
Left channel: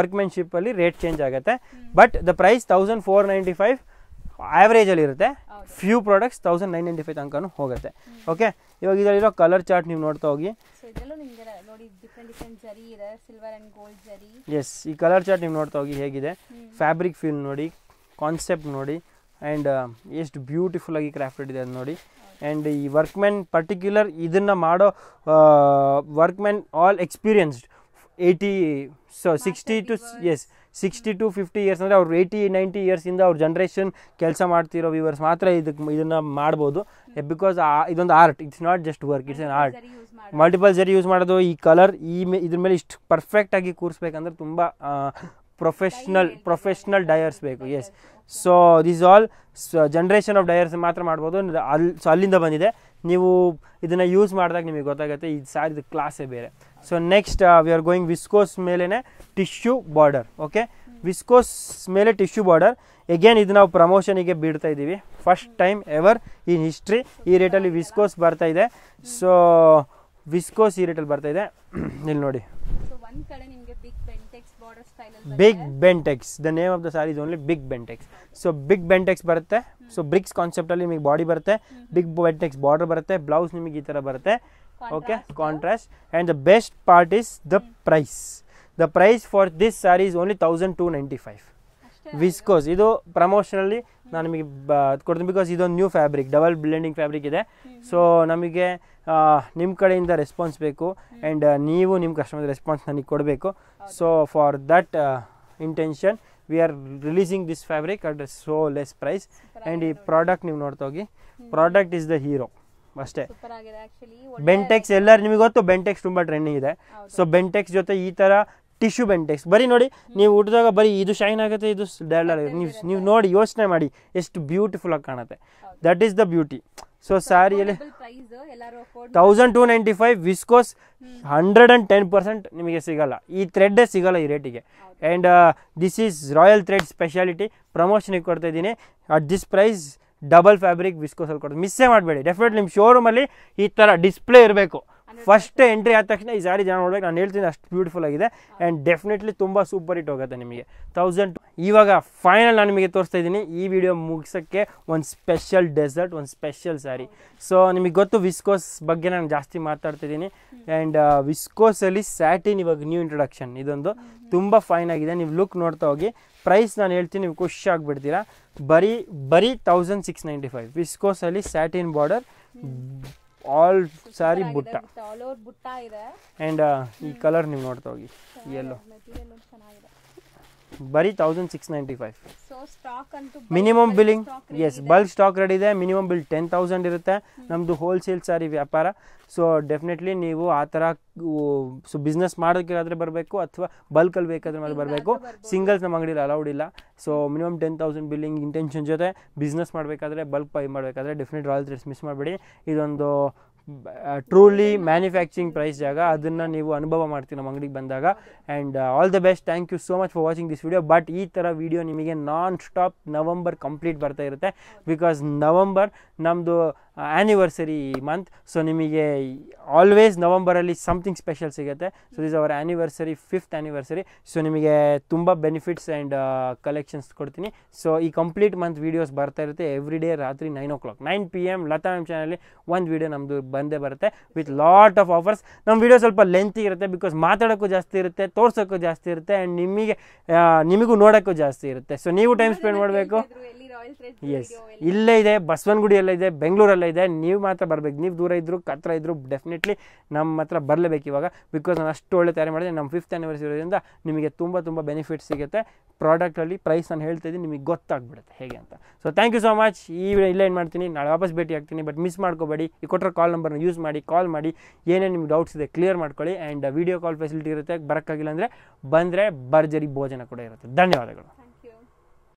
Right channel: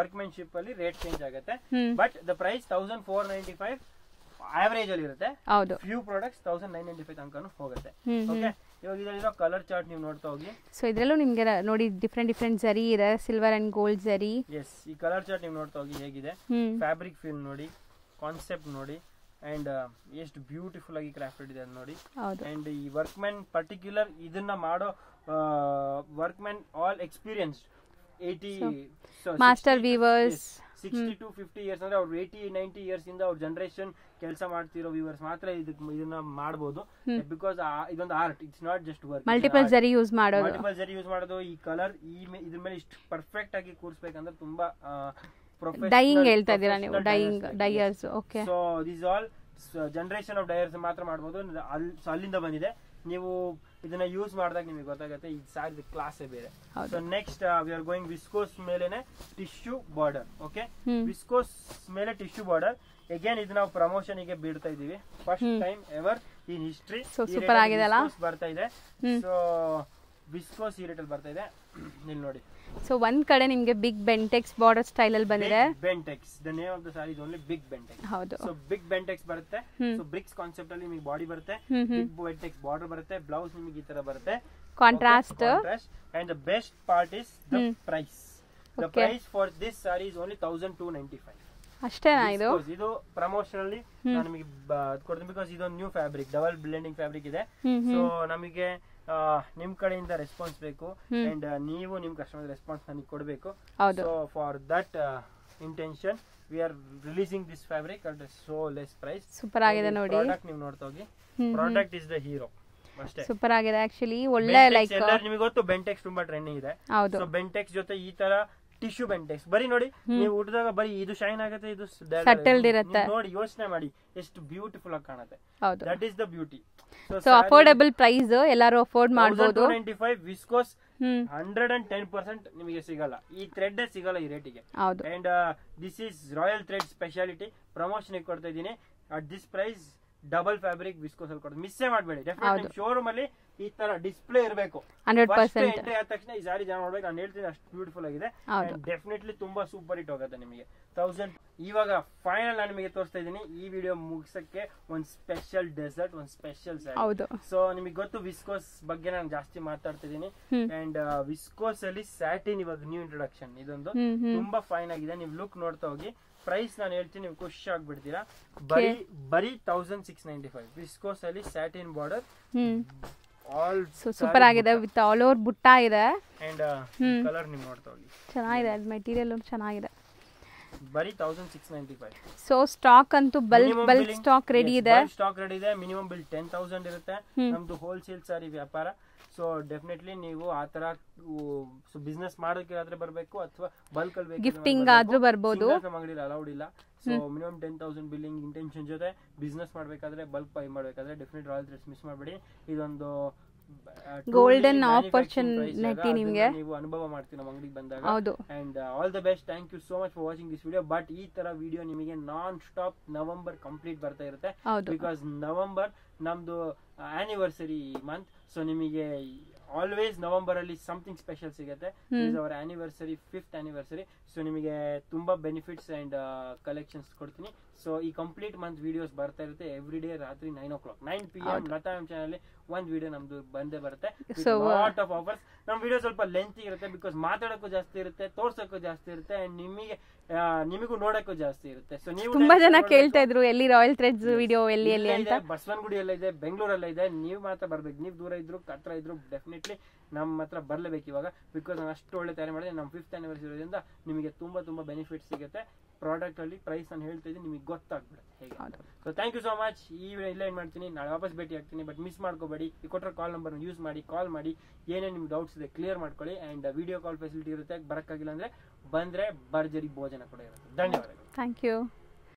ವರ್ಕ್ಮೆನ್ಶಿಪ್ ಅಲ್ಲಿ ರೇಟ್ ಚೇಂಜ್ ಆಗುತ್ತೆ. ಬಟ್ ದ ಪ್ರೈಸ್ 1495 ಆವರೇಜ್ ಅಲ್ಲಿ ಇರುತ್ತೆ. ಫ್ಯೂ ಪ್ರಾಡಕ್ಟ್ಸ್ 1995 ತನಕ ಹೋಗುತ್ತೆ. ಓಕೆ, ಇವಾಗ ಇದರಲ್ಲಿರೋ ಕಲರ್ ಚಾರ್ಟ್ ನೀವು ನೋಡ್ತಾ ಹೋಗಿ. ಸೊ ಇದರಲ್ಲೂ ನಿಮಗೆ ನೋಡಿ ಡಿಫರೆಂಟ್ ಜರಿ ಇದೆ, ಸಿಲ್ವರ್ ಅಂಡ್ ಗೋಲ್ಡ್ ಜರಿ. ಎಸ್, ಈ ಕಲರ್ ಚಾರ್ಟ್ ನೀವು ನೋಡ್ತಾ ಹೋಗಿ ಹೇಗಿದೆ. ಫ್ಯಾಬ್ರಿಕ್ ಫೀಲ್ ನೋಡಿ, ಕಾನ್ಸೆಪ್ಟ್ ನೋಡಿ, ಅಂಡ್ ಎಷ್ಟು ಬ್ಯೂಟಿಫುಲ್ ಆಗಿ ಕ್ರಾಫ್ಟೆಡ್ ಇದೆ ಅದು ನೋಡಿ. ಅಂಡ್ ಈ ವರ್ಕ್ಮೆನ್ ಪರ್ಟಿಕ್ಯುಲರ್ ಇದನ್ನ ಮಾಡೋ ವರ್ಕ್ಮೆನ್ ಆಲ್ ಎಕ್ಸ್ಪೀರಿಯನ್ಸ್ಡ್ 60 to 50 ಇಯರ್ಸ್ ಅಂದ್ರೆ ಅವ್ರು 80-90 ಇಯರ್ಸ್ ಇಂದ ಅವ್ರ ಜನರೇಷನ್ ಕೆಲಸ ಮಾಡ್ತಿರೋ ವ್ಯೂವರ್ಸ್ ಮಾತ್ರ ಇದನ್ನ ಮಾಡಬಹುದು. ಬಿಕಾಸ್ ಇದೊಂದು art, it's not just work. Multiple ಜರಿ ಯೂಸ್ ಮಾಡೋದು, ಈ ಕಲರ್ ಇದ್ರ ಮೇಲೆ ಇಷ್ಟು ಪರ್ಫೆಕ್ಟ್ ಆಗಿ ಕೂರಿಸ್ಬೇಕಂದ್ರೆ ತುಂಬಾ ಪ್ರೊಫೆಷನಲ್ ಡಯರ್ಸ್ ಬೇಕು. So this all generation of dyers ಮಾತ್ರ ಮಾಡ್ಬೋದು. ಸೊ ಅಲ್ಲಿಂದ ಬಂದಿದೆ. ನೀವು ಇದನ್ನ ಯೂಸ್ ಮಾಡಿದಾಗ ನಿಮಗೆ ಗೊತ್ತಾಗುತ್ತೆ ಈ ಸ್ಯಾರಿದು ಕ್ಲಾಸೇ ಬೇರೆ. So next we are going viscose ಮೇಲೆನೆ ಟಿಶ್ಯೂ ಬಾರ್ಡರ್. ಓಕೆ, ವಿಸ್ಕೋಸ್ ಮೇಲೆ ಟಿಶ್ಯೂ ಬಾರ್ಡರ್. ಅಗೇನ್ ಇದು ನಾವು ಪ್ರಮೋಷನ್ಗೆ ಬಿಡ್ತಾ ಇದೀವಿ. First time ever in history ಈ ರೇಟಲ್ಲಿ ವಿಸ್ಕೋಸ್ ಬರ್ತಾ ಇದೆ. ಸೊ ವಿಸ್ಕೋಸ್ ಈ ರೇಟಲ್ಲಿ ಬರ್ತಾ ಇದೆ. ಇಲ್ಲಿ ನೋಡಿ. ಸೊ ಒಂದ್ ಕಡೆ ನಿಮಗೆ ಬಿಗ್ ಬೆಂಟೆಕ್ಸ್ ಬಾರ್ಡರ್ ಸ್ಟೈಲ್ ಅಲ್ಲಿ ಬಂದಿದೆ. Big Bentex, the name of the sari is only big Bentex. So big Bentex ಬರುತ್ತೆ. ಸೊ ಬ್ರಿಕ್ಸ್ ಕಾನ್ಸೆಪ್ಟ್ ಅಲ್ಲಿ ನಿಮಗೆ ಬಾಡಿ ಬರುತ್ತೆ, ಬಿಗ್ ಬೆಂಟೆಕ್ಸ್ ಬಾರ್ಡರ್ ಬರುತ್ತೆ, ಬ್ಲೌಸ್ ನಿಮಗೆ ಈ ತರ ಬರುತ್ತೆ, contrast. And the best part is the price. The price for this sari is only 1295 ಅಷ್ಟೇ. ವಿಸ್ಕೋಸ್ ಇದು ಪ್ರಮೋಷನಲ್ಲಿ ನಾನು ನಿಮಗೆ ಕೊಡ್ತೀನಿ ಬಿಕಾಸ್ ಇದೊಂದು new fabric, double blending fabric ಇದೆ. ಸೊ ನಮಗೆ ನಿಮ್ ಕಡೆಯಿಂದ ರೆಸ್ಪಾನ್ಸ್ ಬೇಕು ಅಂಡ್ ನೀವು ನಿಮ್ ಕಸ್ಟಮರ್ ರೆಸ್ಪಾನ್ಸ್ ನನಗೆ ಕೊಡಬೇಕು. So for that intention we are releasing this fabric at so less price. Product ನೀವು ನೋಡ್ತಾ ಹೋಗಿ, ಪ್ರಾಡಕ್ಟ್ ಇಸ್ ದ ಹೀರೋ ಅಷ್ಟೇ. ಸೂಪರ್ ಆಗಿದೆ ಆಕ್ಚುಲಿ. ಬೆಂಟೆಕ್ಸ್ ಎಲ್ಲರೂ ನಿಮಗೆ ಗೊತ್ತು, ಬೆಂಟೆಕ್ಸ್ ತುಂಬಾ ಟ್ರೆಂಡಿಂಗ್ ಇದೆ. ಸೊ ಬೆಂಟೆಕ್ಸ್ ಜೊತೆ ಈ ತರ ಟಿಶ್ಯೂ ಬೆಂಟೆಕ್ಸ್ ಬರೀ ನೋಡಿ, ನೀವು ಉಟ್ಟಿದಾಗ ಬರೀ ಇದು ಶೈನ್ ಆಗುತ್ತೆ, ಇದು ನೀವು ನೋಡಿ ಯೋಚನೆ ಮಾಡಿ ಎಷ್ಟು ಬ್ಯೂಟಿಫುಲ್ ಆಗಿ ಕಾಣುತ್ತೆ. That is the beauty. So affordable price, ಎಲ್ಲರೂ ಅಫೋರ್ಡ್ 1295 ವಿಸ್ಕೋಸ್ 110% ನಿಮಗೆ ಸಿಗಲ್ಲ. ಈ ಥ್ರೆಡ್ ಸಿಗಲ್ಲ ಈ ರೇಟಿಗೆ. And this is royal thread speciality. Promotion ಕೊಡ್ತಾ ಇದ್ದೀನಿ at this price. Double fabric viscose ಅಲ್ಲಿ ಕೊಡ್ತೀವಿ, ಮಿಸ್ಸೇ ಮಾಡಬೇಡಿ. ಡೆಫಿನೆಟ್ ನಿಮ್ಮ ಶೋರೂಮ್ ಅಲ್ಲಿ ಈ ತರ ಡಿಸ್ಪ್ಲೇ ಇರಬೇಕು. ಫಸ್ಟ್ ಎಂಟ್ರಿ ಆದ ತಕ್ಷಣ ಈ ಸಾರಿ ಜನ ನೋಡ್ಬೇಕು. ನಾನು ಹೇಳ್ತೀನಿ ಅಷ್ಟು ಬ್ಯೂಟಿಫುಲ್ ಆಗಿದೆ ಅಂಡ್ ಡೆಫಿನೆಟ್ಲಿ ತುಂಬಾ ಸೂಪರ್ ಹಿಟ್ ಹೋಗುತ್ತೆ ನಿಮಗೆ. 1000. ಇವಾಗ ಫೈನಲ್ ನಾನು ನಿಮಗೆ ತೋರಿಸ್ತಾ ಇದ್ದೀನಿ ಈ ವಿಡಿಯೋ ಮುಗಿಸಕ್ಕೆ ಒಂದು ಸ್ಪೆಷಲ್ ಡೆಸರ್ಟ್, ಒಂದು ಸ್ಪೆಷಲ್ ಸಾರಿ. ಸೊ ನಿಮಗೆ ಗೊತ್ತು ವಿಸ್ಕೋಸ್ ಬಗ್ಗೆ ನಾನು ಜಾಸ್ತಿ ಮಾತಾಡ್ತಿದ್ದೀನಿ ಅಂಡ್ ವಿಸ್ಕೋಸ್ ಅಲ್ಲಿ ಸ್ಯಾಟಿನ್ ಇವಾಗ ನ್ಯೂ ಇಂಟ್ರೊಡಕ್ಷನ್. ಇದೊಂದು ತುಂಬಾ ಫೈನ್ ಆಗಿದೆ. ನೀವು ಲುಕ್ ನೋಡ್ತಾ ಹೋಗಿ. ಪ್ರೈಸ್ ನಾನು ಹೇಳ್ತೀನಿ, ನೀವು ಖುಷಿ ಆಗ್ಬಿಡ್ತೀರಾ. ಬರೀ 1695 ವಿಸ್ಕೋಸ್ ಅಲ್ಲಿ ಸ್ಯಾಟಿನ್ ಬಾರ್ಡರ್, ಆಲ್ ಸೂಪರ್ ಆಗಿದೆ ವಿತ್ ಆಲ್ ಓವರ್ ಬುಟ್ಟ ಇದೆ. ಅಂಡ್ ಕಲರ್ ನೀವು ನೋಡ್ತಾ ಹೋಗಿ, ಚೆನ್ನಾಗಿದೆ ಮೆಟೀರಿಯಲ್ ಚೆನ್ನಾಗಿದೆ. ಬರೀ 1695. ಸೊ ಸ್ಟಾಕ್ ಅಂತೂ minimum bulk billing stock ready ಇದೆ. ಬಲ್ಕ್ ಸ್ಟಾಕ್ ರೆಡಿ ಇದೆ. ಮಿನಿಮಮ್ ಬಿಲ್ 10,000 ಇರುತ್ತೆ. ನಮ್ದು ಹೋಲ್ಸೇಲ್ ಸಾರಿ ವ್ಯಾಪಾರ. ಸೊ ಡೆಫಿನೆಟ್ಲಿ ನೀವು ಆ ಥರ ಬಿಸ್ನೆಸ್ ಮಾಡೋಕ್ಕಾದ್ರೆ ಬರಬೇಕು, ಅಥವಾ ಬಲ್ಕಲ್ಲಿ ಬೇಕಾದ್ರೆ ಬರಬೇಕು. ಸಿಂಗಲ್ಸ್ ನಮ್ಮ ಅಂಗಡಿಲಿ ಅಲೌಡ್ ಇಲ್ಲ. ಸೊ ಮಿನಿಮಮ್ 10,000 ಬಿಲ್ಲಿಂಗ್ ಇಂಟೆನ್ಷನ್ ಜೊತೆ ಬಿಸ್ನೆಸ್ ಮಾಡಬೇಕಾದ್ರೆ, ಬಲ್ಕ್ ಬೈ ಮಾಡಬೇಕಾದ್ರೆ ಡೆಫಿನೆಟ್ ರಾಯಲ್ ಥ್ರೆಡ್ಸ್ ಮಿಸ್ ಮಾಡಬೇಡಿ. ಇದೊಂದು ಟ್ರೂಲಿ ಮ್ಯಾನುಫ್ಯಾಕ್ಚರಿಂಗ್ ಪ್ರೈಸ್ ಜಾಗ, ಅದನ್ನ ನೀವು ಅನುಭವ ಮಾಡ್ತೀವಿ ನಮ್ಮ ಅಂಗಡಿಗೆ ಬಂದಾಗ. And all the best. Thank you so much for watching this video. But ಈ ತರ ವಿಡಿಯೋ ನಿಮಗೆ ನಾನ್ ಸ್ಟಾಪ್ ನವೆಂಬರ್ ಕಂಪ್ಲೀಟ್ ಬರ್ತಾ ಇರುತ್ತೆ. ಬಿಕಾಸ್ ನವೆಂಬರ್ ನಮ್ದು ಆನಿವರ್ಸರಿ ಮಂತ್. ಸೊ ನಿಮಗೆ ಆಲ್ವೇಸ್ ನವೆಂಬರಲ್ಲಿ ಸಮಥಿಂಗ್ ಸ್ಪೆಷಲ್ ಸಿಗುತ್ತೆ. So is our anniversary, 5th anniversary. So ನಿಮಗೆ ತುಂಬ ಬೆನಿಫಿಟ್ಸ್ ಆ್ಯಂಡ್ ಕಲೆಕ್ಷನ್ಸ್ ಕೊಡ್ತೀನಿ. ಸೊ ಈ ಕಂಪ್ಲೀಟ್ ಮಂತ್ ವೀಡಿಯೋಸ್ ಬರ್ತಾ ಇರುತ್ತೆ ಎವ್ರಿ ಡೇ ರಾತ್ರಿ 9 o'clock 9 PM Lata ma'am channel ಒಂದು ವಿಡಿಯೋ ನಮ್ದು ಬಂದೇ ಬರುತ್ತೆ ವಿತ್ ಲಾಟ್ ಆಫ್ ಆಫರ್ಸ್. ನಮ್ಮ ವಿಡಿಯೋ ಸ್ವಲ್ಪ ಲೆಂತಿ ಇರುತ್ತೆ ಬಿಕಾಸ್ ಮಾತಾಡೋಕ್ಕೂ ಜಾಸ್ತಿ ಇರುತ್ತೆ, ತೋರ್ಸೋಕ್ಕೂ ಜಾಸ್ತಿ ಇರುತ್ತೆ, ಆ್ಯಂಡ್ ನಿಮಗೂ ನೋಡೋಕ್ಕೂ ಜಾಸ್ತಿ ಇರುತ್ತೆ. ಸೊ ನೀವು ಟೈಮ್ ಇಲ್ಲೇ ಇದೆ, ಬಸವನಗುಡಿಯಲ್ಲೇ ಇದೆ, ಬೆಂಗಳೂರಲ್ಲೇ ಇದೆ. ನೀವು ಮಾತ್ರ ಬರ್ಬೇಕು. ನೀವು ದೂರ ಇದ್ರು ಹತ್ರ ಇದ್ರು ಡೆಫಿನೆಟ್ಲಿ ನಮ್ಮ ಹತ್ರ ಬರಲೇಬೇಕು ಇವಾಗ. ಬಿಕಾಸ್ ನಾನು ಅಷ್ಟು ಒಳ್ಳೆ ತಯಾರಿ ಮಾಡಿದೆ. ನಮ್ಮ 5th ಆನಿವರ್ಸರಿ ಇರೋದ್ರಿಂದ ನಿಮಗೆ ತುಂಬ ಬೆನಿಫಿಟ್ಸ್ ಸಿಗುತ್ತೆ. ಪ್ರಾಡಕ್ಟಲ್ಲಿ ಪ್ರೈಸ್ ನಾನು ಹೇಳ್ತಾ ಇದ್ದೀನಿ, ನಿಮಗೆ ಗೊತ್ತಾಗ್ಬಿಡುತ್ತೆ ಹೇಗೆ ಅಂತ. So thank you so much. ಈ ವಿಡಿಯೋ ಇಲ್ಲೇ ಏನು ಮಾಡ್ತೀನಿ, ನಾಳೆ ವಾಪಸ್ ಭೇಟಿ ಆಗ್ತೀನಿ. ಬಟ್ ಮಿಸ್ ಮಾಡ್ಕೋಬೇಡಿ. ಈ ಕೊಟ್ಟರೆ ಕಾಲ್ ನಂಬರ್ನ ಯೂಸ್ ಮಾಡಿ, ಕಾಲ್ ಮಾಡಿ, ಏನೇನು ನಿಮ್ಗೆ ಡೌಟ್ಸ್ ಇದೆ ಕ್ಲಿಯರ್ ಮಾಡ್ಕೊಳ್ಳಿ. ಆ್ಯಂಡ್ ವಿಡಿಯೋ ಕಾಲ್ ಫೆಸಿಲಿಟಿ ಇರುತ್ತೆ. ಬರೋಕ್ಕಾಗಿಲ್ಲ ಅಂದರೆ ಬಂದರೆ ಭರ್ಜರಿ ಭೋಜನ ಕೂಡ ಇರುತ್ತೆ. ಧನ್ಯವಾದಗಳು. Thank you.